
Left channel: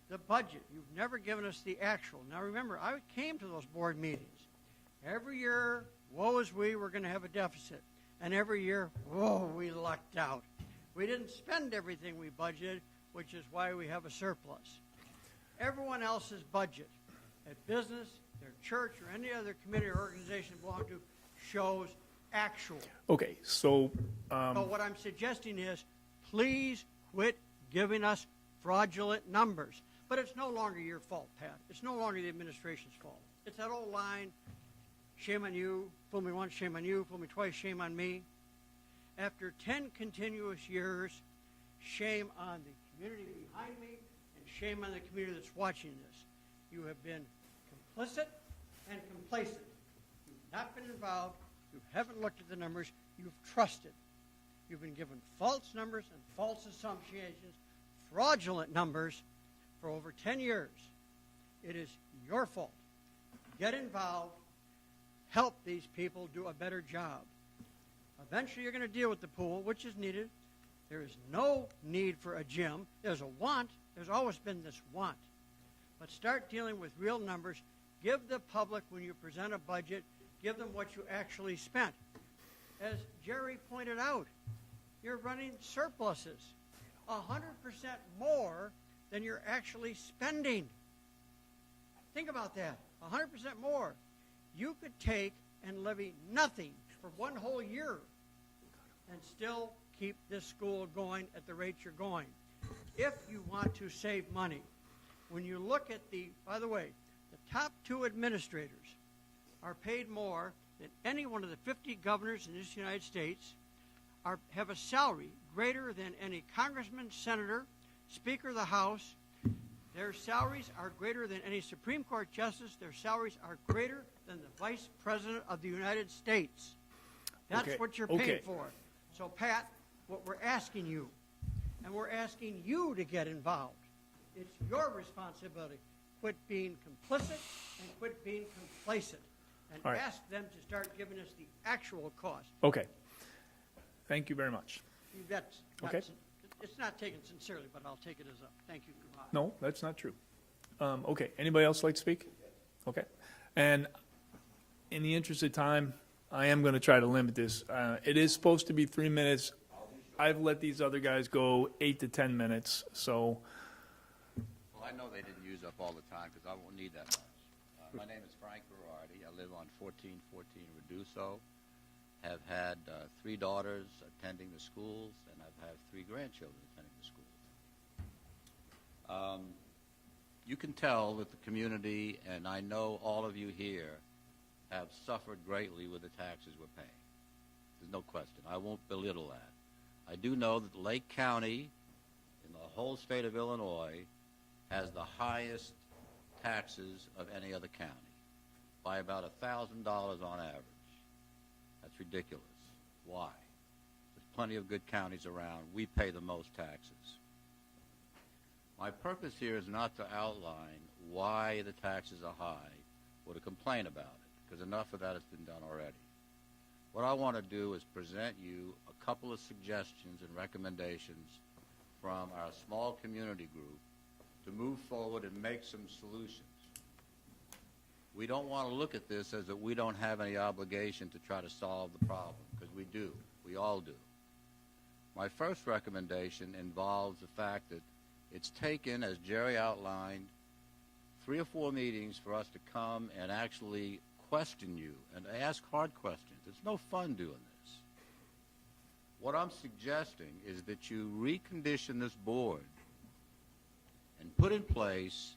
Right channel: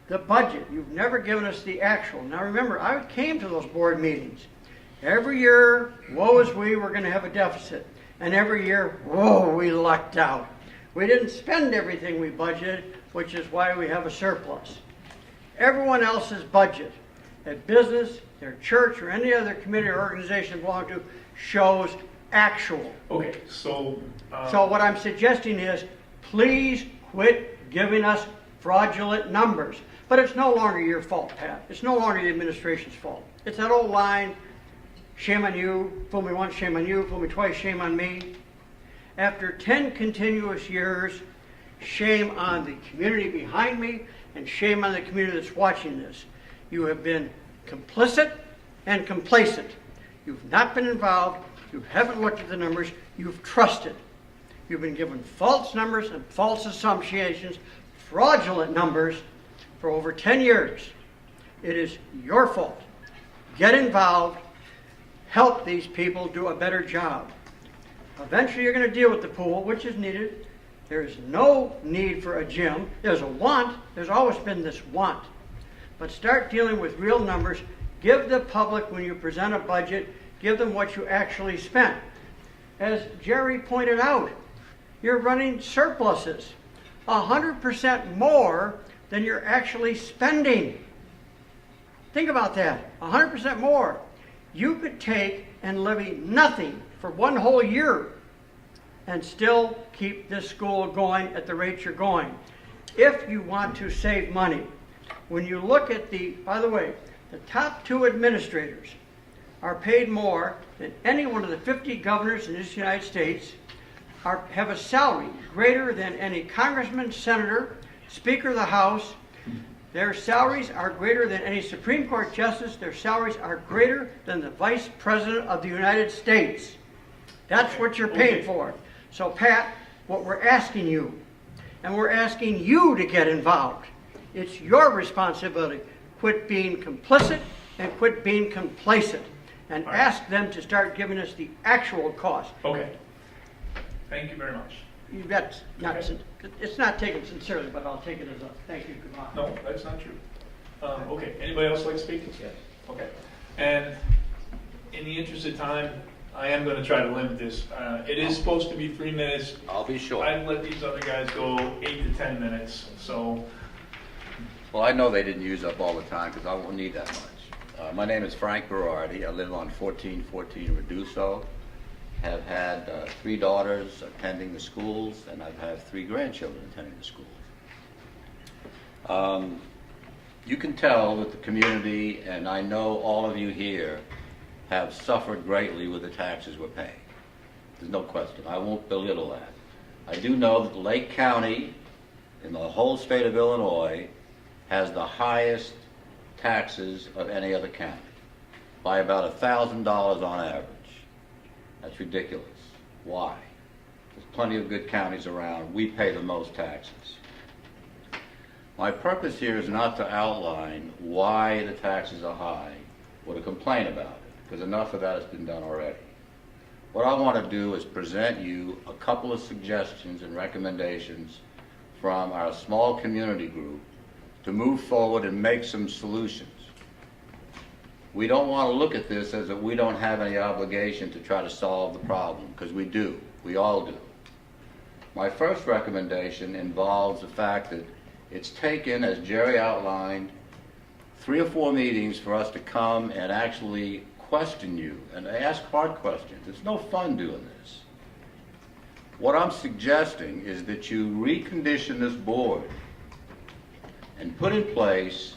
The budget, you've never given us the actual. Now remember, I came to those board meetings. Every year, woe is we, we're going to have a deficit. And every year, whoa, we lucked out. We didn't spend everything we budgeted, which is why we have a surplus. Everyone else's budget, at business, their church, or any other committee or organization belong to, shows actual. Okay, so... So what I'm suggesting is, please quit giving us fraudulent numbers. But it's no longer your fault, Pat. It's no longer the administration's fault. It's that old line, shame on you, fool me once, shame on you, fool me twice, shame on me. After 10 continuous years, shame on the community behind me, and shame on the community that's watching this. You have been complicit and complacent. You've not been involved. You haven't looked at the numbers. You've trusted. You've been given false numbers and false assumptions, fraudulent numbers for over 10 years. It is your fault. Get involved. Help these people do a better job. Eventually you're going to deal with the pool, which is needed. There is no need for a gym. There's a want. There's always been this want. But start dealing with real numbers. Give the public, when you present a budget, give them what you actually spent. As Jerry pointed out, you're running surpluses, 100% more than you're actually spending. Think about that, 100% more. You could take and levy nothing for one whole year and still keep this school going at the rate you're going. If you want to save money, when you look at by the way, the top 2 administrators are paid more than any one of the 50 governors in this United States, have a salary greater than any congressman, senator, speaker of the House. Their salaries are greater than any Supreme Court justice. Their salaries are greater than the Vice President of the United States. That's what you're paying for. So, Pat, what we're asking you, and we're asking you to get involved. It's your responsibility. Quit being complicit and quit being complacent. And ask them to start giving us the actual cost. Okay. Thank you very much. You've got, it's not taken sincerely, but I'll take it as a thank you, goodbye. No, that's not true. Okay, anybody else like to speak? Yes. Okay. And in the interest of time, I am going to try to limit this. It is supposed to be 3 minutes. I'll be short. I've let these other guys go 8 to 10 minutes, so. Well, I know they didn't use up all the time because I won't need that much. My name is Frank Berardi. I live on 1414 Reduso. have had 3 daughters attending the schools, and I've had 3 grandchildren attending the schools. You can tell that the community, and I know all of you here, have suffered greatly with the taxes we're paying. There's no question. I won't belittle that. I do know that Lake County, in the whole state of Illinois, has the highest taxes of any other county, by about $1,000 on average. That's ridiculous. Why? There's plenty of good counties around. We pay the most taxes. My purpose here is not to outline why the taxes are high or to complain about it, because enough of that has been done already. What I want to do is present you a couple of suggestions and recommendations from our small community group to move forward and make some solutions. We don't want to look at this as if we don't have any obligation to try to solve the problem, because we do. We all do. My first recommendation involves the fact that it's taken, as Jerry outlined, 3 or 4 meetings for us to come and actually question you and ask hard questions. It's no fun doing this. What I'm suggesting is that you recondition this board and put in place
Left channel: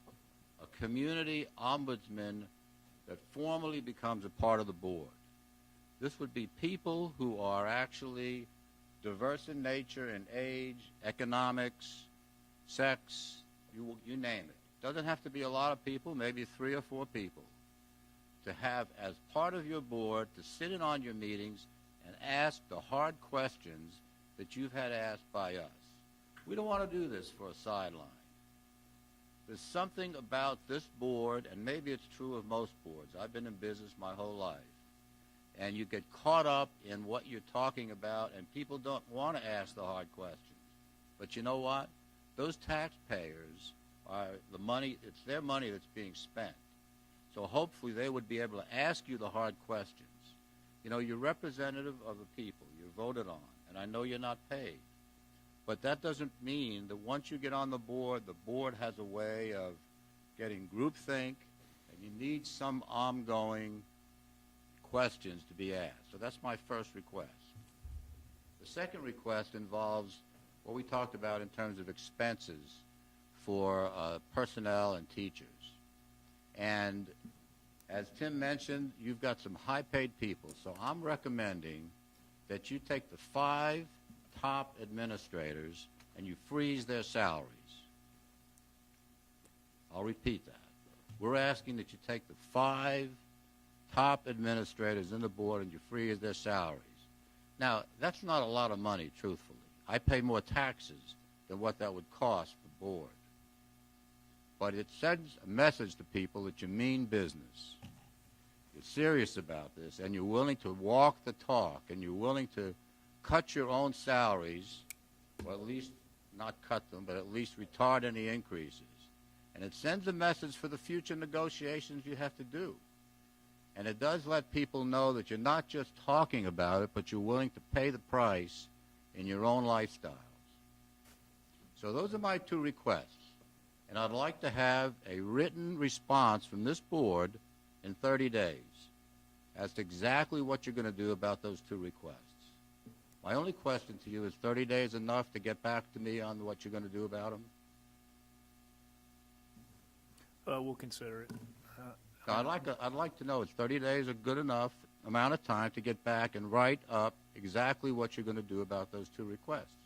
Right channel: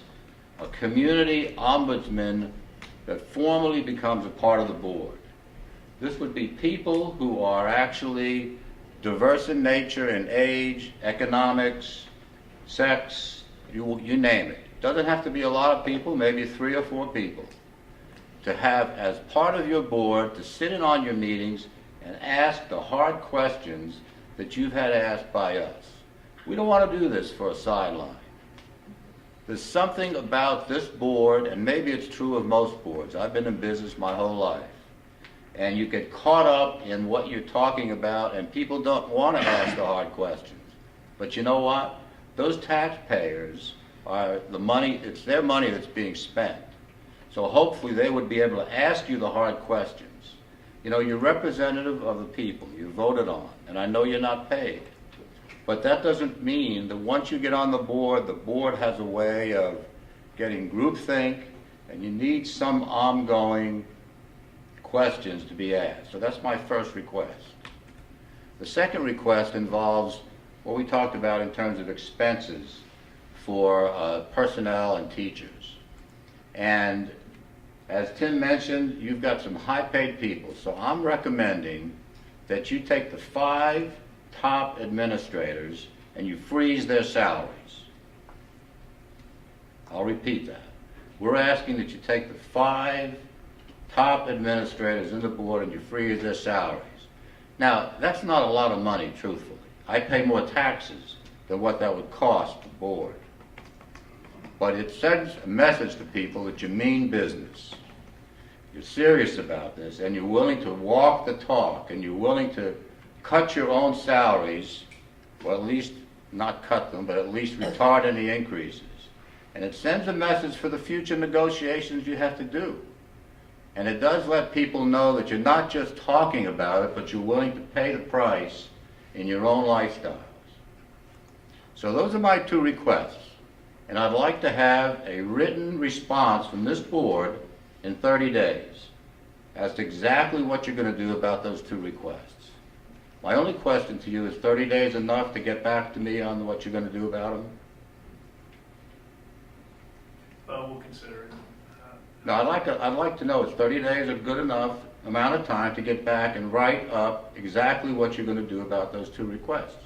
a community ombudsman that formally becomes a part of the board. This would be people who are actually diverse in nature, in age, economics, sex, you name it. Doesn't have to be a lot of people, maybe 3 or 4 people, to have as part of your board to sit in on your meetings and ask the hard questions that you've had asked by us. We don't want to do this for a sideline. There's something about this board, and maybe it's true of most boards. I've been in business my whole life. And you get caught up in what you're talking about, and people don't want to ask the hard questions. But you know what? Those taxpayers are the money, it's their money that's being spent. So hopefully they would be able to ask you the hard questions. You know, you're representative of the people you voted on, and I know you're not paid. But that doesn't mean that once you get on the board has a way of getting groupthink, and you need some ongoing questions to be asked. So that's my first request. The second request involves what we talked about in terms of expenses for personnel and teachers. And as Tim mentioned, you've got some high-paid people. So I'm recommending that you take the 5 top administrators and you freeze their salaries. I'll repeat that. We're asking that you take the 5 top administrators in the board and you freeze their salaries. Now, that's not a lot of money, truthfully. I pay more taxes than what that would cost the board. But it sends a message to people that you mean business. You're serious about this, and you're willing to walk the talk, and you're willing to cut your own salaries, or at least not cut them, but at least retard any increases. And it sends a message for the future negotiations you have to do. And it does let people know that you're not just talking about it, but you're willing to pay the price in your own lifestyles. So those are my 2 requests. And I'd like to have a written response from this board in 30 days as to exactly what you're going to do about those 2 requests. My only question to you is 30 days enough to get back to me on what you're going to do about them? We'll consider it. No, I'd like to know, is 30 days a good enough amount of time to get back and write up exactly what you're going to do about those 2 requests?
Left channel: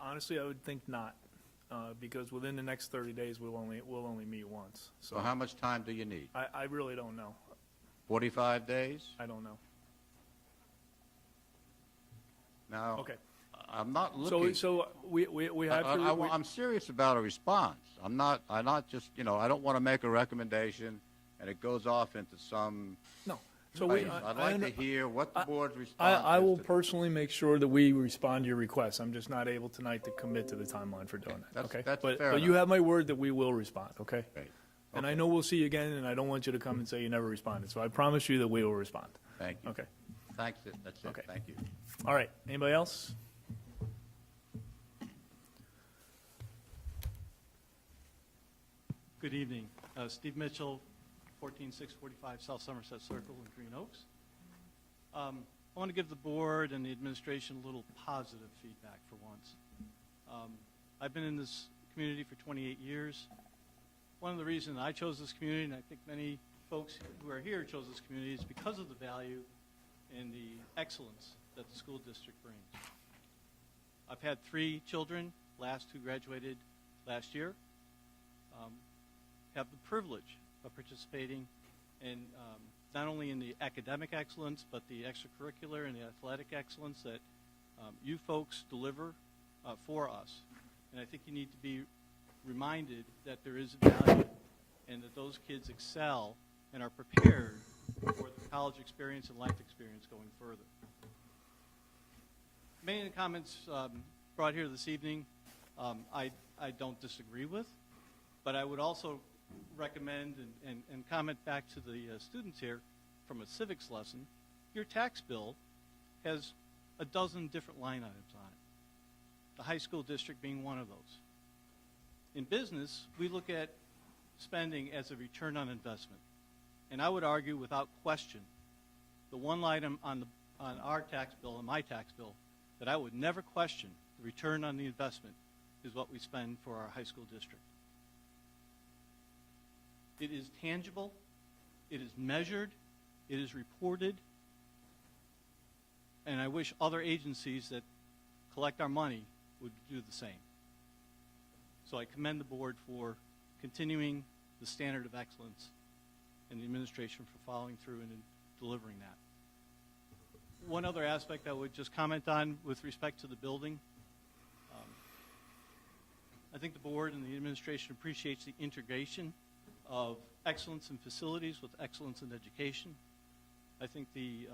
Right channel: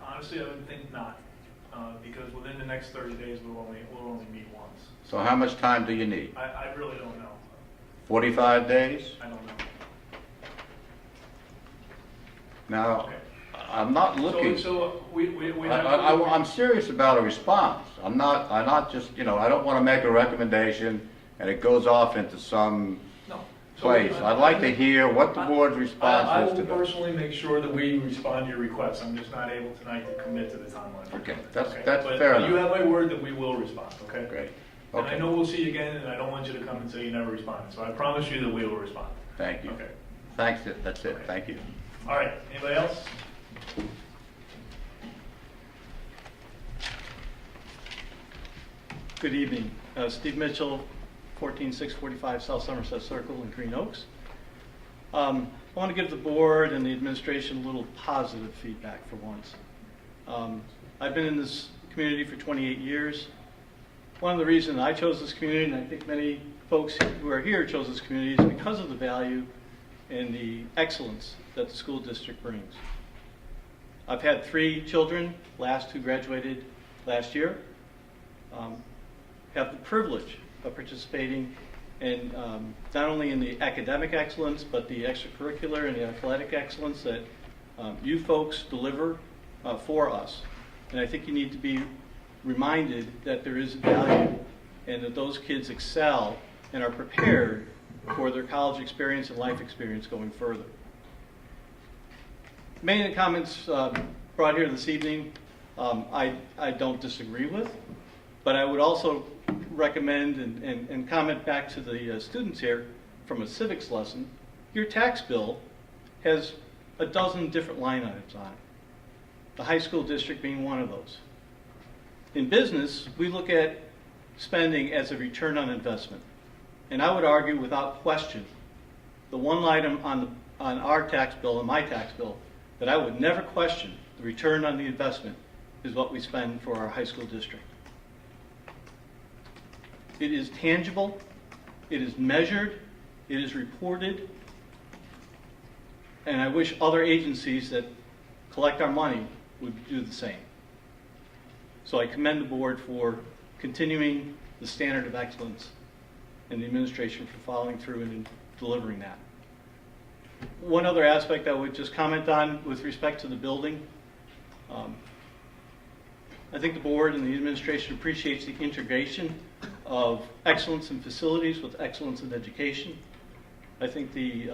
Honestly, I would think not, because within the next 30 days we'll only meet once. So how much time do you need? I really don't know. 45 days? I don't know. Now, Okay. I'm not looking. So we have. I'm serious about a response. I'm not just, I don't want to make a recommendation and it goes off into some place. I'd like to hear what the board's response I is will to that. personally make sure that we respond to your requests. I'm just not able tonight to commit to the timeline for Okay, doing that's it. fair But you enough. have my word that we will respond, okay? Great. And I Okay. know we'll see you again, and I don't want you to come and say you never responded. So I promise you that we will respond. Thank you. Okay. Thanks, that's it. Okay. Thank you. All right, anybody else? Good evening. Steve Mitchell, 14645 South Somerset Circle in Green Oaks. I want to give the board and the administration a little positive feedback for once. I've been in this community for 28 years. One of the reasons I chose this community, and I think many folks who are here chose this community, is because of the value and the excellence that the school district brings. I've had 3 children, last who graduated last year. Have the privilege of participating in not only in the academic excellence, but the extracurricular and the athletic excellence that you folks deliver for us. And I think you need to be reminded that there is value and that those kids excel and are prepared for their college experience and life experience going further. Many of the comments brought here this evening I don't disagree with, but I would also recommend and comment back to the students here from a civics lesson. Your tax bill has a dozen different line items on it, the high school district being one of those. In business, we look at spending as a return on investment. And I would argue without question, the one item on our tax bill and my tax bill that I would never question the return on the investment is what we spend for our high school district. It is tangible, it is measured, it is reported, and I wish other agencies that collect our money would do the same. So I commend the board for continuing the standard of excellence and the administration for following through and delivering that. One other aspect I would just comment on with respect to the building. I think the board and the administration appreciates the integration of excellence in facilities with excellence in education. I think the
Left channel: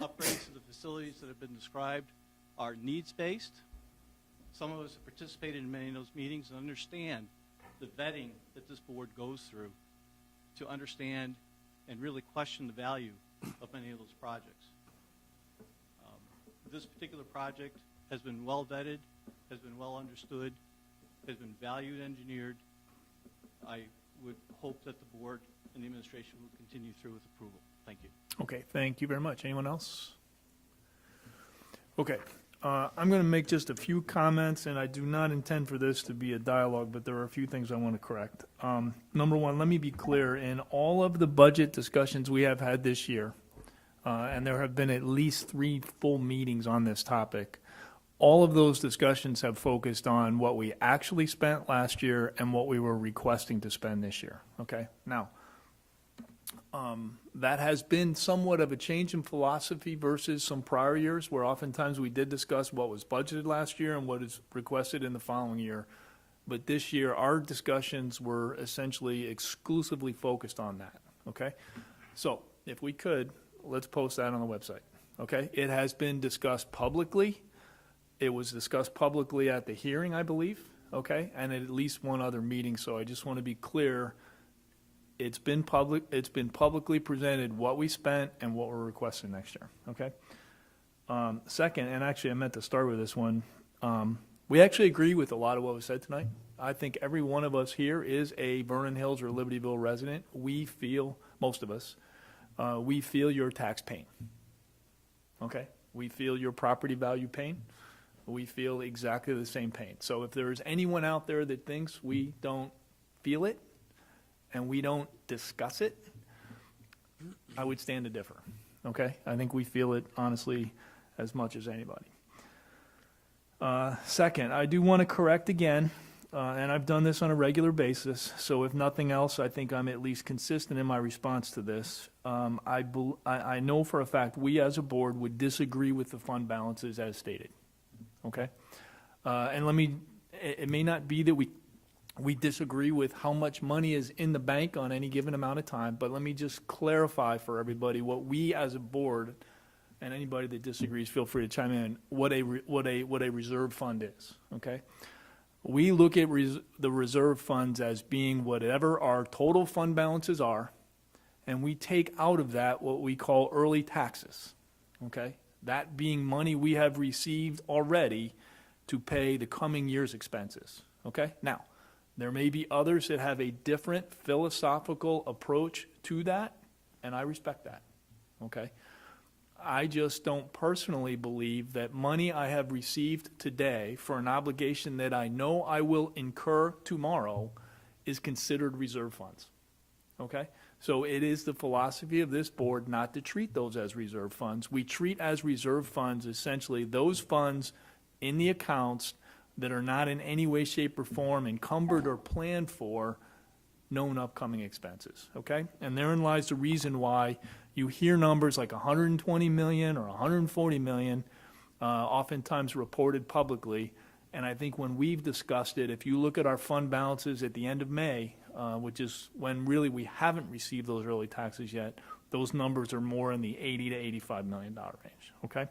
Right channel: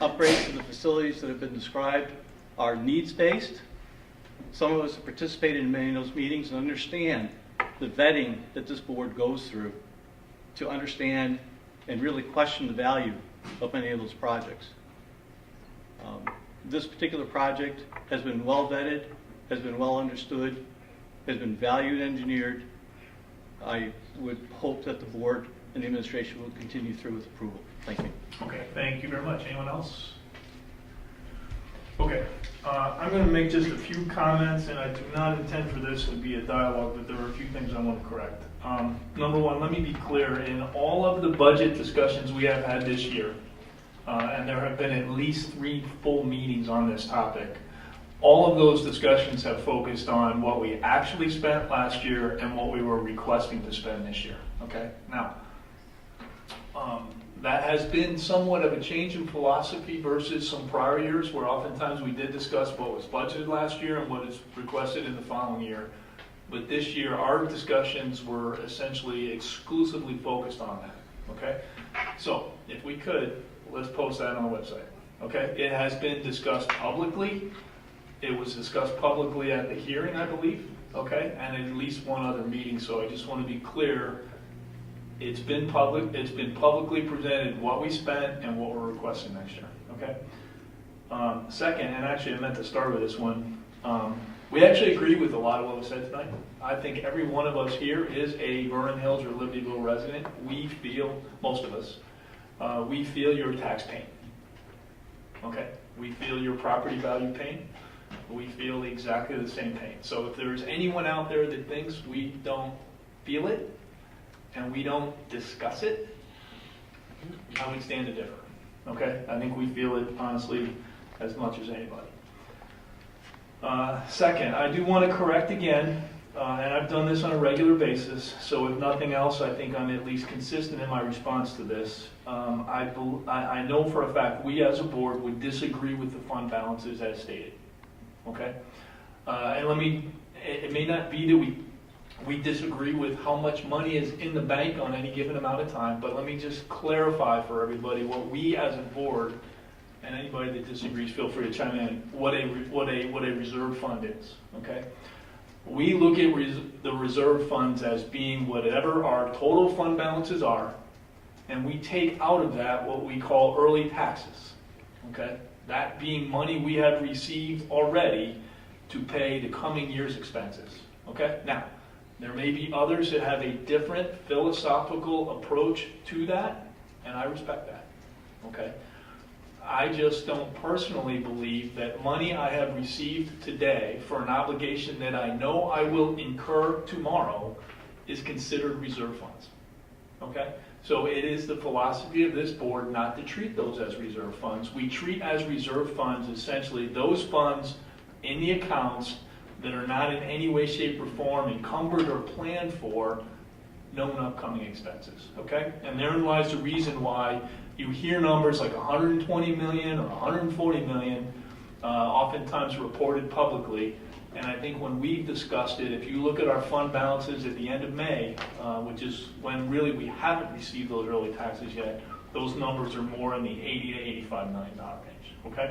upgrades to the facilities that have been described are needs-based. Some of us have participated in many of those meetings and understand the vetting that this board goes through to understand and really question the value of many of those projects. This particular project has been well vetted, has been well understood, has been value engineered. I would hope that the board and the administration will continue through with approval. Thank you. Okay, thank you very much. Anyone else? Okay, I'm going to make just a few comments, and I do not intend for this to be a dialogue, but there are a few things I want to correct. Number one, let me be clear. In all of the budget discussions we have had this year, and there have been at least 3 full meetings on this topic, all of those discussions have focused on what we actually spent last year and what we were requesting to spend this year. Okay, now, that has been somewhat of a change in philosophy versus some prior years where oftentimes we did discuss what was budgeted last year and what is requested in the following year. But this year, our discussions were essentially exclusively focused on that, okay? So, if we could, let's post that on the website, okay? It has been discussed publicly. It was discussed publicly at the hearing, I believe, okay? And at least one other meeting, so I just want to be clear. It's been publicly presented what we spent and what we're requesting next year, okay? Second, and actually I meant to start with this one, we actually agree with a lot of what was said tonight. I think every one of us here is a Vernon Hills or Libertyville resident. We feel, most of us, we feel your tax pain, okay? We feel your property value pain. We feel exactly the same pain. So if there's anyone out there that thinks we don't feel it and we don't discuss it, I would stand to differ, okay? I think we feel it, honestly, as much as anybody. Second, I do want to correct again, and I've done this on a regular basis, so if nothing else, I think I'm at least consistent in my response to this. I know for a fact we as a board would disagree with the fund balances as stated, okay? And it may not be that we disagree with how much money is in the bank on any given amount of time, but let me just clarify for everybody what we as a board, and anybody that disagrees, feel free to chime in, what a reserve fund is, okay? We look at the reserve funds as being whatever our total fund balances are, and we take out of that what we call early taxes, okay? That being money we have received already to pay the coming year's expenses, okay? Now, There may be others that have a different philosophical approach to that, and I respect that, okay? I just don't personally believe that money I have received today for an obligation that I know I will incur tomorrow is considered reserve funds, okay? So it is the philosophy of this board not to treat those as reserve funds. We treat as reserve funds essentially those funds in the accounts that are not in any way, shape, or form encumbered or planned for known upcoming expenses, okay? And therein lies the reason why you hear numbers like 120 million or 140 million, oftentimes reported publicly. And I think when we've discussed it, if you look at our fund balances at the end of May, which is when really we haven't received those early taxes yet, those numbers are more in the $80 to $85 million range, okay?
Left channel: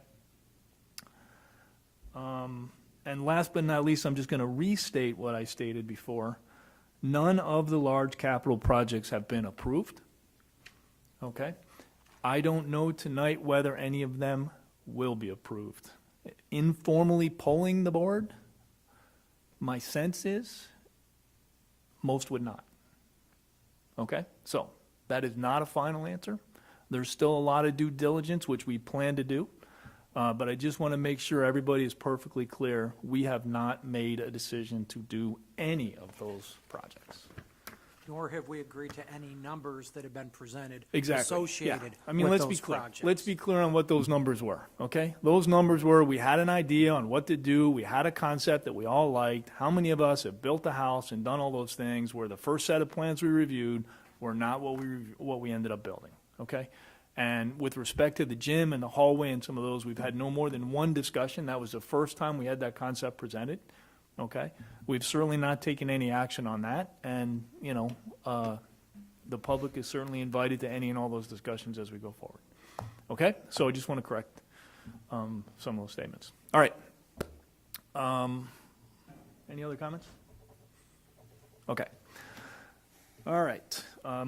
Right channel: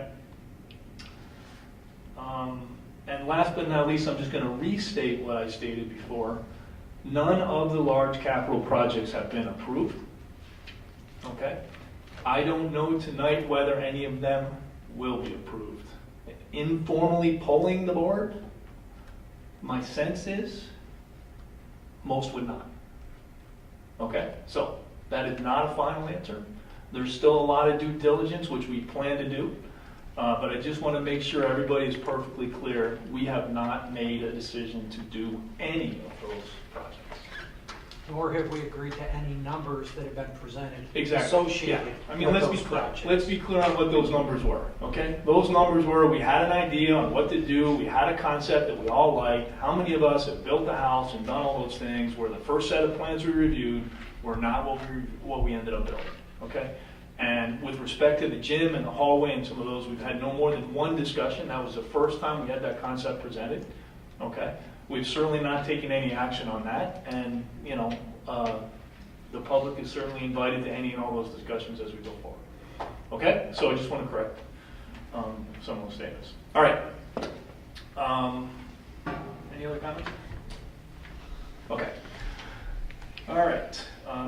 And last but not least, I'm just going to restate what I stated before. None of the large capital projects have been approved, okay? I don't know tonight whether any of them will be approved. Informally polling the board, my sense is most would not. Okay, so that is not a final answer. There's still a lot of due diligence, which we plan to do, but I just want to make sure everybody is perfectly clear. We have not made a decision to do any of those projects. Nor have we agreed to any numbers that have been presented Exactly. associated I mean, with let's those be clear. projects. Let's be clear on what those numbers were. Okay, those numbers were we had an idea on what to do. We had a concept that we all liked. How many of us have built a house and done all those things? Where the first set of plans we reviewed were not what we ended up building. Okay, and with respect to the gym and the hallway and some of those, we've had no more than one discussion. That was the first time we had that concept presented. Okay, we've certainly not taken any action on that, and you know. The public is certainly invited to any and all those discussions as we go forward. Okay, so I just want to correct some of those statements. All right. Any other comments? Okay. All right.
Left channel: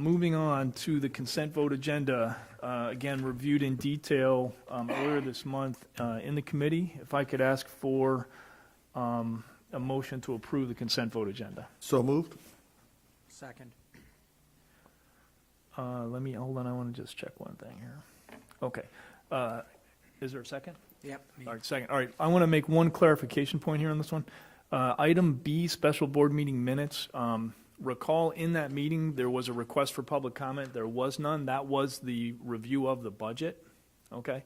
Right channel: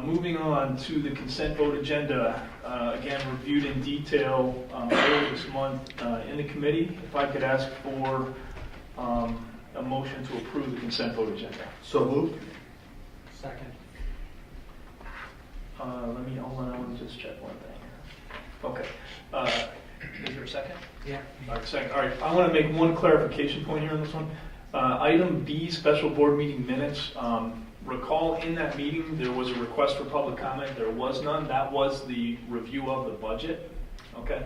Moving on to the consent vote agenda. Again, reviewed in detail earlier this month in the committee. If I could ask for a motion to approve the consent vote agenda. So moved. Second. Hold on, I want to just check one thing here. Okay. Is there a second? Yeah. All right, second. All right, I want to make one clarification point here on this one. Item B, special board meeting minutes. Recall in that meeting there was a request for public comment. There was none. That was the review of the budget. Okay.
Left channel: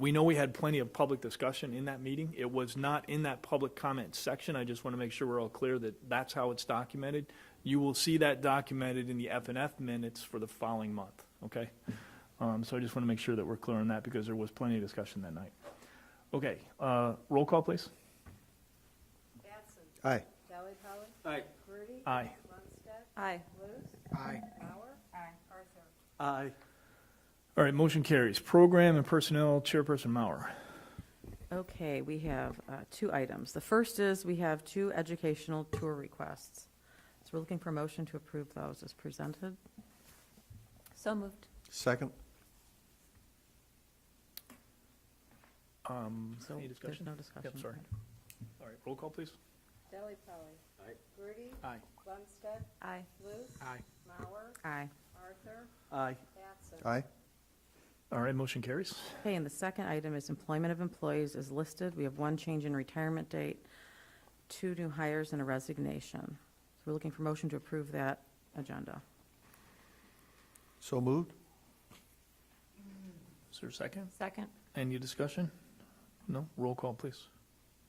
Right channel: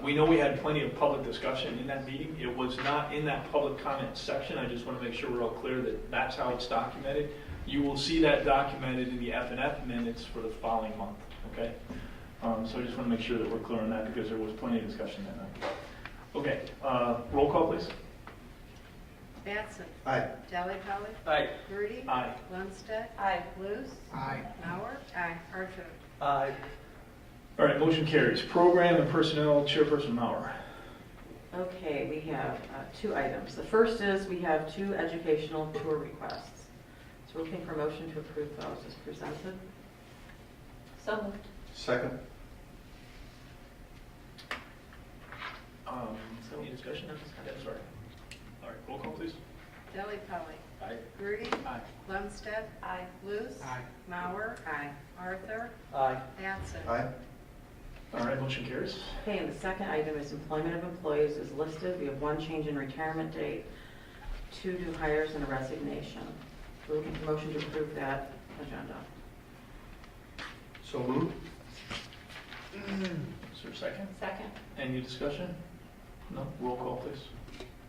We know we had plenty of public discussion in that meeting. It was not in that public comment section. I just want to make sure we're all clear that that's how it's documented. You will see that documented in the F&F minutes for the following month, okay? So I just want to make sure that we're clear on that because there was plenty of discussion that night. Okay, roll call, please. Batson. Aye. Delli Polly. Aye. Grudy. Aye. Lundstedt. Aye. Luce. Aye. Mauer. Aye. Archer. Aye. All right, motion carries. Program and Personnel Chairperson Mauer. Okay, we have two items. The first is we have two educational tour requests. So we're looking for a motion to approve those as presented. So moved. Second. Any discussion? Yeah, sorry. All right, roll call, please. Delli Polly. Aye. Grudy. Aye. Lundstedt. Aye. Luce. Aye. Mauer. Aye. Arthur. Aye. Batson. Aye. All right, motion carries. Okay, and the second item is employment of employees is listed. We have one change in retirement date, two new hires, and a resignation. We're looking for motion to approve that agenda. So moved. Is there a second? Second. Any discussion? No? Roll call, please.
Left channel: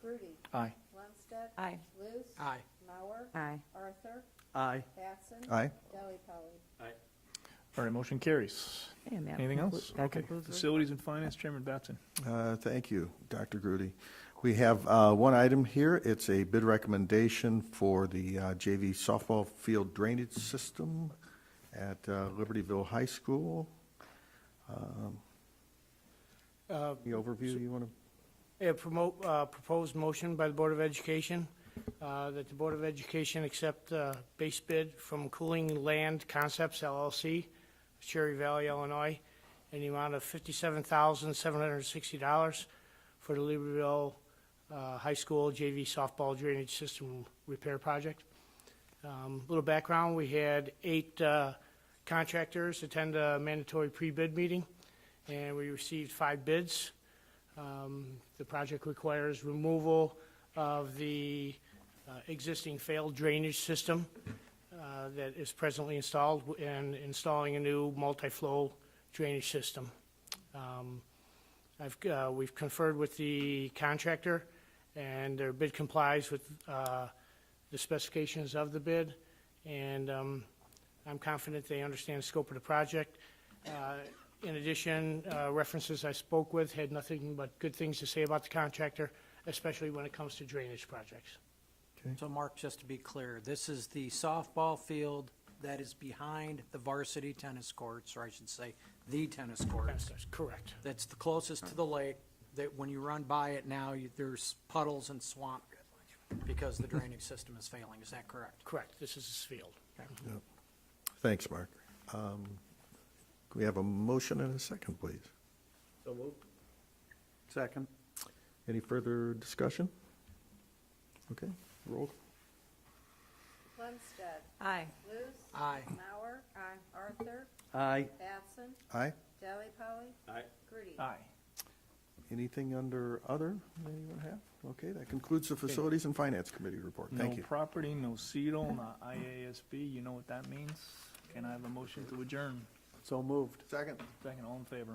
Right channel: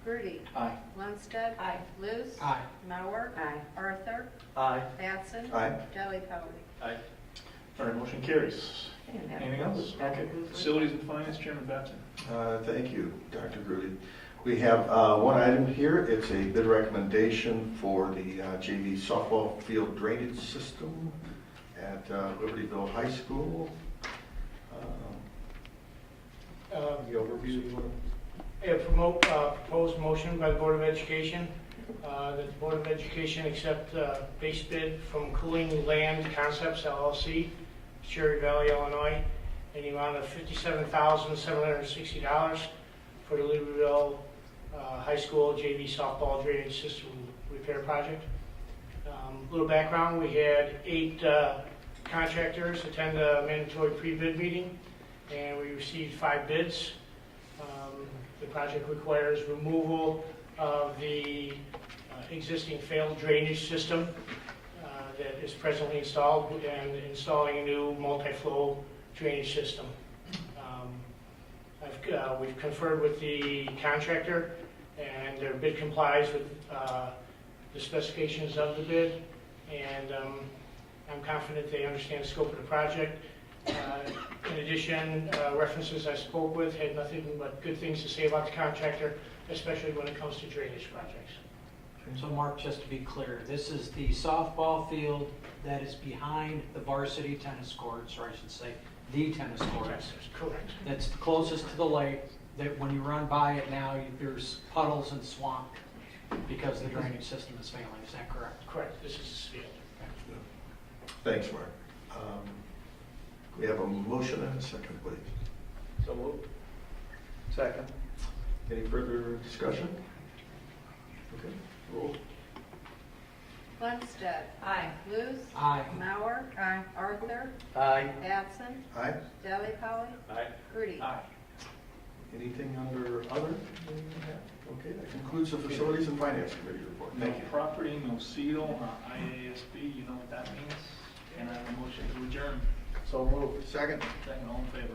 Grudy. Aye. Lundstedt. Aye. Luce. Aye. Mauer. Aye. Arthur. Aye. Batson. Aye. Delli Polly. All right, motion carries. Okay, and that Anything else? that Okay. concludes the Facilities and Finance Chairman Batson. Thank you, Dr. Grudy. We have one item here. It's a bid recommendation for the JV softball field drainage system at Libertyville High School. The overview, you want Proposed motion by the Board of Education that the Board of Education accept base bid from Cooling Land Concepts LLC, Cherry Valley, Illinois, in the amount of $57,760 for the Libertyville High School JV softball drainage system repair project. A little background, we had 8 contractors attend a mandatory pre-bid meeting, and we received 5 bids. The project requires removal of the existing failed drainage system that is presently installed and installing a new multi-flow drainage system. We've conferred with the contractor, and their bid complies with the specifications of the bid, and I'm confident they understand the scope of the project. In addition, references I spoke with had nothing but good things to say about the contractor, especially when it comes to drainage projects. So Mark, just to be clear, this is the softball field that is behind the varsity tennis courts, or I should say, the tennis courts. That's correct. That's the closest to the lake, that when you run by it now, there's puddles and swamp because the drainage system is failing. Is that correct? Correct. This is the field. Thanks, Mark. We have a motion and a second, please. So moved. Second. Any further discussion? Okay, roll. Lundstedt. Aye. Luce. Aye. Mauer. Aye. Arthur. Aye. Batson. Aye. Delli Polly. Aye. Grudy. Aye. Anything under other? Okay, that concludes the Facilities and Finance Committee report. No Thank you. property, no seal, IASB, you know what that means. And I have a motion to adjourn. So moved. Second. All in favor?